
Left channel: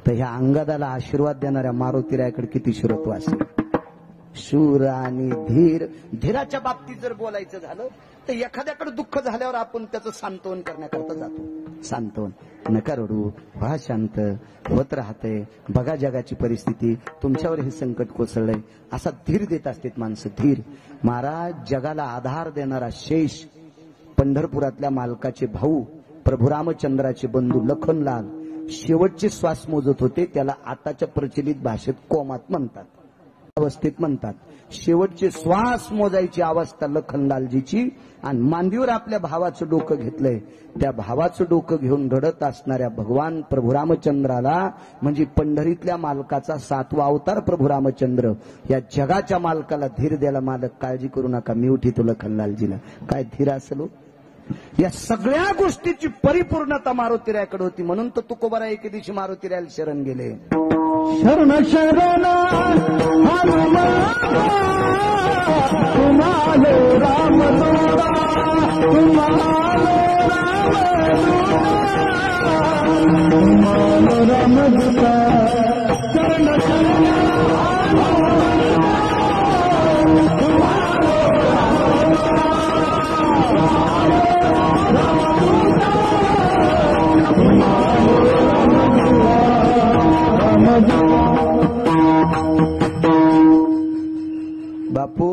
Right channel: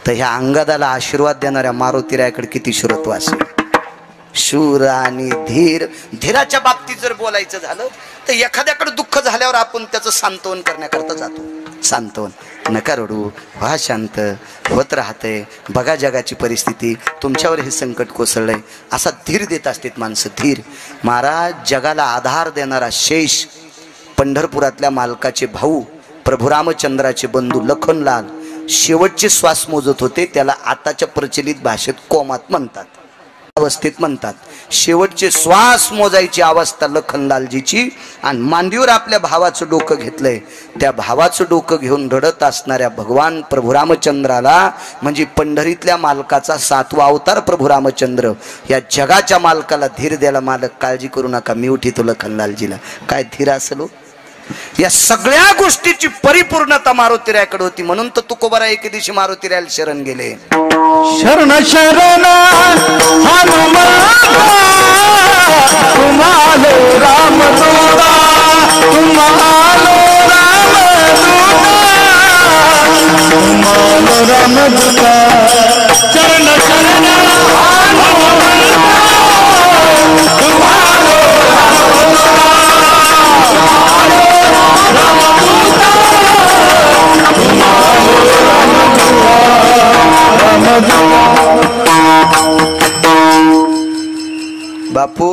तर ह्या अंगदाला आशीर्वाद देणाऱ्या मारुतीरायाकडे किती शुरत्व असेल? शूर आणि धीर. धीराच्या बाबतीत जर बोलायचं झालं तर एखाद्याकडे दुःख झाल्यावर आपण त्याचं सांत्वन करण्याकरता जातो. सांत्वन, नका रडू, व्हा शांत, होत राहते, बघा जगाची परिस्थिती, तुमच्यावर हे संकट कोसळलंय, असा धीर देत असतात माणसं. धीर. महाराज जगाला आधार देणारा शेष, पंढरपुरातल्या मालकाचे भाऊ, प्रभू रामचंद्राचे बंधू लखनलाल शेवटचे श्वास मोजत होते. त्याला आताच्या प्रचलित भाषेत कोमात म्हणतात, अवस्थेत म्हणतात. शेवटचे श्वास मोजायची अवस्था लखनलालजीची. आणि मांडीवर आपल्या भावाचं डोकं घेतलंय. त्या भावाचं डोकं घेऊन रडत असणाऱ्या भगवान प्रभू रामचंद्राला, म्हणजे पंढरीतल्या मालकाचा 7वा अवतार प्रभू रामचंद्र, या जगाच्या मालकाला धीर द्यायला मालक काळजी करू नका, मी उठीतो लखनलालजीला. काय धीर असेल? या सगळ्या गोष्टीची परिपूर्णता मारुतीरायाकडे होती. म्हणून तर तुकोबारा एके दिवशी मारुतीरायाला शरण गेले. शरण शरण हनुमान तुम्हालो रामदूता, तुम्हालो रामदूता, शरण शरण बापू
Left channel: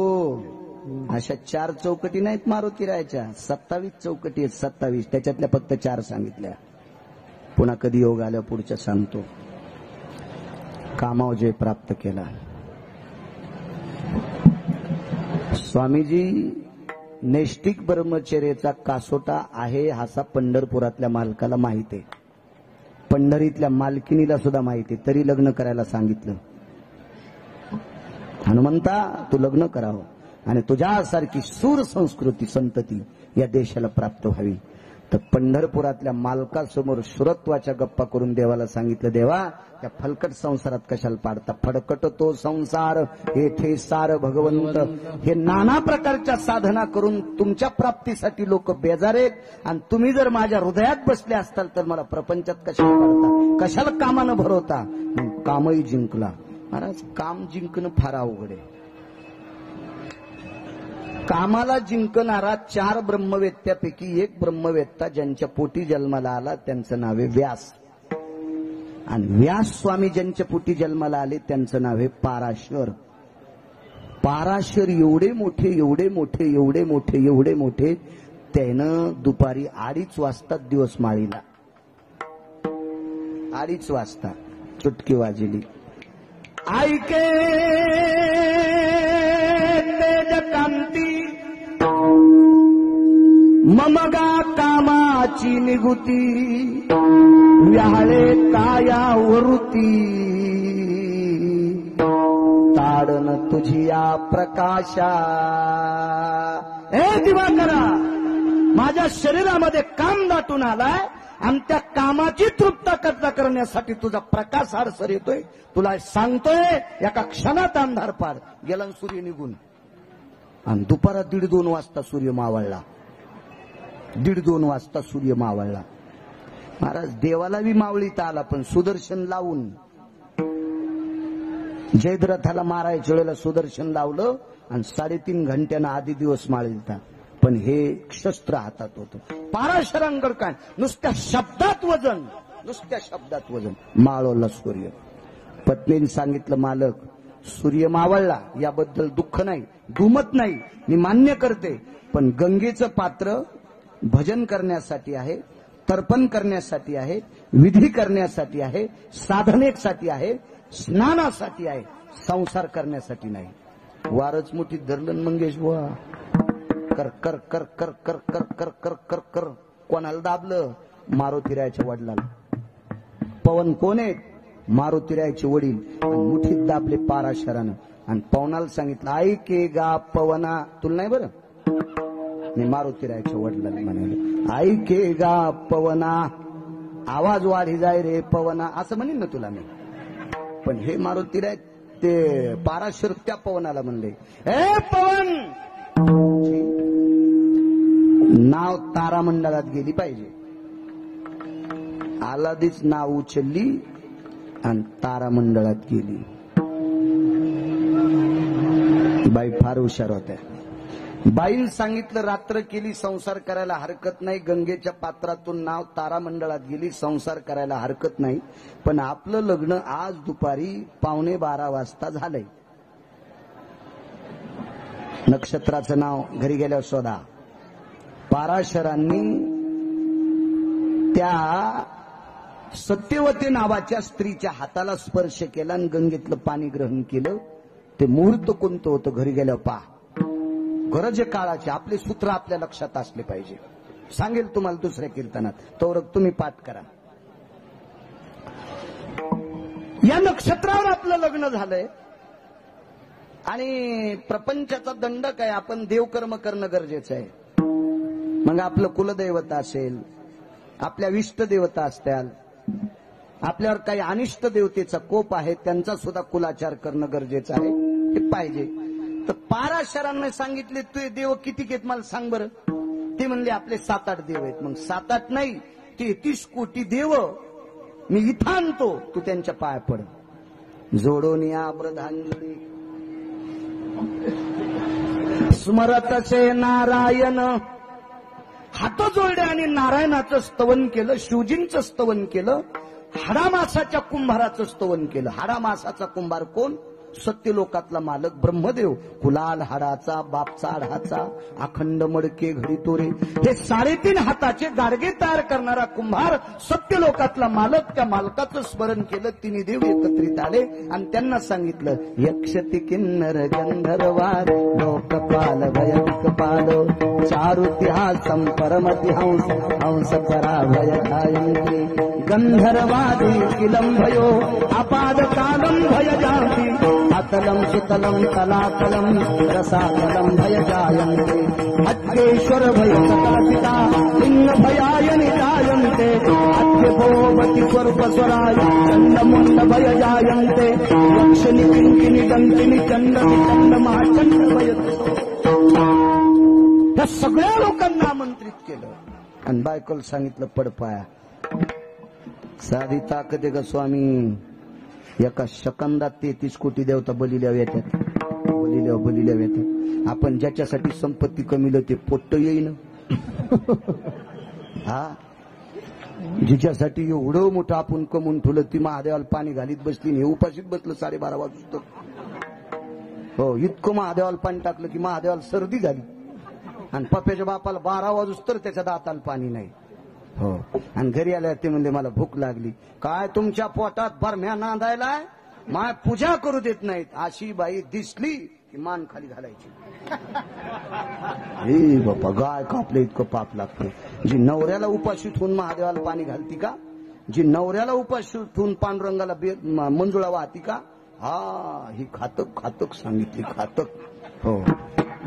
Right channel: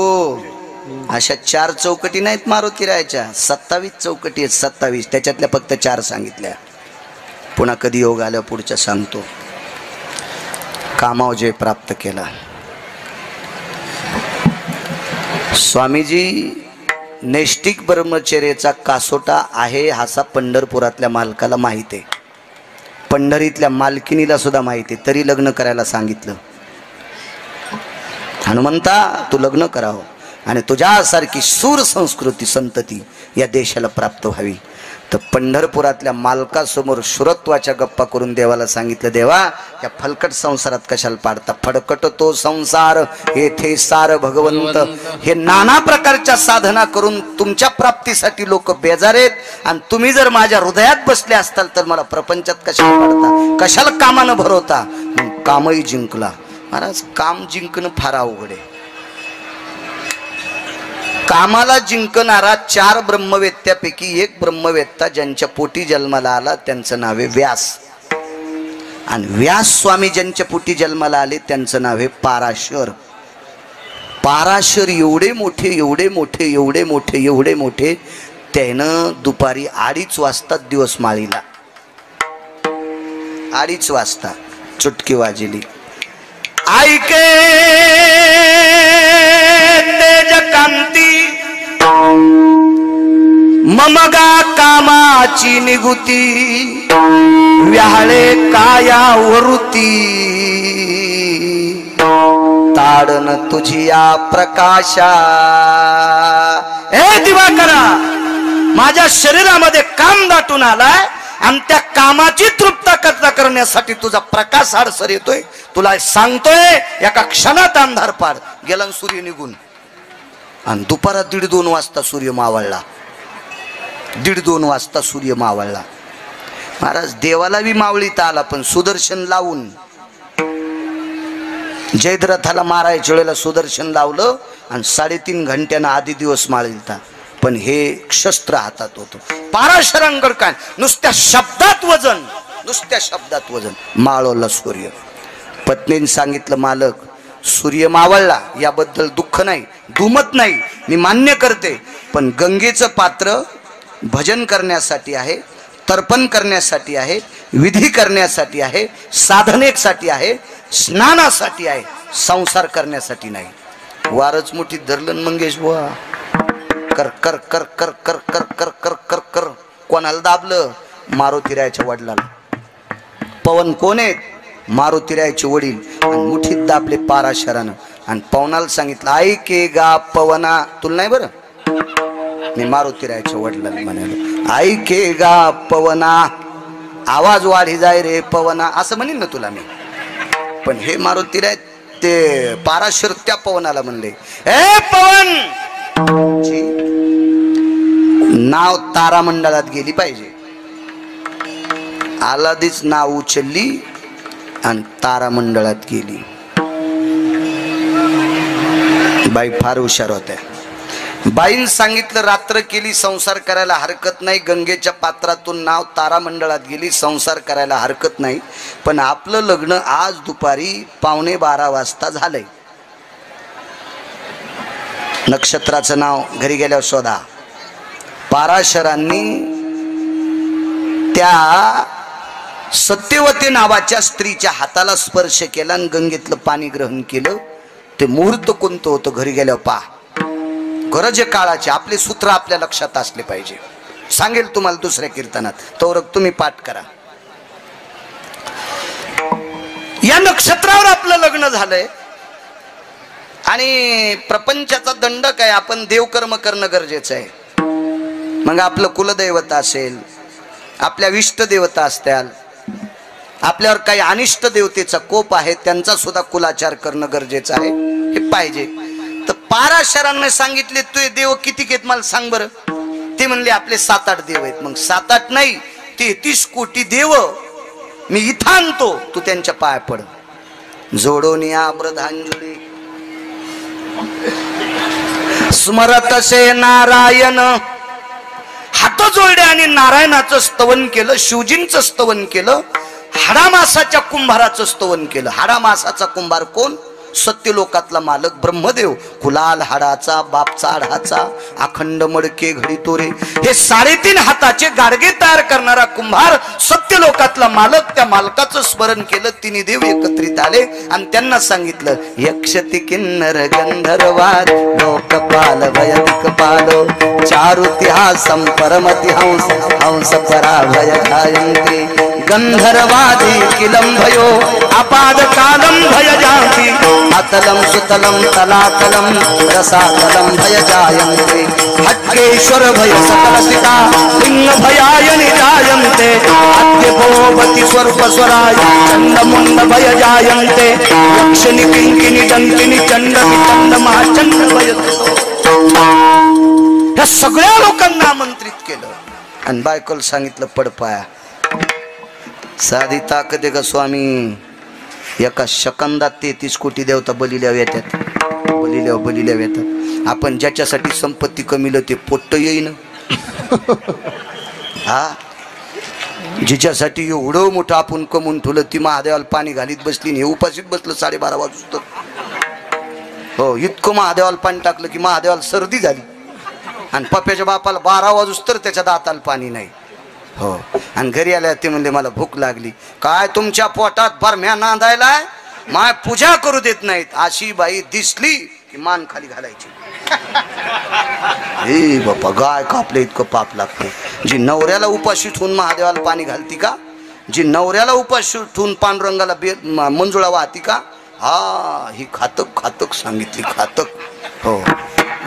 अशा 4 चौकटी नाहीत मारुतीरायाच्या, 27 चौकटी आहेत. 27. त्याच्यातल्या फक्त 4 सांगितल्या. पुन्हा कधी योग आल्या पुढच्या सांगतो. कामाव जय प्राप्त केला. स्वामीजी नैष्टिक ब्रह्मचर्याचा कासोटा आहे असा पंढरपुरातल्या मालकाला माहिती आहे, पंढरीतल्या मालकिनीला सुद्धा माहिती आहे, तरी लग्न करायला सांगितलं. हनुमंता तू लग्न करावं. आणि तुझ्यासारखी सूर संस्कृती संतती या देशाला प्राप्त व्हावी. तर पंढरपुरातल्या मालकासमोर शुरत्वाच्या गप्पा करून देवाला सांगितलं, देवा या फलकट संसारात कशाला पाडता, फडकट तो संसार येथे सार भगवंत. हे नाना प्रकारच्या साधना करून तुमच्या प्राप्तीसाठी लोक बेजार आहेत, आणि तुम्ही जर माझ्या हृदयात बसले असताल तर मला प्रपंचात कशाला पाडता, कशाला कामानं भरवता. मग कामही जिंकला. महाराज काम जिंकणं फार अवघड आहे. कामाला जिंकणारा 4 ब्रह्मवेत्यापैकी एक ब्रह्मवेत्ता ज्यांच्या पोटी जन्माला आला त्यांचं नाव आहे व्यास. आणि व्यास स्वामी ज्यांच्या पोटी जन्माला आले त्यांचं नाव आहे पाराशर. पाराशर एवढे मोठे एवढे मोठे एवढे मोठे एवढे मोठे त्यानं दुपारी 2:30 वाजता दिवस माळीला. 2:30 वाजता चुटकी वाजली. ऐके तेज कांती ममगा कामाची निगुती व्याळे काया वरुती ताडन तुझी या प्रकाशा. हे दिवाकरा, माझ्या शरीरामध्ये काम दाटून आलाय आणि त्या कामाची तृप्तता करण्यासाठी तुझा प्रकाश आडसर येतोय. तुला सांगतोय एका क्षणात अंधार पाड. गेला सूर्य निघून. आणि दुपारात 1:30-2 वाजता सूर्य मावळला. 1:30-2 वाजता सूर्य मावळला. महाराज देवाला बी मावळीता आला, पण सुदर्शन लावून जयद्रथाला मारायच्या वेळेला सुदर्शन लावलं आणि 3.5 घंट्यानं आधी दिवस माळीलता. पण हे शस्त्र हातात होतं. पाराशरांगड काय नुसत्या शब्दात वजन, नुसत्या शब्दात वजन. माळवला सूर्य. पत्नीने सांगितलं, मालक सूर्य मावळला याबद्दल दुःख नाही, दुमत नाही, मी मान्य करते, पण गंगेचं पात्र भजन करण्यासाठी आहे, तर्पण करण्यासाठी आहे, विधी करण्यासाठी आहे, साधनेसाठी आहे, स्नानासाठी आहे, संसार करण्यासाठी नाही. वारच मुठीत धरलं मंगेश बुवा. कर कर कर कर कर कर कर कर कर कर. कोणाला दाबलं? मारुतीरायाच्या वडिलाला. पवन कोण आहेत? मारुतीरायाचे वडील. आणि मुठीत दाबले पाराशरानं. आणि पवनाला सांगितलं, ऐके गा पवना. तुला नाही बरं, मी मारुतीरायाच्या वडिलांना म्हणालो, ऐके गा पवना, आवाज वाढी जाय रे पवना, असं म्हणेन ना तुला मी. पण हे मारुतीराय ते पाराशर त्या पवनाला म्हणले, हे पवन, नाव तारामंडळात गेली पाहिजे. आलादीच नाव उचलली आणि तारामंडळात गेली. बाई फार हुशार होत्या. बाईन सांगितलं, रात्र केली, संसार करायला हरकत नाही. गंगेच्या पात्रातून नाव तारामंडळात गेली, संसार करायला हरकत नाही. पण आपलं लग्न आज दुपारी 11:15 वाजता झालंय. नक्षत्राचं नाव घरी गेल्यावर शोधा. पाराशरांनी त्या सत्यवती नावाच्या स्त्रीच्या हाताला स्पर्श केला आणि गंगेतलं पाणी ग्रहण केलं. ते मुहूर्त कोणतं होतं घरी गेल्यावर पहा. गरज काळाचे आपले सूत्र आपल्या लक्षात असले पाहिजे. सांगेल तुम्हाला दुसऱ्या कीर्तनात, तो तुम्ही पाठ करा. या नक्षत्रावर आपलं लग्न झालंय आणि प्रपंचाचा दंडक आहे. आपण देवकर्म करणं गरजेचं आहे. मग आपलं कुलदैवत असेल, आपल्या इष्ट देवता असतील, आपल्यावर काही अनिष्ट देवतेचा कोप आहे, त्यांचा सुद्धा कुलाचार करणं गरजेचं आहे. हे पाहिजे. तर पाराशरांना सांगितले, तू देव किती आहेत मला सांग बरं. ते म्हणले, आपले 7-8 देव आहेत. मग 7-8 नाही, 33 कोटी देव मी इथं आणतो, तू त्यांच्या पाया पड. जोडून या ब्रधांजली स्मरतसे नारायण. हात जोडले आणि नारायणाचं स्तवन केलं, शिवजींचं स्तवन केलं, हाडामासाच्या कुंभाराचं स्तवन केलं. हाडामासाचा कुंभार कोण? सत्यलोकातला मालक ब्रह्मदेव. कुलाल हाडाचा, बापचा हाडाचा, अखंड मडके घडी तोरे, हे 3.5 हाताचे गाडगे तयार करणारा कुंभार सत्यलोकातला मालक. त्या मालकाचं स्मरण केलं. 3 देव एकत्रित आले आणि त्यांना सांगितलं, यक्षति किन्नर गंधर्वाद लोकपाल वैदिक पालो 4 मारुतिहासं परमतिहंस हंस पराभय जायन्ते गंधर्वादी किलं भयो अपादकालं भय जाति अतलं सुतलं तलातलं रसातलं भय जायन्ते खड्गेश्वर भय सकलसिता लिंग भयाय निजायन्ते अद्य भोवति स्वरूपस्वराय चंडमुंड भय जायन्ते यक्षिणी किंकिणी दंतिनी चंड विचंड महाचंड भय या सगळ्या लोकांना आमंत्रित केलं आणि बायकोला सांगितलं पडपाया साधी ताकद आहे का स्वामी एका सेकंदात 33 कोटी देवता बलिल्या येतात बलिल्या येतात आपण ज्याच्यासाठी संपत्ती कमीलं ते पोट्ट येईन हा जिच्यासाठी एवढं मोठं आपण कमवून ठेवलं ती महादेवाला पाणी घालीत बसली हे उपाशीत बसलं 12:30 वाजता हो इतकं महादेवाला पाणी टाकलं की महादेवाला सर्दी झाली आणि पप्प्याच्या बापाला 12 वाजूस तर त्याच्या दाताला पाणी नाही हो आणि घरी आल्या ते म्हणले मला भूक लागली काय तुमच्या पोटात बरम्या नांदायला माय पूजा करू देत नाहीत अशी बाई दिसली की मान खाली घालायची हे बापा गाय कापले इतकं पाप लागते जी नवऱ्याला उपाशी ठेवून महादेवाला पाणी घालती का जी नवऱ्याला उपाशी ठेवून पांडुरंगाला मंजुळा वाहती का हा ही खातक सांगितली खातक हो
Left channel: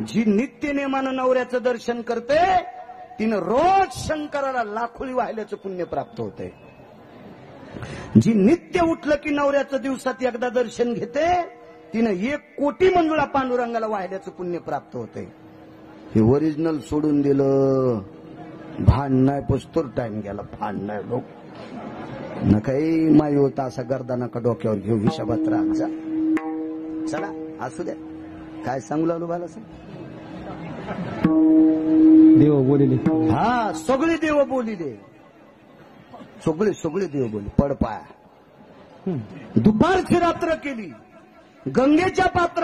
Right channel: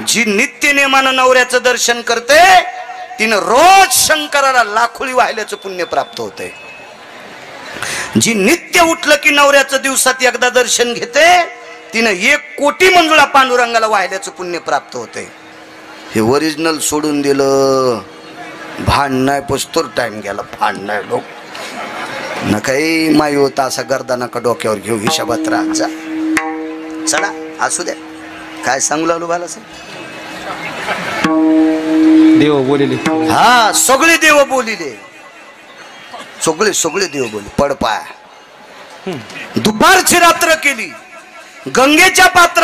जी नित्य नेमानं नवऱ्याचं दर्शन करते तिनं रोज शंकराला लाखोळी वाहिल्याचं पुण्य प्राप्त होते जी नित्य उठलं की नवऱ्याचं दिवसात एकदा दर्शन घेते तिनं 1 कोटी मंजुळा पांडुरंगाला वाहिल्याचं पुण्य प्राप्त होते हे ओरिजिनल सोडून दिलं भांड नाही पस्तोर टाइम गेला भांड नाही लोक न काही माई होता असा गर्दा नका डोक्यावर घेऊ हिशाबात राहत जा चला असू द्या काय सांगू लागलो बाला साहेब देव बोलिले हा सगळे देव बोलिले सगळे देव बोलले पडपाय दुपारची रात्र केली गंगेच्या पात्र